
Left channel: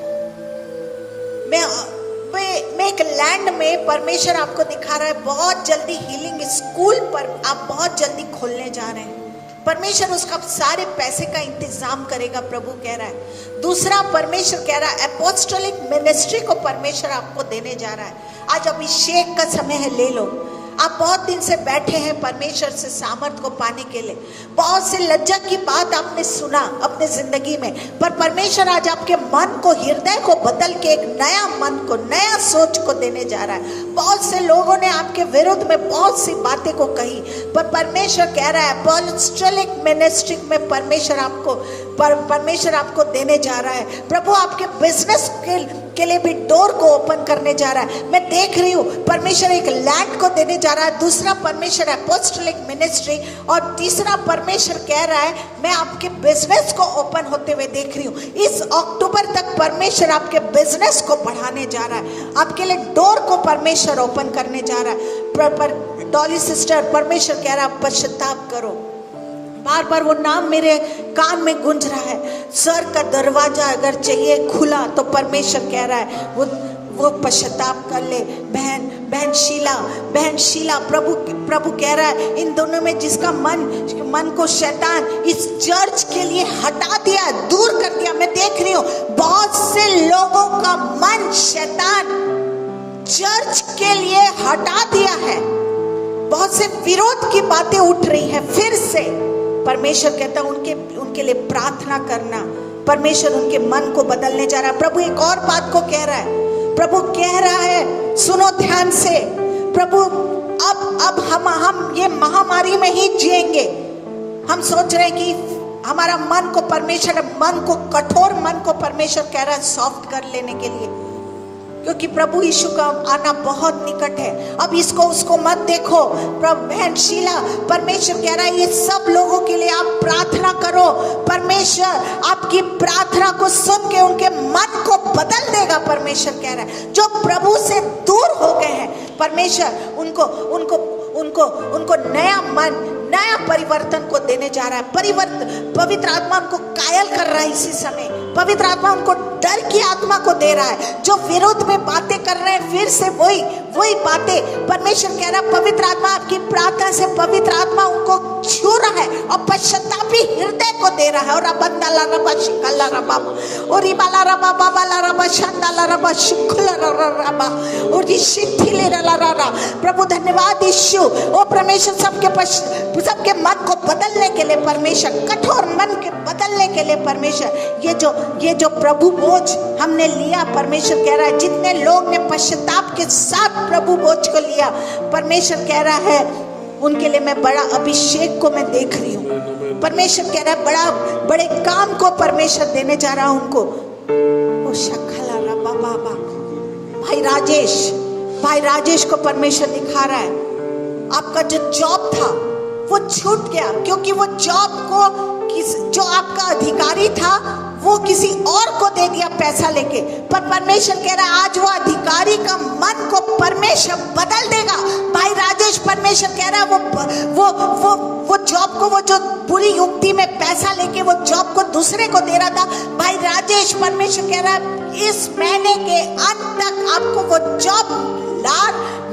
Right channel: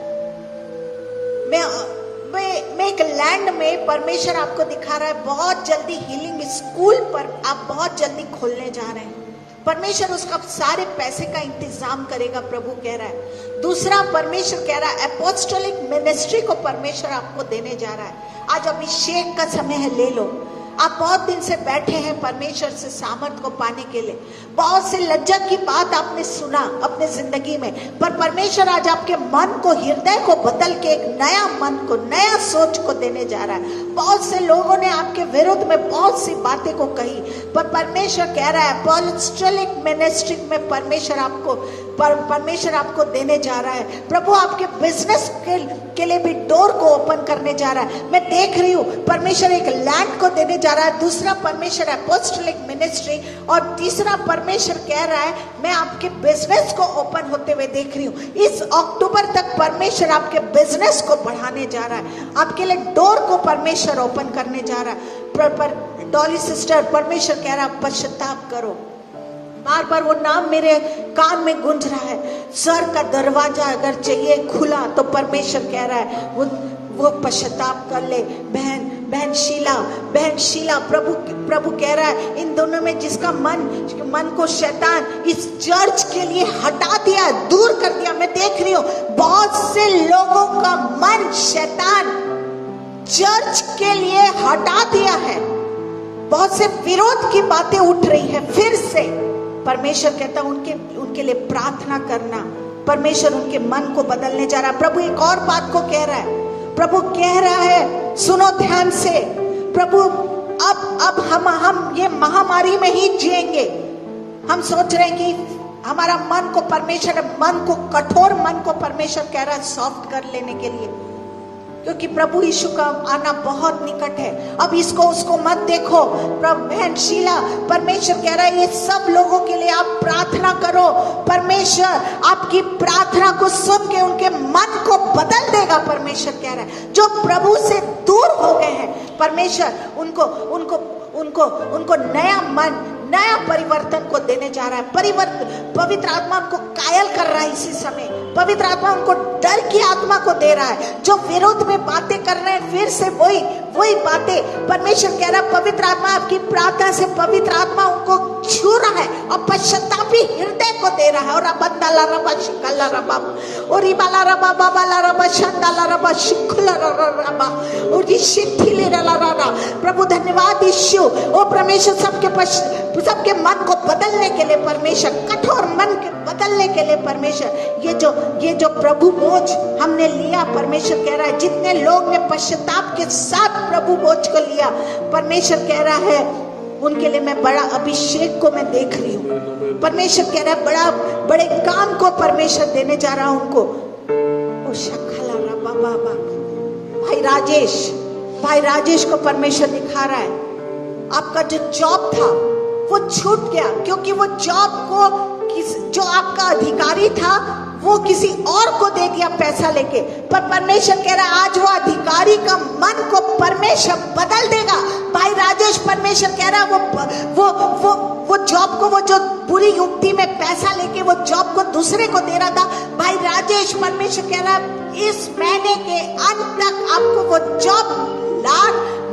मैं एक लैंड में, परमेश्वर आपको दिखा रहा है बहुत जल्दी हीलिंग स्कूल पर आप बहुत जल्दी खोलने जा रहे हैं। परमेश्वर उसका सारे पैसे का इंतजाम करेगा, प्रभु कह रहा है। दूसरा, परमेश्वर कह रहा है अपोस्टोलिक मिनिस्ट्री को परमेश्वर आपको देने जा रहा है। आज अभिषेक का समय है, ले लो। आप बहुत दिन से बैठे हैं परमेश्वर से सामर्थ को पाने के लिए, बहुत से लज्जा की बात आपने सुना अपने जिंदगी में, पर परमेश्वर आज आपके मन को, हृदय को बदल के एक नया मन को, नया सोच को देने जा रहा है। बहुत से लोगों ने आपके विरुद्ध में बहुत सी बातें को कही, पर परमेश्वर कह रहा है अपोस्टोलिक मिनिस्ट्री में परमेश्वर आपको देने जा रहा है। प्रभु आपके बिजनेस के लिए भी डोर को ओपन करने जा रहा है। मैं देख रही हूँ परमेश्वर एक लैंड को देने जा रहा है। दूसरा, परमेश्वर अपोस्टोलिक मिनिस्ट्री, और तीसरा, परमेश्वर कह रहा है मैं आपके बिजनेस को ओपन होते हुए देख रही हूँ। इस अक्टूबर तक परमेश्वर आपके बिजनेस को बढ़ाने जा रहा है, आपके लिए डोर को परमेश्वर ओपन करने जा रहा है। डॉली सिस्टर, परमेश्वर कह रहा है पश्चाताप करो। बार बार वो नाम मेरे कान में गूंज रहा है। स्वर्ग का दरवाजा अगर चाहिए खुला, तो परमेश्वर कह रहा है वो पश्चाताप कर ले। बहन शीला, प्रभु कह रहा है इन दोनों में जिसका मन को शैतान इस चर्च के लिए हटा दिया, दूर कर दिया। मैं देख रही हूँ बहुत से लोगों का मन शैतान चर्च के लिए हटा दिया है। बहुत से विरोध की बातें उठ रही है फिर से। परमेश्वर कहता है उनके लिए प्रार्थना करना। परमेश्वर उनके मन को बदलने जा रहा है। प्रभु एक और बात को कह रहा है। प्रभु कह रहा है, सुनो ध्यान से, प्रभु अब हम ये महामारी में ही जिएंगे। हम सोच रहे हैं कि हमारा मन को परमेश्वर, कठोर मन को परमेश्वर कह रहा है सॉफ्ट कर लेने के लिए, क्योंकि प्रभु यीशु का आना बहुत निकट है। अब इसको उसको मत देखो। बहन शीला, परमेश्वर कह रहा है ये सब लोगों के लिए आप प्रार्थना करो। परमेश्वर आपकी प्रार्थना को सुन के उनके मन को बदल देगा। परमेश्वर कह रहा है जो प्रभु से दूर हो गए हैं, परमेश्वर उनको उनको नया मन, नया परिवर्तन को देने जा रहा है। पवित्र आत्मा उनको कायल कर रहा है इसी समय। पवित्र आत्मा उनको डर की आत्मा को दे रहा है। जो विरोध में बातें कर रहे हैं, फिर से वही बातें परमेश्वर कह रहा है। पवित्र आत्मा आपकी प्रार्थना से पवित्र आत्मा उनको छू रहा है और पश्चातापी हृदय को दे रहा है। और अबंदाला रबा शिकला रबा और इबाला रबा बाबाला रबा शंदाला रबा शिखला रबा और शिथिले रला। प्रभु धन्यवाद यीशु। ओ परमेश्वर सबके मन को बदलने के लिए परमेश्वर, कठोर मन के बदलने के लिए परमेश्वर, ये जो प्रभु बोझ हमने लिया, परमेश्वर कह रहा है जितने लोग ने पश्चाताप के साथ प्रभु बोझ को लिया, परमेश्वर कह रहा है उनके लिए मैं बड़ा अभिषेक को मैं देख रही हूँ। परमेश्वर कह रहा है बड़े काम को परमेश्वर देने जा रहा हूं उनको। ओ शखला रबा बाबा भाई राजेश को परमेश्वर दिखा रहा है आपका जो जॉब था वो छूट गया, क्योंकि वो जॉब को जो आपका अधिकारी था वो किसी और को दे दिया पैसा लेके। पर परमेश्वर कह रहा है आज वो अधिकारी का मन को परमेश्वर बदल देगा। भाई राजेश, परमेश्वर कह रहा है वो जॉब को, वो जो बुरी युक्ति में पैसा लेके वो जॉब को दूसरे को दे रहा था, भाई राजेश परमेश्वर कह रहा है इस महीने के अंत तक आपको वो जॉब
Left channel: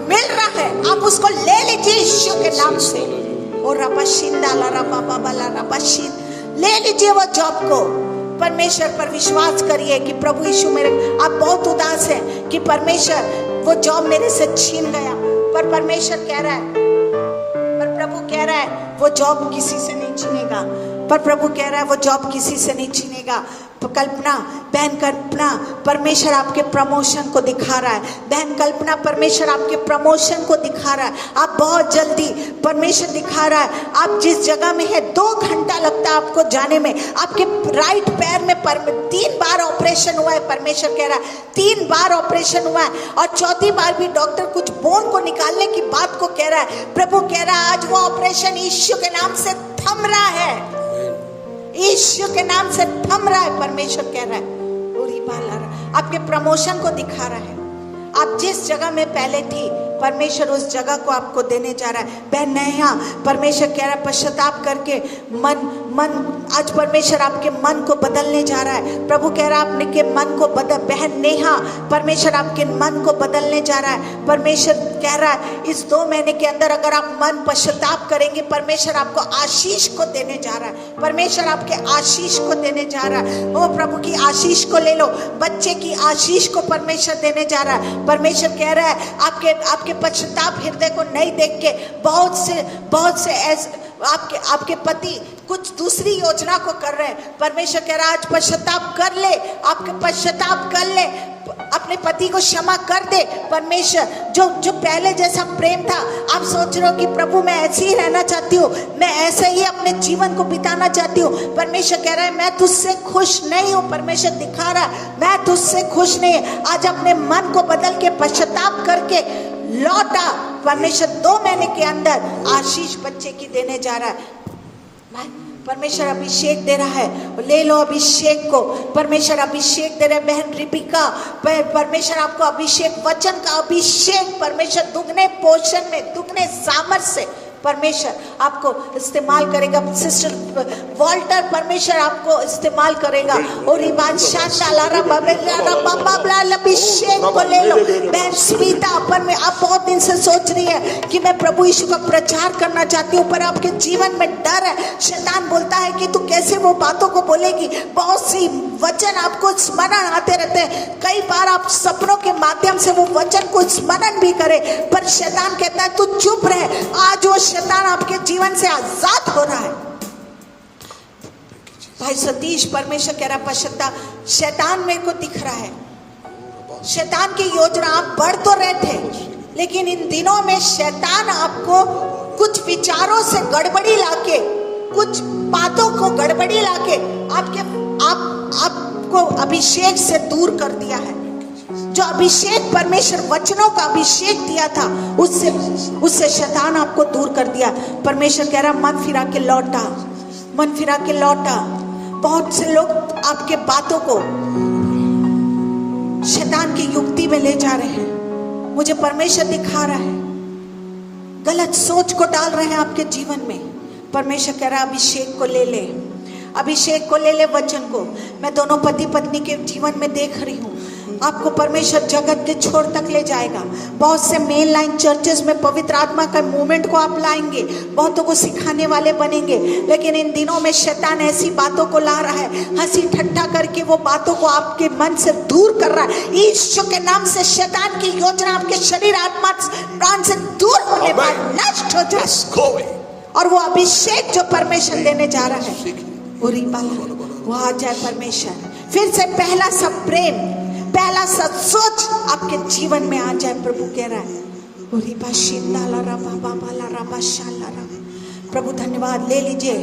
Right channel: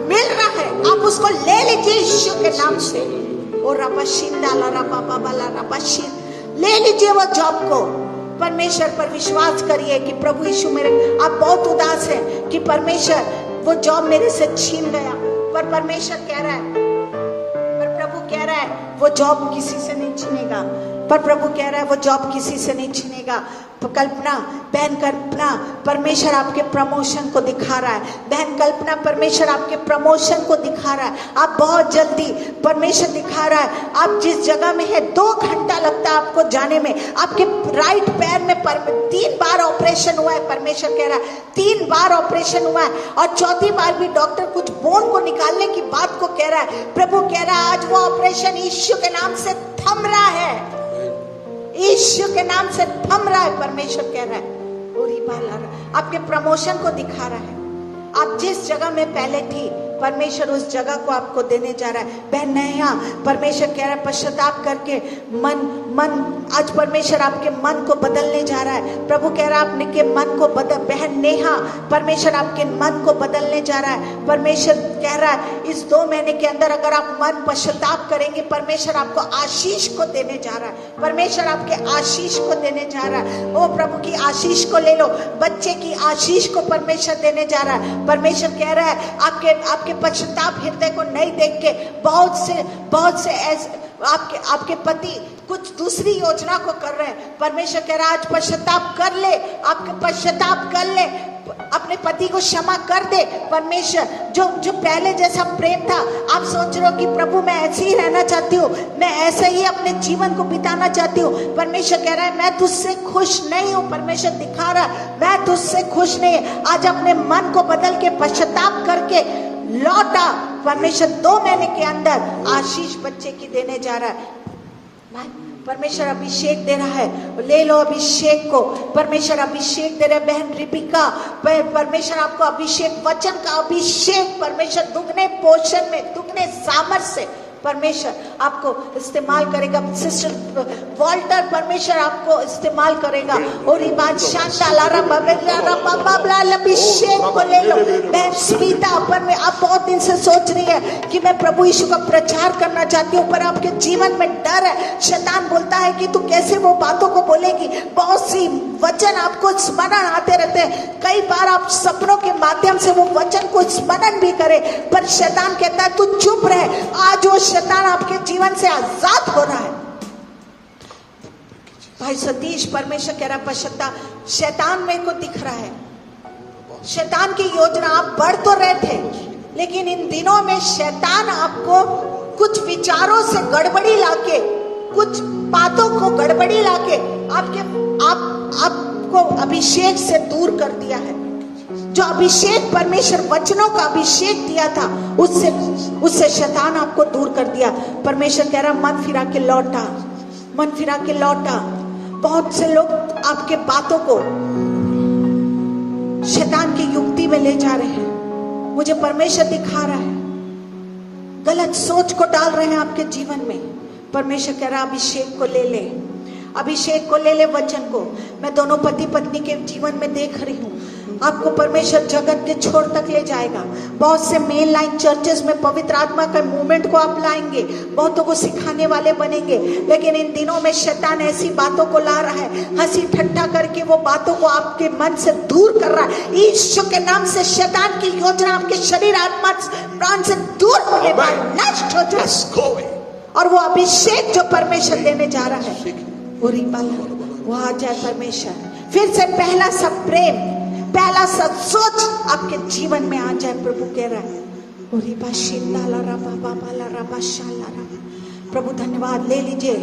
मिल रहा है। आप उसको ले लीजिए यीशु के नाम से। और ले लीजिए वो जॉब को। परमेश्वर पर विश्वास करिए कि प्रभु यीशु मेरे, आप बहुत उदास हैं कि परमेश्वर वो जॉब मेरे से छीन गया, पर परमेश्वर कह रहा है, पर प्रभु कह रहा है वो जॉब किसी से नहीं छीनेगा। पर प्रभु कह रहा है वो जॉब किसी से नहीं छीनेगा। बहन कल्पना परमेश्वर आपके प्रमोशन को दिखा रहा है। बहन कल्पना परमेश्वर आपके प्रमोशन को दिखा रहा है। आप बहुत जल्दी परमेश्वर दिखा रहा है, आप जिस जगह में है 2 घंटा लगता है आपको जाने में। आपके राइट पैर में 3 बार ऑपरेशन हुआ है। परमेश्वर कह रहा है 3 बार ऑपरेशन हुआ है और 4थी बार भी डॉक्टर कुछ बोन को निकालने की बात को कह रहा है। प्रभु कह रहा है आज वो ऑपरेशन यीशु के नाम से थम रहा है, यीशु के नाम से थम रहा है। परमेश्वर कह रहा है आपके प्रमोशन को दिखा रहा है। आप जिस जगह में पहले थी परमेश्वर उस जगह को आपको देने जा रहा है। बहन नेहा परमेश्वर कह रहा है पश्चाताप करके मन आज परमेश्वर आपके मन को बदलने जा रहा है। प्रभु कह रहा है आपके मन को बदल, बहन नेहा परमेश्वर आपके मन को बदलने जा रहा है। परमेश्वर कह रहा है इस 2 महीने के अंदर अगर आप मन पश्चाताप करेंगे परमेश्वर आपको आशीष को देने जा रहा है। परमेश्वर आपके आशीष को देने जा रहा है। वो प्रभु की आशीष को ले लो, बच्चे की आशीष को परमेश्वर देने जा रहा है। परमेश्वर कह रहा है आपके पश्चाताप हृदय को नहीं देख के बहुत से ऐसे आपके पति कुछ दूसरी योजना को कर रहे हैं। परमेश्वर कह रहा है आज पश्चाताप कर ले, आपके पश्चाताप कर ले, अपने पति को क्षमा कर दे। परमेश्वर जो पहले जैसा प्रेम था, आप सोच रहे हो कि प्रभु मैं ऐसे ही रहना चाहती हूँ, मैं ऐसे ही अपने जीवन को बिताना चाहती हूँ। परमेश्वर कह रहा है मैं तुझसे खुश नहीं हूँ। परमेश्वर दिखा रहा है मैं तुझसे खुश नहीं। आज अपने मन को बदल के पश्चाताप करके लौटा। परमेश्वर 2 महीने के अंदर आशीष बच्चे की देने जा रहा है। परमेश्वर अभिषेक दे रहा है, ले लो अभिषेक को। परमेश्वर अभिषेक दे रहे हैं। बहन रिपिका परमेश्वर आपको अभिषेक, वचन का अभिषेक परमेश्वर दुगने पोषण में, दुगने सामर्थ्य से परमेश्वर आपको इस्तेमाल करेगा। सिस्टर वॉल्टर परमेश्वर आपको इस्तेमाल करेगा। और ये बात अभिषेक को ले लो। बहन स्मिता पर में आप बहुत दिन से सोच रही है कि मैं प्रभु यीशु का प्रचार करना चाहती हूँ, पर आपके जीवन में डर है। शैतान बोलता है कि तू कैसे वो बातों को बोलेगी। बहुत सी वचन आपको स्मरण आते रहते हैं। कई बार आप सपनों के माध्यम से वो वचन को स्मरण भी करे, पर शैतान कहता है तू चुप रहे। आज वो शैतान आपके जीवन से आजाद हो रहा है। भाई सतीश परमेश्वर कह रहा पश्चाताप, शैतान मेरे को दिख रहा है, शैतान की योजना आप बढ़ तो रहे थे, लेकिन इन दिनों में शैतान आपको कुछ विचारों से गड़बड़ी लाके, कुछ बातों को गड़बड़ी लाके आपको अभिषेक से दूर कर दिया है। जो अभिषेक परमेश्वर वचनों का अभिषेक दिया था उससे शैतान आपको दूर कर दिया। परमेश्वर कह रहा मन फिरा के लौटा, मन फिरा के लौटा। बहुत से लोग आपके बातों को शैतान की युक्ति में ले जा रहे हैं। मुझे परमेश्वर दिखा रहा है गलत सोच को डाल रहे हैं आपके जीवन में, परमेश्वर कह रहा है अभिषेक को ले ले, अभिषेक को ले ले, वचन को। मैं दोनों पति पत्नी के जीवन में देख रही हूँ, आपको परमेश्वर जगत के छोर तक ले जाएगा। बहुत से मेन लाइन चर्चेस में पवित्र आत्मा का मूवमेंट को आप लाएंगे, बहुतों को सिखाने वाले बनेंगे, लेकिन इन दिनों में शैतान ऐसी बातों को ला रहा है, हंसी ठट्ठा करके वो बातों को आपके मन से दूर कर रहा है। यीशु के नाम से शैतान की योजना आपके शरीर आत्मा प्राण से दूर होने पर नष्ट हो जाए, और वो अभिषेक जो परमेश्वर देने जा रहा है वो आ जाए। परमेश्वर फिर से पहला सब प्रेम, पहला सब सोच आपके जीवन में आ जाए। प्रभु कह रहा है प्रभु धन्यवाद। ले लीजिए।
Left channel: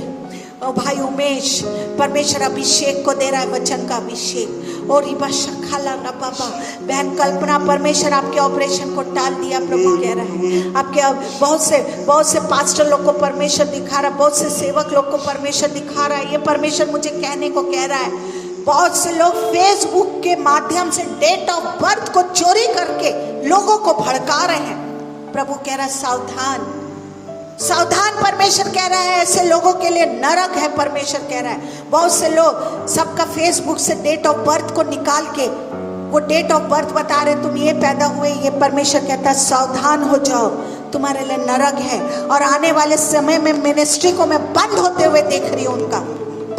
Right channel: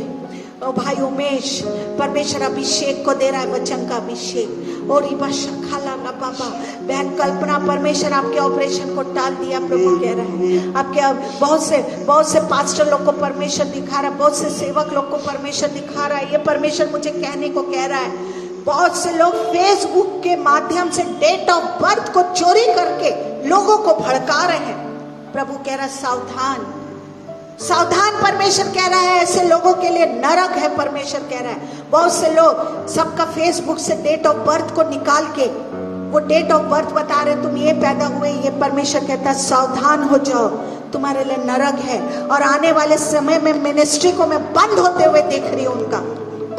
ओ भाई उमेश, परमेश्वर अभिषेक को दे रहा है, वचन का अभिषेक। और बहन कल्पना, परमेश्वर आपके ऑपरेशन को टाल दिया। प्रभु कह रहे हैं आपके बहुत से पास्टर लोग को परमेश्वर दिखा रहा है, बहुत से सेवक लोग को परमेश्वर दिखा रहा है। ये परमेश्वर मुझे कहने को कह रहा है, बहुत से लोग फेसबुक के माध्यम से डेट ऑफ बर्थ को चोरी करके लोगों को भड़का रहे हैं। प्रभु कह रहा है सावधान, सावधान। परमेश्वर कह रहा है ऐसे लोगों के लिए नरक है। परमेश्वर कह रहा है बहुत से लोग सबका फेसबुक से डेट ऑफ बर्थ को निकाल के वो डेट ऑफ बर्थ बता रहे, तुम ये पैदा हुए, ये। परमेश्वर कहता है सावधान हो जाओ, तुम्हारे लिए नरक है। और आने वाले समय में मिनिस्ट्री को मैं बंद होते हुए देख रही हूँ, उनका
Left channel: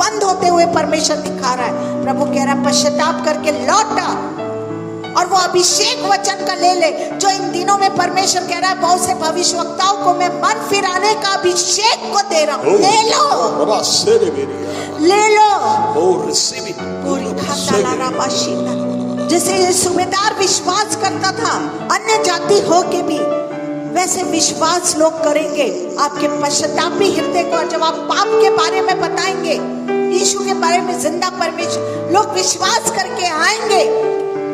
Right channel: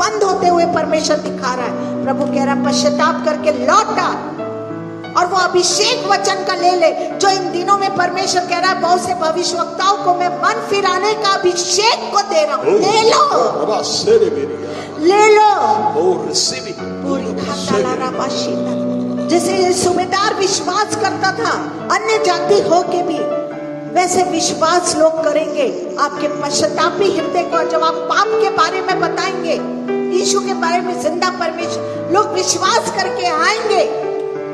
बंद होते हुए परमेश्वर दिखा रहा है। प्रभु कह रहा है पश्चाताप करके लौट आ और वो अभिषेक वचन का ले ले, जो इन दिनों में परमेश्वर कह रहा है बहुत से भविष्यवक्ताओं को मैं मन फिराने का अभिषेक को दे रहा हूँ। ले लो, जैसे सुबेदार विश्वास करता था अन्य जाति हो के भी, वैसे विश्वास लोग करेंगे आपके पश्चातापी हृदय को। जब आप पाप के बारे में बताएंगे, यीशु के बारे में, जिंदा परमेश्वर, लोग विश्वास करके आएंगे।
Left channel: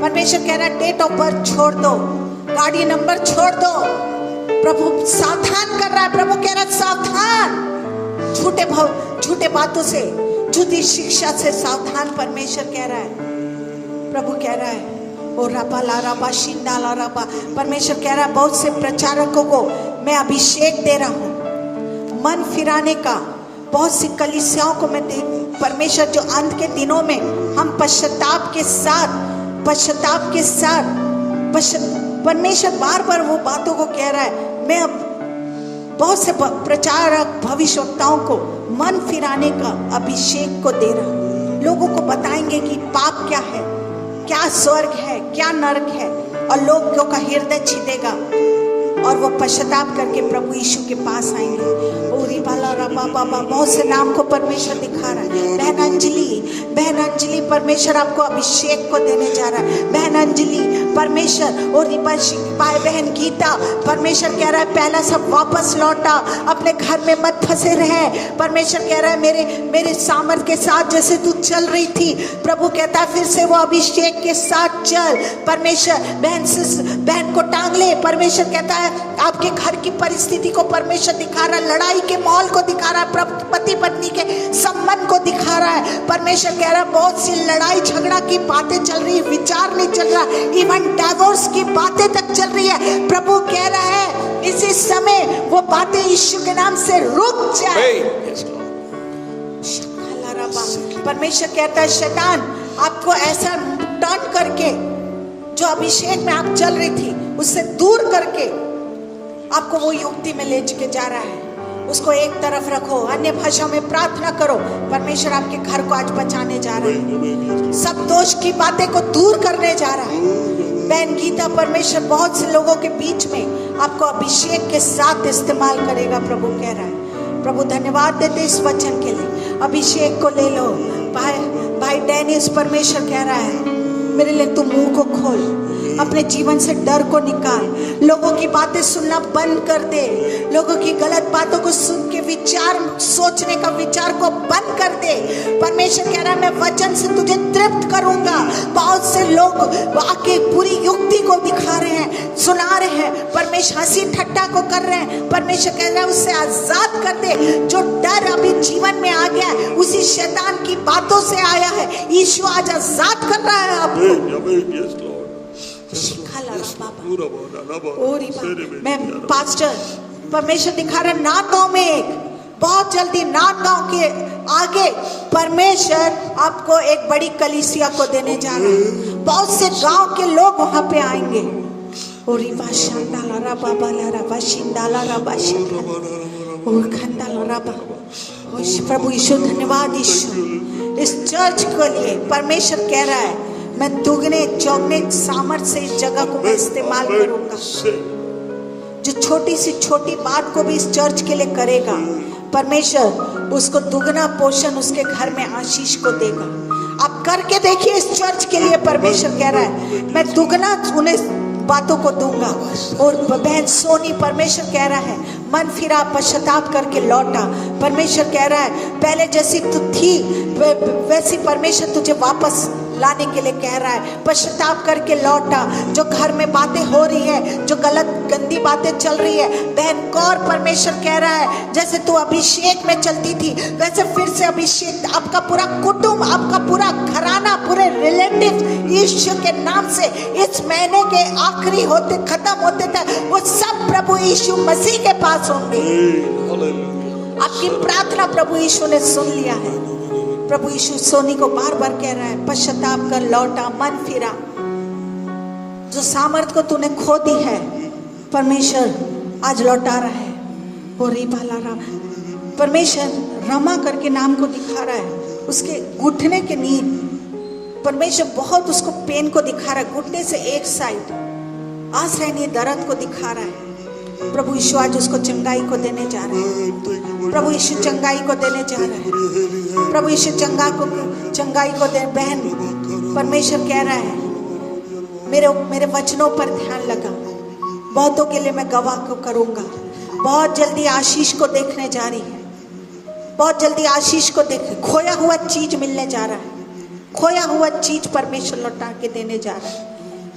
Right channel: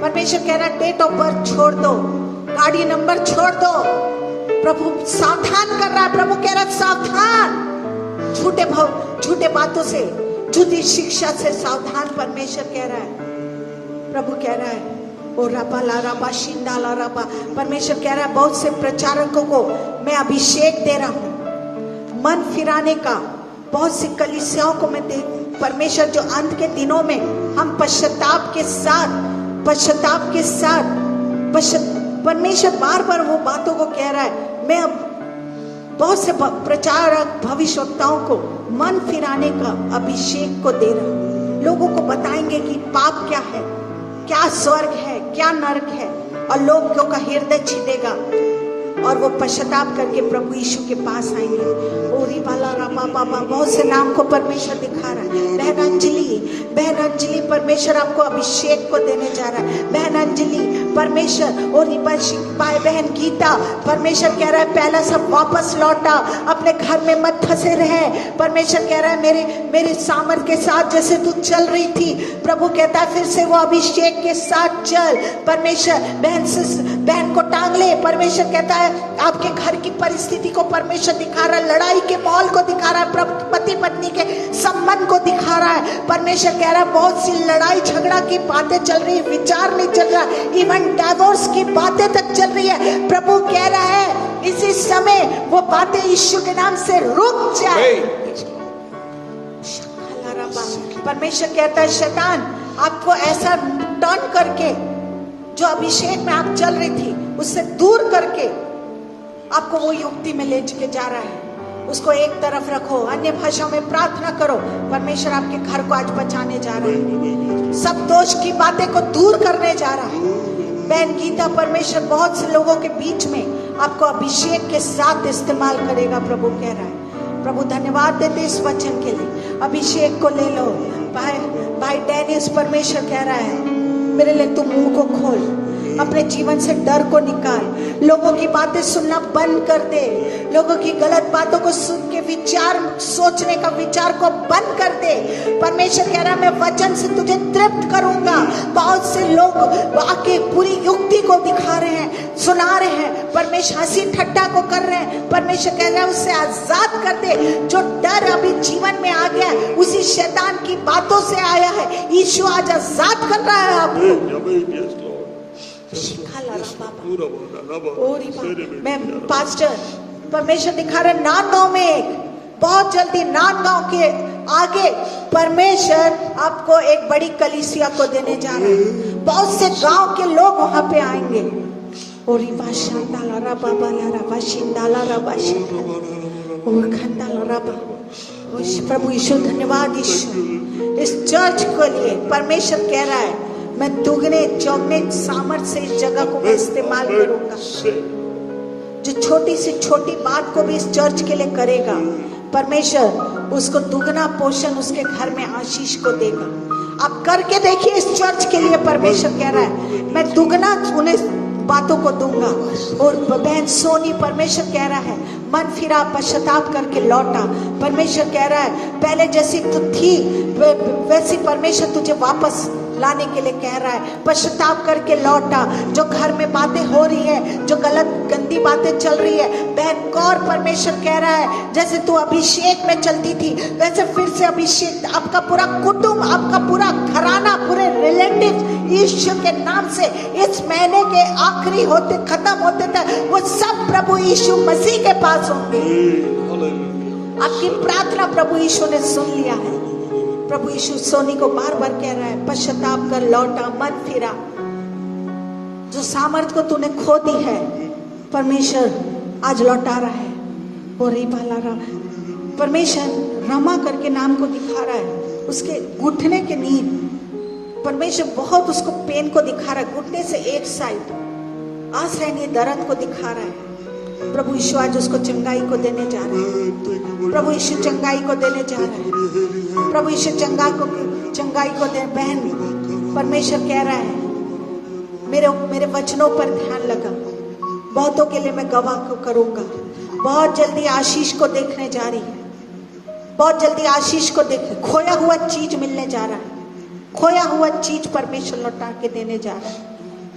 परमेश्वर कह रहा है डेट ऑफ बर्थ छोड़ दो, गाड़ी नंबर छोड़ दो। प्रभु सावधान कर रहा है। प्रभु कह रहा है सावधान, झूठे बातों से, झूठी शिक्षा से सावधान। परमेश्वर कह रहा है, प्रभु कह रहा है ओ रबा ला रबा शिंदा ला रबा। परमेश्वर कह रहा है बहुत से प्रचारकों को मैं अभिषेक दे रहा हूँ मन फिराने का। बहुत सी कलीसियाओं को मैं परमेश्वर जो अंत के दिनों में हम पश्चाताप के साथ परमेश्वर बार बार वो बातों को कह रहा है। मैं बहुत से प्रचारक भविष्यवक्ताओं को मन फिराने का अभिषेक को दे रहा हूँ। लोगों को बताएंगे कि पाप क्या है, क्या स्वर्ग है, क्या नरक है, और लोगों का हृदय छिदेगा और वो पश्चाताप करके प्रभु यीशु के पास आएंगे। ओरी बाला रबा बाबा, बहुत से नाम को परमेश्वर दिखा रहा है। बहन अंजलि, परमेश्वर आपको अभिषेक को देने जा रहा है। बहन अंजलि, परमेश्वर और भाई बहन गीता, परमेश्वर कह रहा है पहला सब वापस लौटा, अपने घर में मत फंसे रहे। परमेश्वर कह रहा है मेरे सामर्थ के साथ जैसे तू चल रही थी, प्रभु कहता है फिर से वो अभिषेक के साथ चल। परमेश्वर बहन को टांग ले। परमेश्वर कहता है आपके घर की परिस्थिति को परमेश्वर दिखा रहा है, लड़ाई के माहौल को दिखा रहा है, पति पत्नी के संबंध को दिखा रहा है। परमेश्वर कह रहा है बहुत सी लड़ाई झगड़ा की बातें चल रही है, विचार नहीं चल रहा, इवन डिवोर्स की बातें तक चल रही है। प्रभु कह रहा है इसी समय वो बातें यीशु के नाम से रुक जाए। परमेश्वर कहता है शैतान आपको ऐसा टर्न करके, जो अभिषेक में आप चल रही थी उससे दूर करके आपको वो युक्ति में ले के जा रहा है। उसको एक तरफ रखो, अन्य भाषा में प्रार्थना करो। परमेश्वर आपके घर को आज बचाने जा रहा है, सब दोष की बातें को दूर करने जा रहा है। बहन गीता, परमेश्वर बहुत से लोगों के बीच में आपको अभिषेक के साथ इस्तेमाल करेगा। प्रभु कह रहा है। प्रभु धन्यवाद देते इस वचन के लिए। अभिषेक को ले लो। भाई डेनिस, परमेश्वर कह रहा है मेरे लिए तू मुंह को खोल, अपने जीवन से डर को निकाल, लोगों की बातें सुनना बंद कर दे, लोगों की गलत बातों को सुन के विचार सोचने का विचार को बंद कर दे। परमेश्वर कह रहा है मैं वचन से तुझे तृप्त करूंगा। बहुत से लोग आके पूरी युक्ति को दिखा रहे हैं, सुना रहे हैं, परमेश्वर हंसी ठट्ठा को कर रहे हैं। परमेश्वर कह रहा है उससे आजाद कर दे। जो डर अभी जीवन में आ गया है उसी शैतान की बातों से आया है, यीशु आज आजाद कर रहा है आपको। मैं परमेश्वर दिखा रहा है नांदगांव में एक बहुत जल्दी नांदगांव के आगे परमेश्वर आपको एक बड़ी कलीसिया को देने जा रहा है। बहुत से गांव के लोग वहां पे आएंगे। और प्रभु यीशु धन्यवाद यीशु इस चर्च के लिए। परमेश्वर कह रहा है मैं दुगने चौगने सामर्थ से इस जगह को मैं इस्तेमाल करूंगा। जो छोटी सी छोटी बात को भी इस चर्च के लिए करेगा परमेश्वर उसको दुगना पोषण उसके घर में आशीष को देगा। आप करके देखिए इस चर्च के लिए। परमेश्वर कह रहा है मैं दुगना उन्हें बातों को दूंगा। और बहन सोनी परमेश्वर कह रहा है मन फिरा पश्चाताप करके लौटा। परमेश्वर कह रहा है पहले जैसी तू थी वैसी परमेश्वर तुझे वापस लाने के लिए कह रहा है। पश्चाताप करके लौटा। जो घर में बातें हो रही है जो गलत गंदी बातें चल रही है बहन कौर परमेश्वर कह रहा है जैसे तू अभिषेक में चलती थी वैसे फिर से अभिषेक आपका पूरा कुटुंब आपका पूरा घराना पूरे रिलेटिव यीशु के नाम से इस महीने के आखिरी होते खत्म होते तक वो सब प्रभु यीशु मसीह के पास होंगे। आपकी प्रार्थना प्रभु यीशु ने सुन लिया है। प्रभु यीशु सोनी को बार बार कह रहा है पश्चाताप कर लौटा मन फिरा। जो सामर्थ को तूने खो दी है परमेश्वर आज लौटा रहा है। और परमेश्वर रमा करके नाम को दिखा रहा है उसके घुटने के नींद। परमेश्वर बहुत उसको पेन को दिखा रहा है घुटने से एक साइड आसरहनीय दर्द को दिखा रहा है। प्रभु यीशु आज उसको चंगाई को देने जा रहे हैं। प्रभु यीशु चंगाई को देने जा रहे हैं। प्रभु यीशु चंगाई को दे। बहन परमेश्वर कह रहा है मेरे वचनों पर ध्यान लगाओ। बहुतों के लिए मैं गवाह को करूंगा। बहुत जल्दी आशीष को देखने जा रही है। बहुत जल्दी आशीष को देख खोया हुआ चीज मिलने जा रहा है। खोया हुआ चीज परमेश्वर लौटा के देने जा रहा है।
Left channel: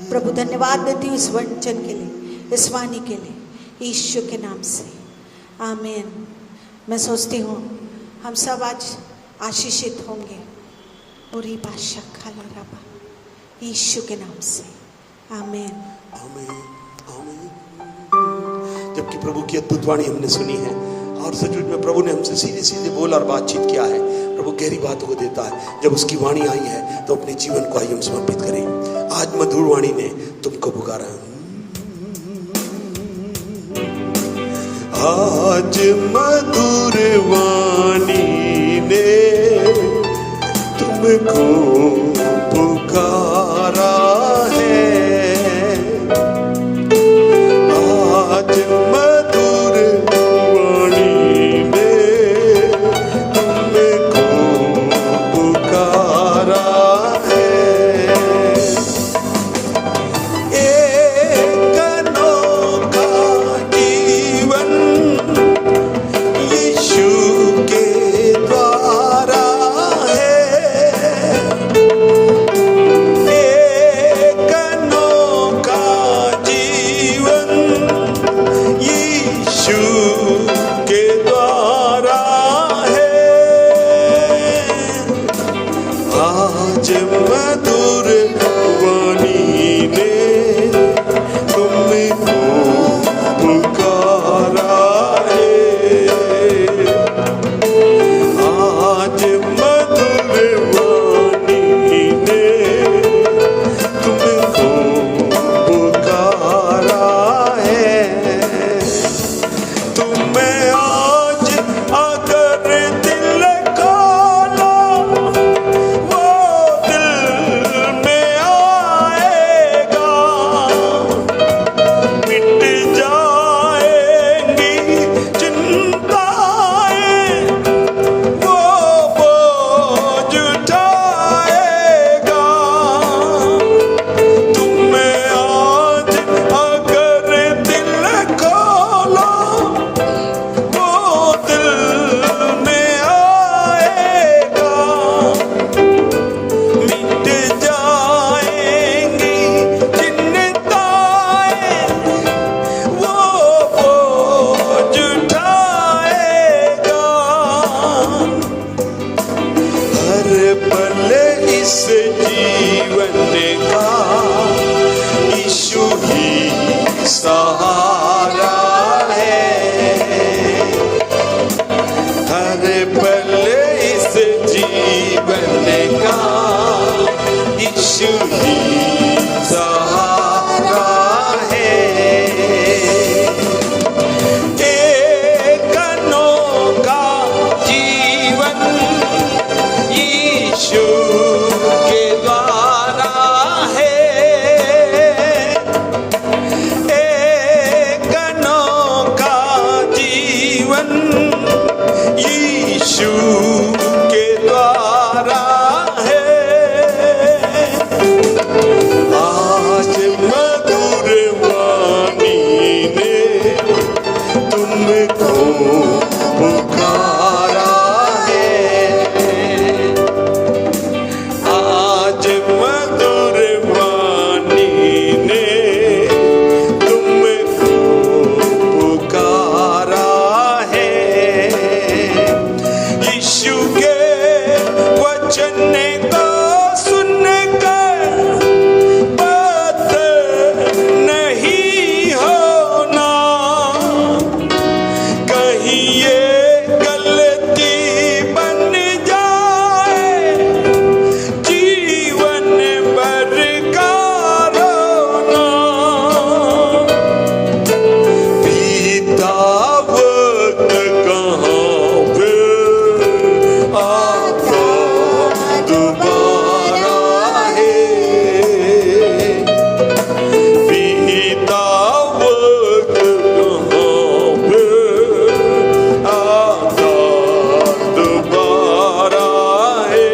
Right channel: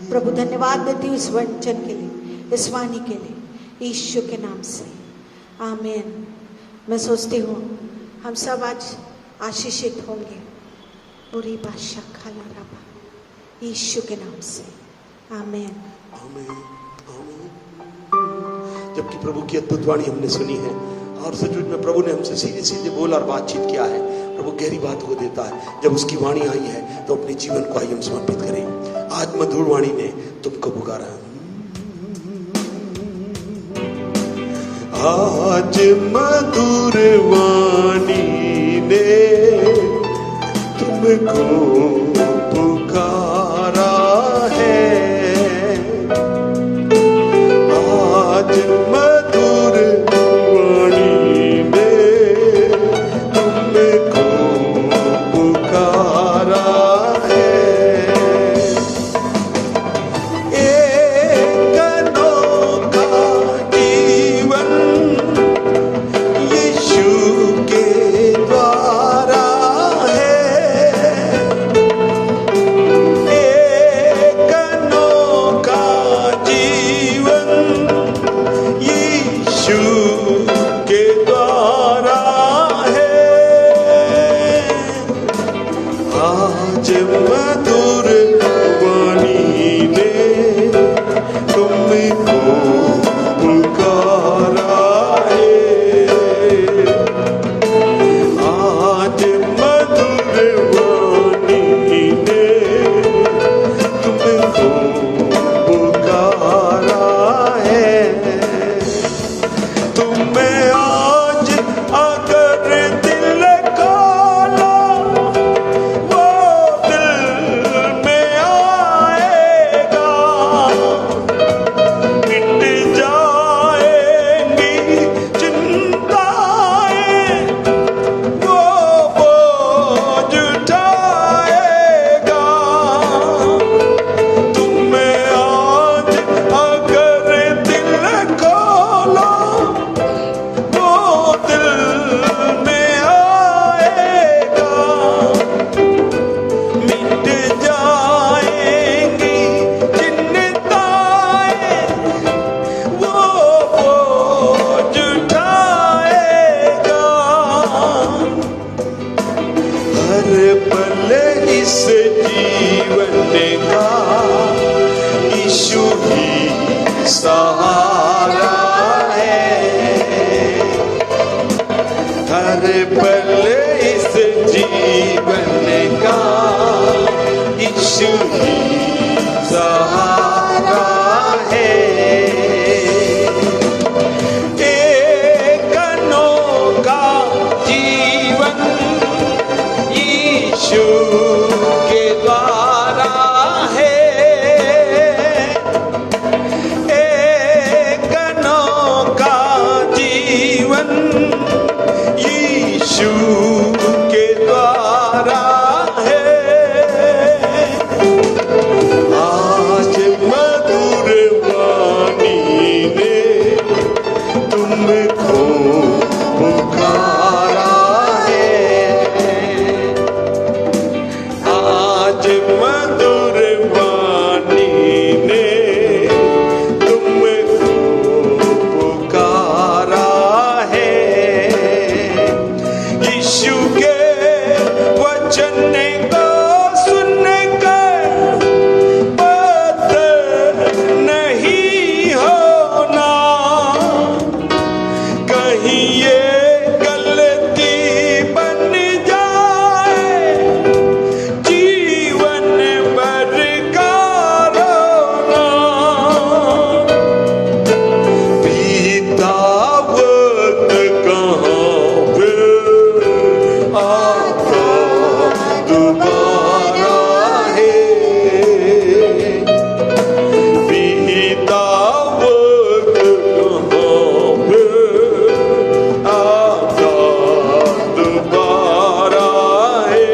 प्रभु धन्यवाद देती हूँ इस वचन के लिए इस वाणी के लिए यीशु के नाम से आमीन। मैं सोचती हूँ हम सब आज आशीषित होंगे। पूरी भाषा खाला रबा यीशु के नाम से आमीन। जबकि प्रभु की अद्भुत वाणी हमने सुनी है और सचमुच में प्रभु ने हमसे सीधे सीधे बोल और बातचीत किया है। प्रभु गहरी बात को देता है। जब उसकी वाणी आई है तो अपने जीवन को आइए हम समर्पित करें। आज मधुर वाणी ने तुमको पुकारा है। आज मधुर वाणी ने तुमको पुकारा है। आज मधुर वाणी ने तुमको पुकारा है। एक अनोखा जीवन यीशु के द्वारा है। एक अनोखा जीवन यीशु के द्वारा है। आज मधुर वाणी ने तुमको पुकारा है। आज मधुर वाणी ने तुमको पुकारा है। तुम्हें आज अगर दिल खोलो वो दिल में आएगा। मिट जाएंगी चिंताएं वो बोझ उठाएगा। तुम्हें आज अगर दिल खोलो वो दिल में आएगा। मिट जाएंगी चिंताएं वो बोझ उठाएगा। हर पल इस जीवन का यीशु ही सहारा है। हर पल इस जीवन का यीशु ही सहारा है। एक अनोखा जीवन यीशु के द्वारा है। एक अनोखा जीवन यीशु के द्वारा है। आज मधुर वाणी ने तुमको पुकारा है। आज मधुर वाणी ने तुमको पुकारा है। यीशु के वचन को सुनकर बात नहीं होना, कहीं ये गलती बन जाए जीवन भर का रोना। बीता वक्त कहाँ फिर आता दोबारा है। बीता वक्त कहाँ फिर आता दोबारा है।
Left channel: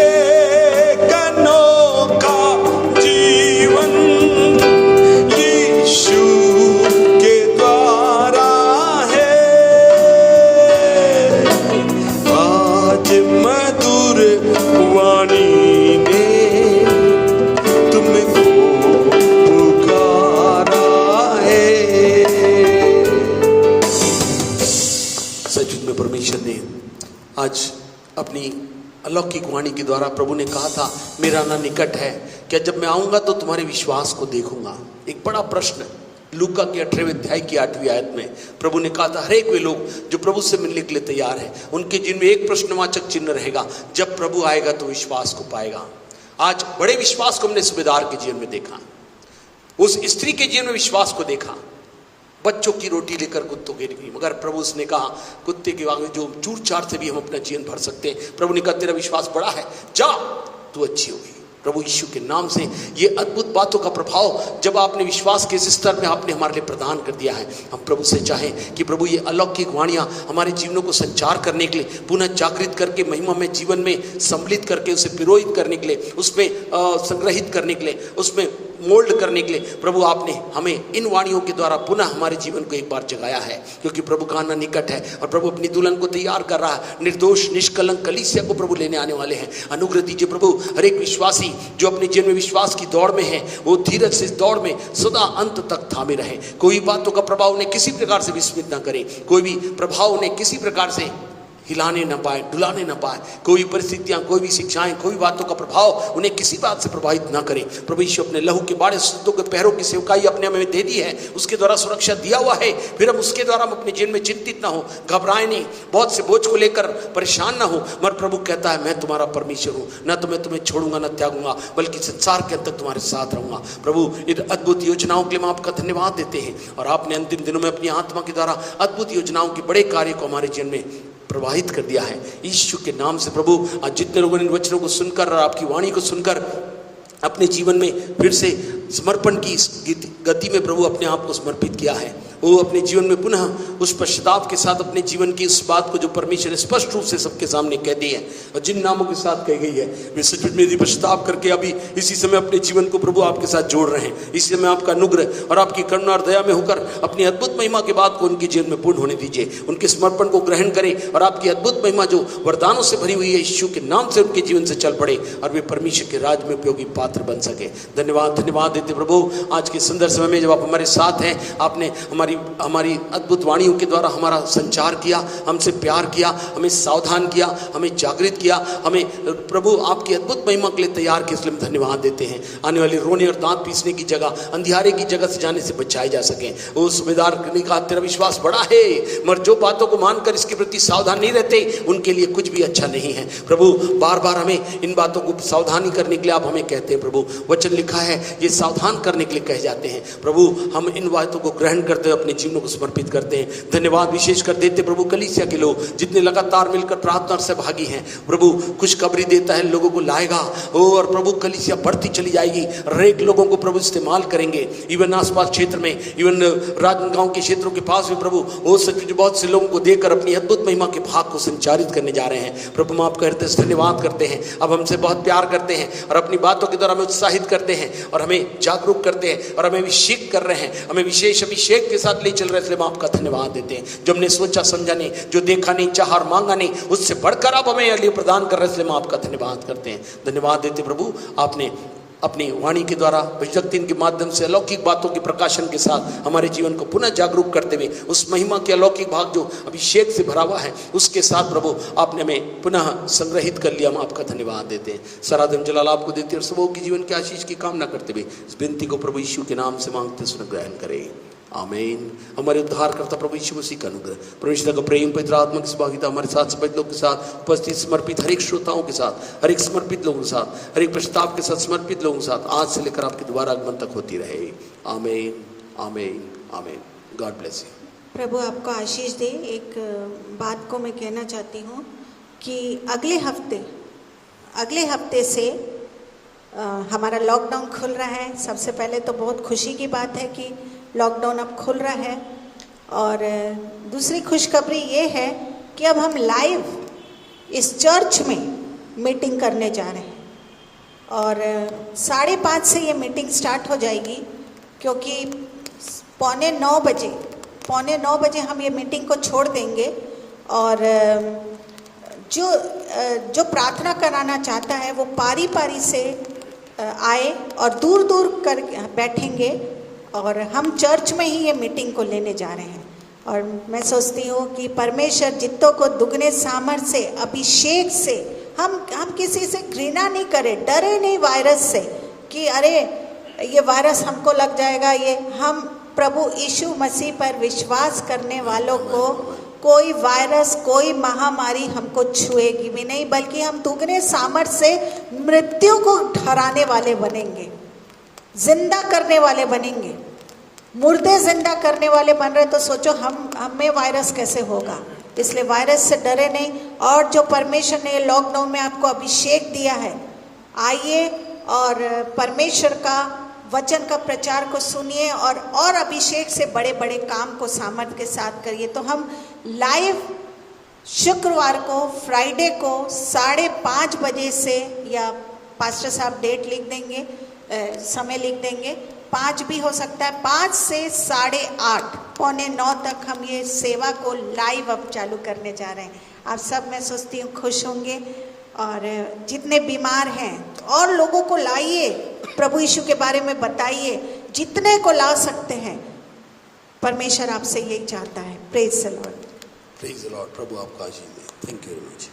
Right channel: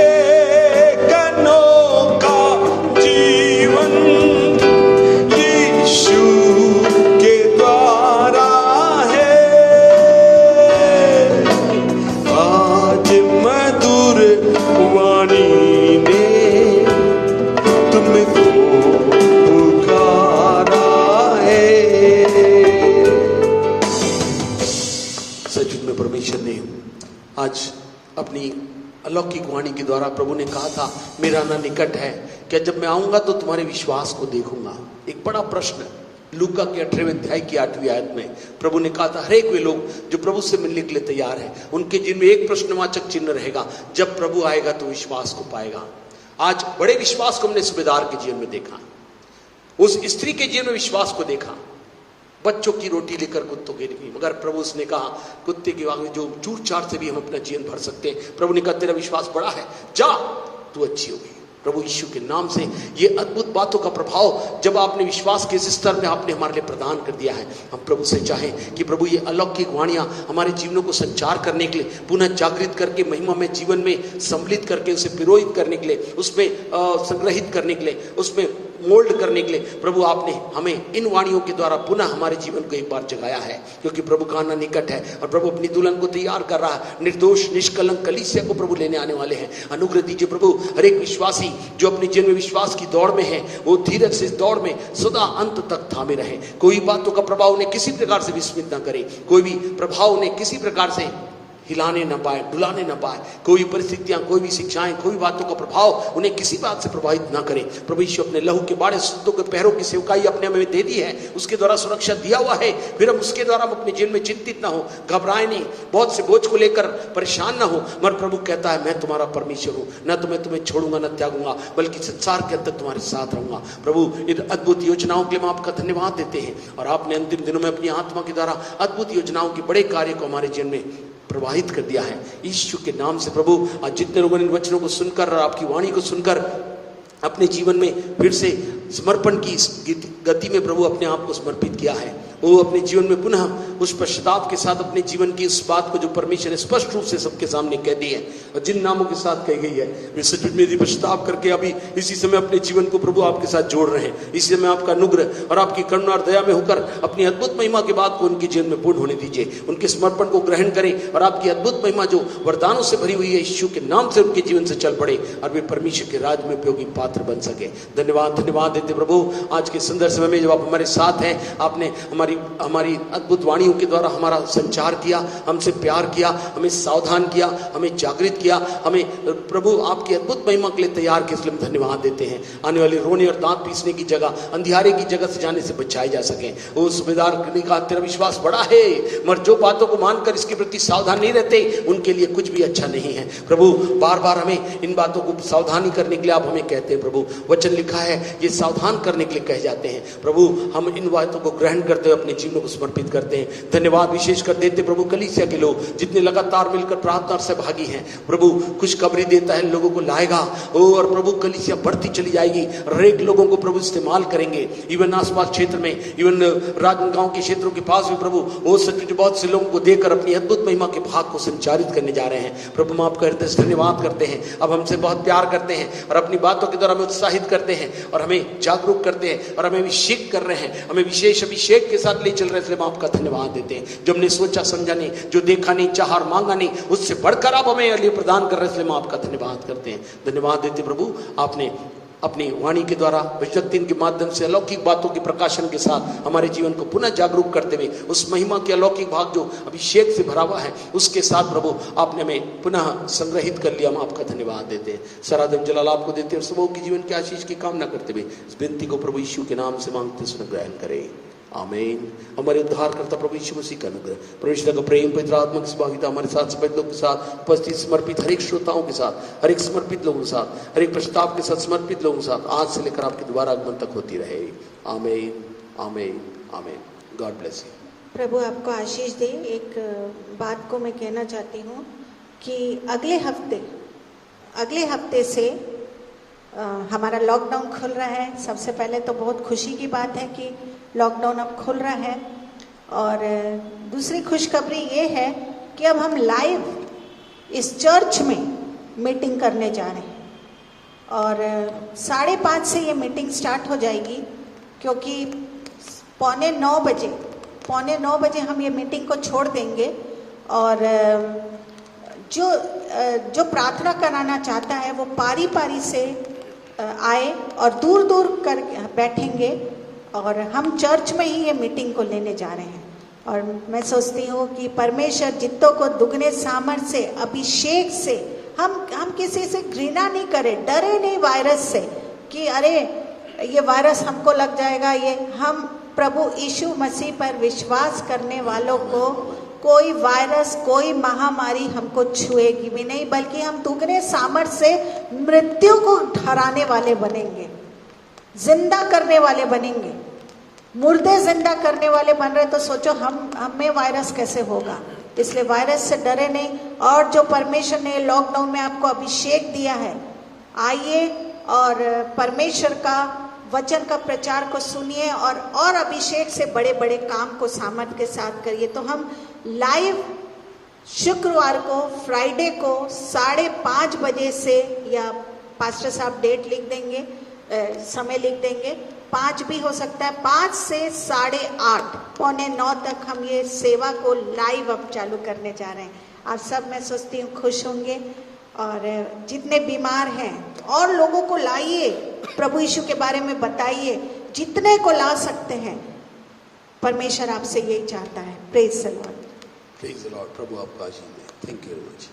एक अनोखा जीवन यीशु के द्वारा है। आज मधुर वाणी ने तुमको पुकारा है। सचमुच में परमेश्वर ने आज अपनी अलौकिक वाणी के द्वारा प्रभु ने कहा था, मेरा आना निकट है, क्या जब मैं आऊंगा तो तुम्हारे विश्वास को देखूंगा। एक बड़ा प्रश्न लूका के 18वें अध्याय की 8वीं आयत में प्रभु ने कहा था, हरेक वे लोग जो प्रभु से मिलने के लिए तैयार हैं, उनके जिनमें एक प्रश्नवाचक चिन्ह रहेगा, जब प्रभु आएगा तो विश्वास को पाएगा। आज बड़े विश्वास को हमने सूबेदार के जीवन में देखा, उस स्त्री के जीवन में विश्वास को देखा। बच्चों की रोटी लेकर कुत्तों के लिए, मगर प्रभु उसने कहा कुत्ते के आगे जो चूर चार से भी हम अपना जीवन भर सकते हैं। प्रभु ने कहा तेरा विश्वास बड़ा है, जा तू अच्छी होगी। प्रभु यीशु के नाम से ये अद्भुत बातों का प्रभाव जब आपने विश्वास के इस स्तर में आपने हमारे लिए प्रदान कर दिया है, हम प्रभु से चाहें कि प्रभु ये अलौकिक वाणियां हमारे जीवनों को संचार करने के लिए, पुनः जागृत करके महिमा में जीवन में सम्मिलित करके उसे पिरोहित करने के लिए, उसमें संग्रहित करने के लिए, उसमें मोल्ड करने के लिए प्रभु आपने हमें इन वाणियों के द्वारा पुनः हमारे जीवन को एक बार जगाया है। क्योंकि प्रभु का आना निकट है और प्रभु अपनी दुल्हन को तैयार कर रहा है। निर्दोष निष्कलंक कलीसिया को प्रभु लेने आने वाले हैं। अनुग्रह दीजिए प्रभु, हर एक विश्वासी जो अपने जीवन में विश्वास की दौड़ में है, वो धीरज से इस दौड़ में सदा अंत तक थामे रहे। कोई बातों का प्रभाव उन्हें किसी प्रकार से विस्मित न करे, कोई भी प्रभाव उन्हें किसी प्रकार से हिलाने न पाए, डुलाने न पाए। कोई परिस्थितियां, कोई भी शिक्षाएं, कोई बातों का प्रभाव उन्हें किसी बात से प्रभावित ना करे। प्रभु यीशु अपने लहू के बाड़े सूतों के पैरों की सेवकाई अपने हमें दे दी है, उसके द्वारा सुरक्षा दिया हुआ है। फिर हम उसके द्वारा हम अपने जीवन में चिंतित ना हो, घबराए नहीं, बहुत से बोझ को लेकर परेशान ना हो। मगर प्रभु कहता है मैं तुम्हारा परमेश्वर हूँ, न तो मैं तुम्हें छोड़ूंगा न त्यागूंगा, बल्कि संसार के अंत तक तुम्हारे साथ रहूंगा। प्रभु इन अद्भुत योजनाओं के लिए हम आपका धन्यवाद देते हैं। और आपने अंतिम दिनों में अपनी आत्मा के द्वारा अद्भुत योजनाओं के बड़े कार्य को हमारे जीवन में प्रवाहित कर दिया है। यीशु के नाम से प्रभु आज जितने लोगों ने इन वचनों को सुनकर और आपकी वाणी को सुनकर अपने जीवन में फिर से समर्पण की गति में प्रभु अपने आप को समर्पित किया है, वो अपने जीवन में पुनः उस पश्चाताप के साथ अपने जीवन की उस बात को जो परमेश्वर ने स्पष्ट रूप से सबके सामने कह दी है और जिन नामों के साथ कही गई है, वे सचमुच में पश्चाताप करके अभी इसी समय अपने जीवन को प्रभु आपके साथ जोड़ रहे हैं। इसी समय आपका अनुग्रह और आपकी करुणा और दया में होकर अपनी अद्भुत महिमा के बाद को उनके जीवन में पूर्ण होने दीजिए। उनके समर्पण को ग्रहण करें और आपकी अद्भुत महिमा जो वरदानों से भरी हुई है, यीशु के नाम से उनके जीवन से चल पड़े और वे परमेश्वर के राज में उपयोगी पात्र बन सके। धन्यवाद देते प्रभु आज के सुंदर समय में जब आप हमारे साथ हैं, आपने हमारी हमारी हमारी अद्भुत वाणियों के द्वारा हमारा संचार किया, हमसे प्यार किया, हमें सावधान किया, हमें जागृत किया, हमें प्रभु आपकी अद्भुत महिमा के लिए तैयार किया, इसलिए हम धन्यवाद देते हैं। आने वाले रोने और दांत पीसने की जगह, अंधियारे की जगह से जाने से बचाए जा सकें। वो सूबेदार ने कहा तेरा विश्वास बड़ा है, मगर जो बातों को मानकर इसके प्रति सावधान नहीं रहते उनके लिए कुछ भी अच्छा नहीं है। प्रभु बार बार हमें इन बातों को सावधानी करने के लिए आप हमें कहते हैं। प्रभु वचन लिखा है ये सावधान करने के लिए कहे जाते हैं। प्रभु हम इन बातों को ग्रहण करते हुए अपने जीवनों को समर्पित करते हैं। धन्यवाद विशेष कर देते प्रभु कलीसिया के लोग जितने लगातार मिलकर प्रार्थना से भागी हैं। प्रभु खुशखबरी देता है, लोगों को लाएगा और प्रभु कलीसिया बढ़ती चली जाएगी। रेक लोगों को प्रभु इस्तेमाल करेंगे, इवन आसपास क्षेत्र में, इवन राजनांदगांव के क्षेत्रों के पास भी प्रभु वो बहुत से लोगों को देकर अपनी अद्भुत महिमा के भाग को संचारित करने जा रहे हैं। प्रभु हम आपका हृदय से धन्यवाद करते हैं। अब हमसे बहुत प्यार करते हैं और अपनी बातों के द्वारा हमें उत्साहित करते हैं और हमें जागरूक करते हैं और हमें अभिषेक कर रहे हैं, हमें विशेष अभिषेक के साथ ले चल रहे हैं। इसलिए हम आपका धन्यवाद देते हैं। जो हमने सोचा समझा नहीं, जो देखा नहीं, चाहा और मांगा नहीं, उससे बढ़कर आप हमें लिए प्रदान कर रहे हैं। इसलिए हम आपका धन्यवाद करते हैं। धन्यवाद देते प्रभु आपने अपनी वाणी के द्वारा भजन के माध्यम से अलौकिक बातों के प्रकाशन के साथ हमारे जीवन को पुनः जागरूक करते हुए उस महिमा के अलौकिक भाग जो अभिषेक से भरा हुआ है उसके साथ प्रभु आपने हमें पुनः संग्रहित कर लिया। हम आपका धन्यवाद देते हैं। सारा दिन जलाल आपको देते हैं और सबों की जीवन की आशीष की कामना करते हुए इस विनती को प्रभु यीशु के नाम से मांगते सुन ग्रहण करें। आमीन। हमारे उद्धार करता प्रभु यीशु मसीह का अनुग्रह, परमेश्वर का प्रेम, पवित्र आत्मा की सहभागिता हमारे साथ सब लोगों के साथ उपस्थित समर्पित हर एक श्रोताओं के साथ, हर एक समर्पित लोगों के साथ, हर एक प्रस्ताव के साथ समर्पित लोगों के साथ आज से लेकर आपके दोबारा आगमन तक होती रहे। आमीन, आमीन, आमीन। God bless you. प्रभु आपको आशीष दे। एक बात को मैं कहना चाहती हूँ कि अगले हफ्ते से हमारा लॉकडाउन खुल रहा है। सबसे पहले तो बहुत खुशी की बात है कि लॉकडाउन अब खुल रहा है और दूसरी खुशखबरी ये है कि अब हम लाइव इस चर्च में मीटिंग करने जा रहे हैं और 5:30 से ये मीटिंग स्टार्ट हो जाएगी, क्योंकि 8:45 बजे हम ये मीटिंग को छोड़ देंगे और जो प्रार्थना कराना चाहता है वो पारी से आए और दूर दूर कर बैठेंगे और हम चर्च में ही ये मीटिंग को लेने जा रहे हैं। और मैं सोचती हूँ कि परमेश्वर जितों को दुगने सामर्थ से, अभिषेक से, हम किसी से घृणा नहीं करें, डरे नहीं वायरस से कि अरे ये वायरस हमको लग जाएगा। ये हम प्रभु यीशु मसीह पर विश्वास करने वालों को कोई वायरस, कोई महामारी हमको छुएगी भी नहीं, बल्कि हम दुगने सामर्थ से मृत्यु को हराने वाले बनेंगे, जिंदा करने वाले बनेंगे। मुर्दे जिंदा करने वाले बन रहे तो सोचो हमें वायरस कैसे होगा। इसलिए वायरस से डरे नहीं। और जो परमेश्वर ने लॉकडाउन में आपको अभिषेक दिया है, आइए और परमेश्वर का वचन का प्रचार को सुनिए और अभिषेक से बड़े बड़े काम को सामर्थ के साथ करिए। तो हम लाइव शुक्रवार को, फ्राइडे को 5:30 बजे से, या पास्टर साहब डेट लिख देंगे, समय लिख देंगे, 5 भी हो सकता है, 5 से 8:30 8:45 तक हम ये सेवा को लाइव अब चालू करने जा रहे हैं। आप सब, मैं सोचती हूँ, खुश होंगे और जितने बीमार हैं और लोगों को लाइए, प्रभु यीशु के बारे में बताइए, जितने को ला सकते हैं। परमेश्वर आपसे यही चाहता है। Praise the lord. Praise the lord. प्रभु आपका आशीष दे। Thank you very much.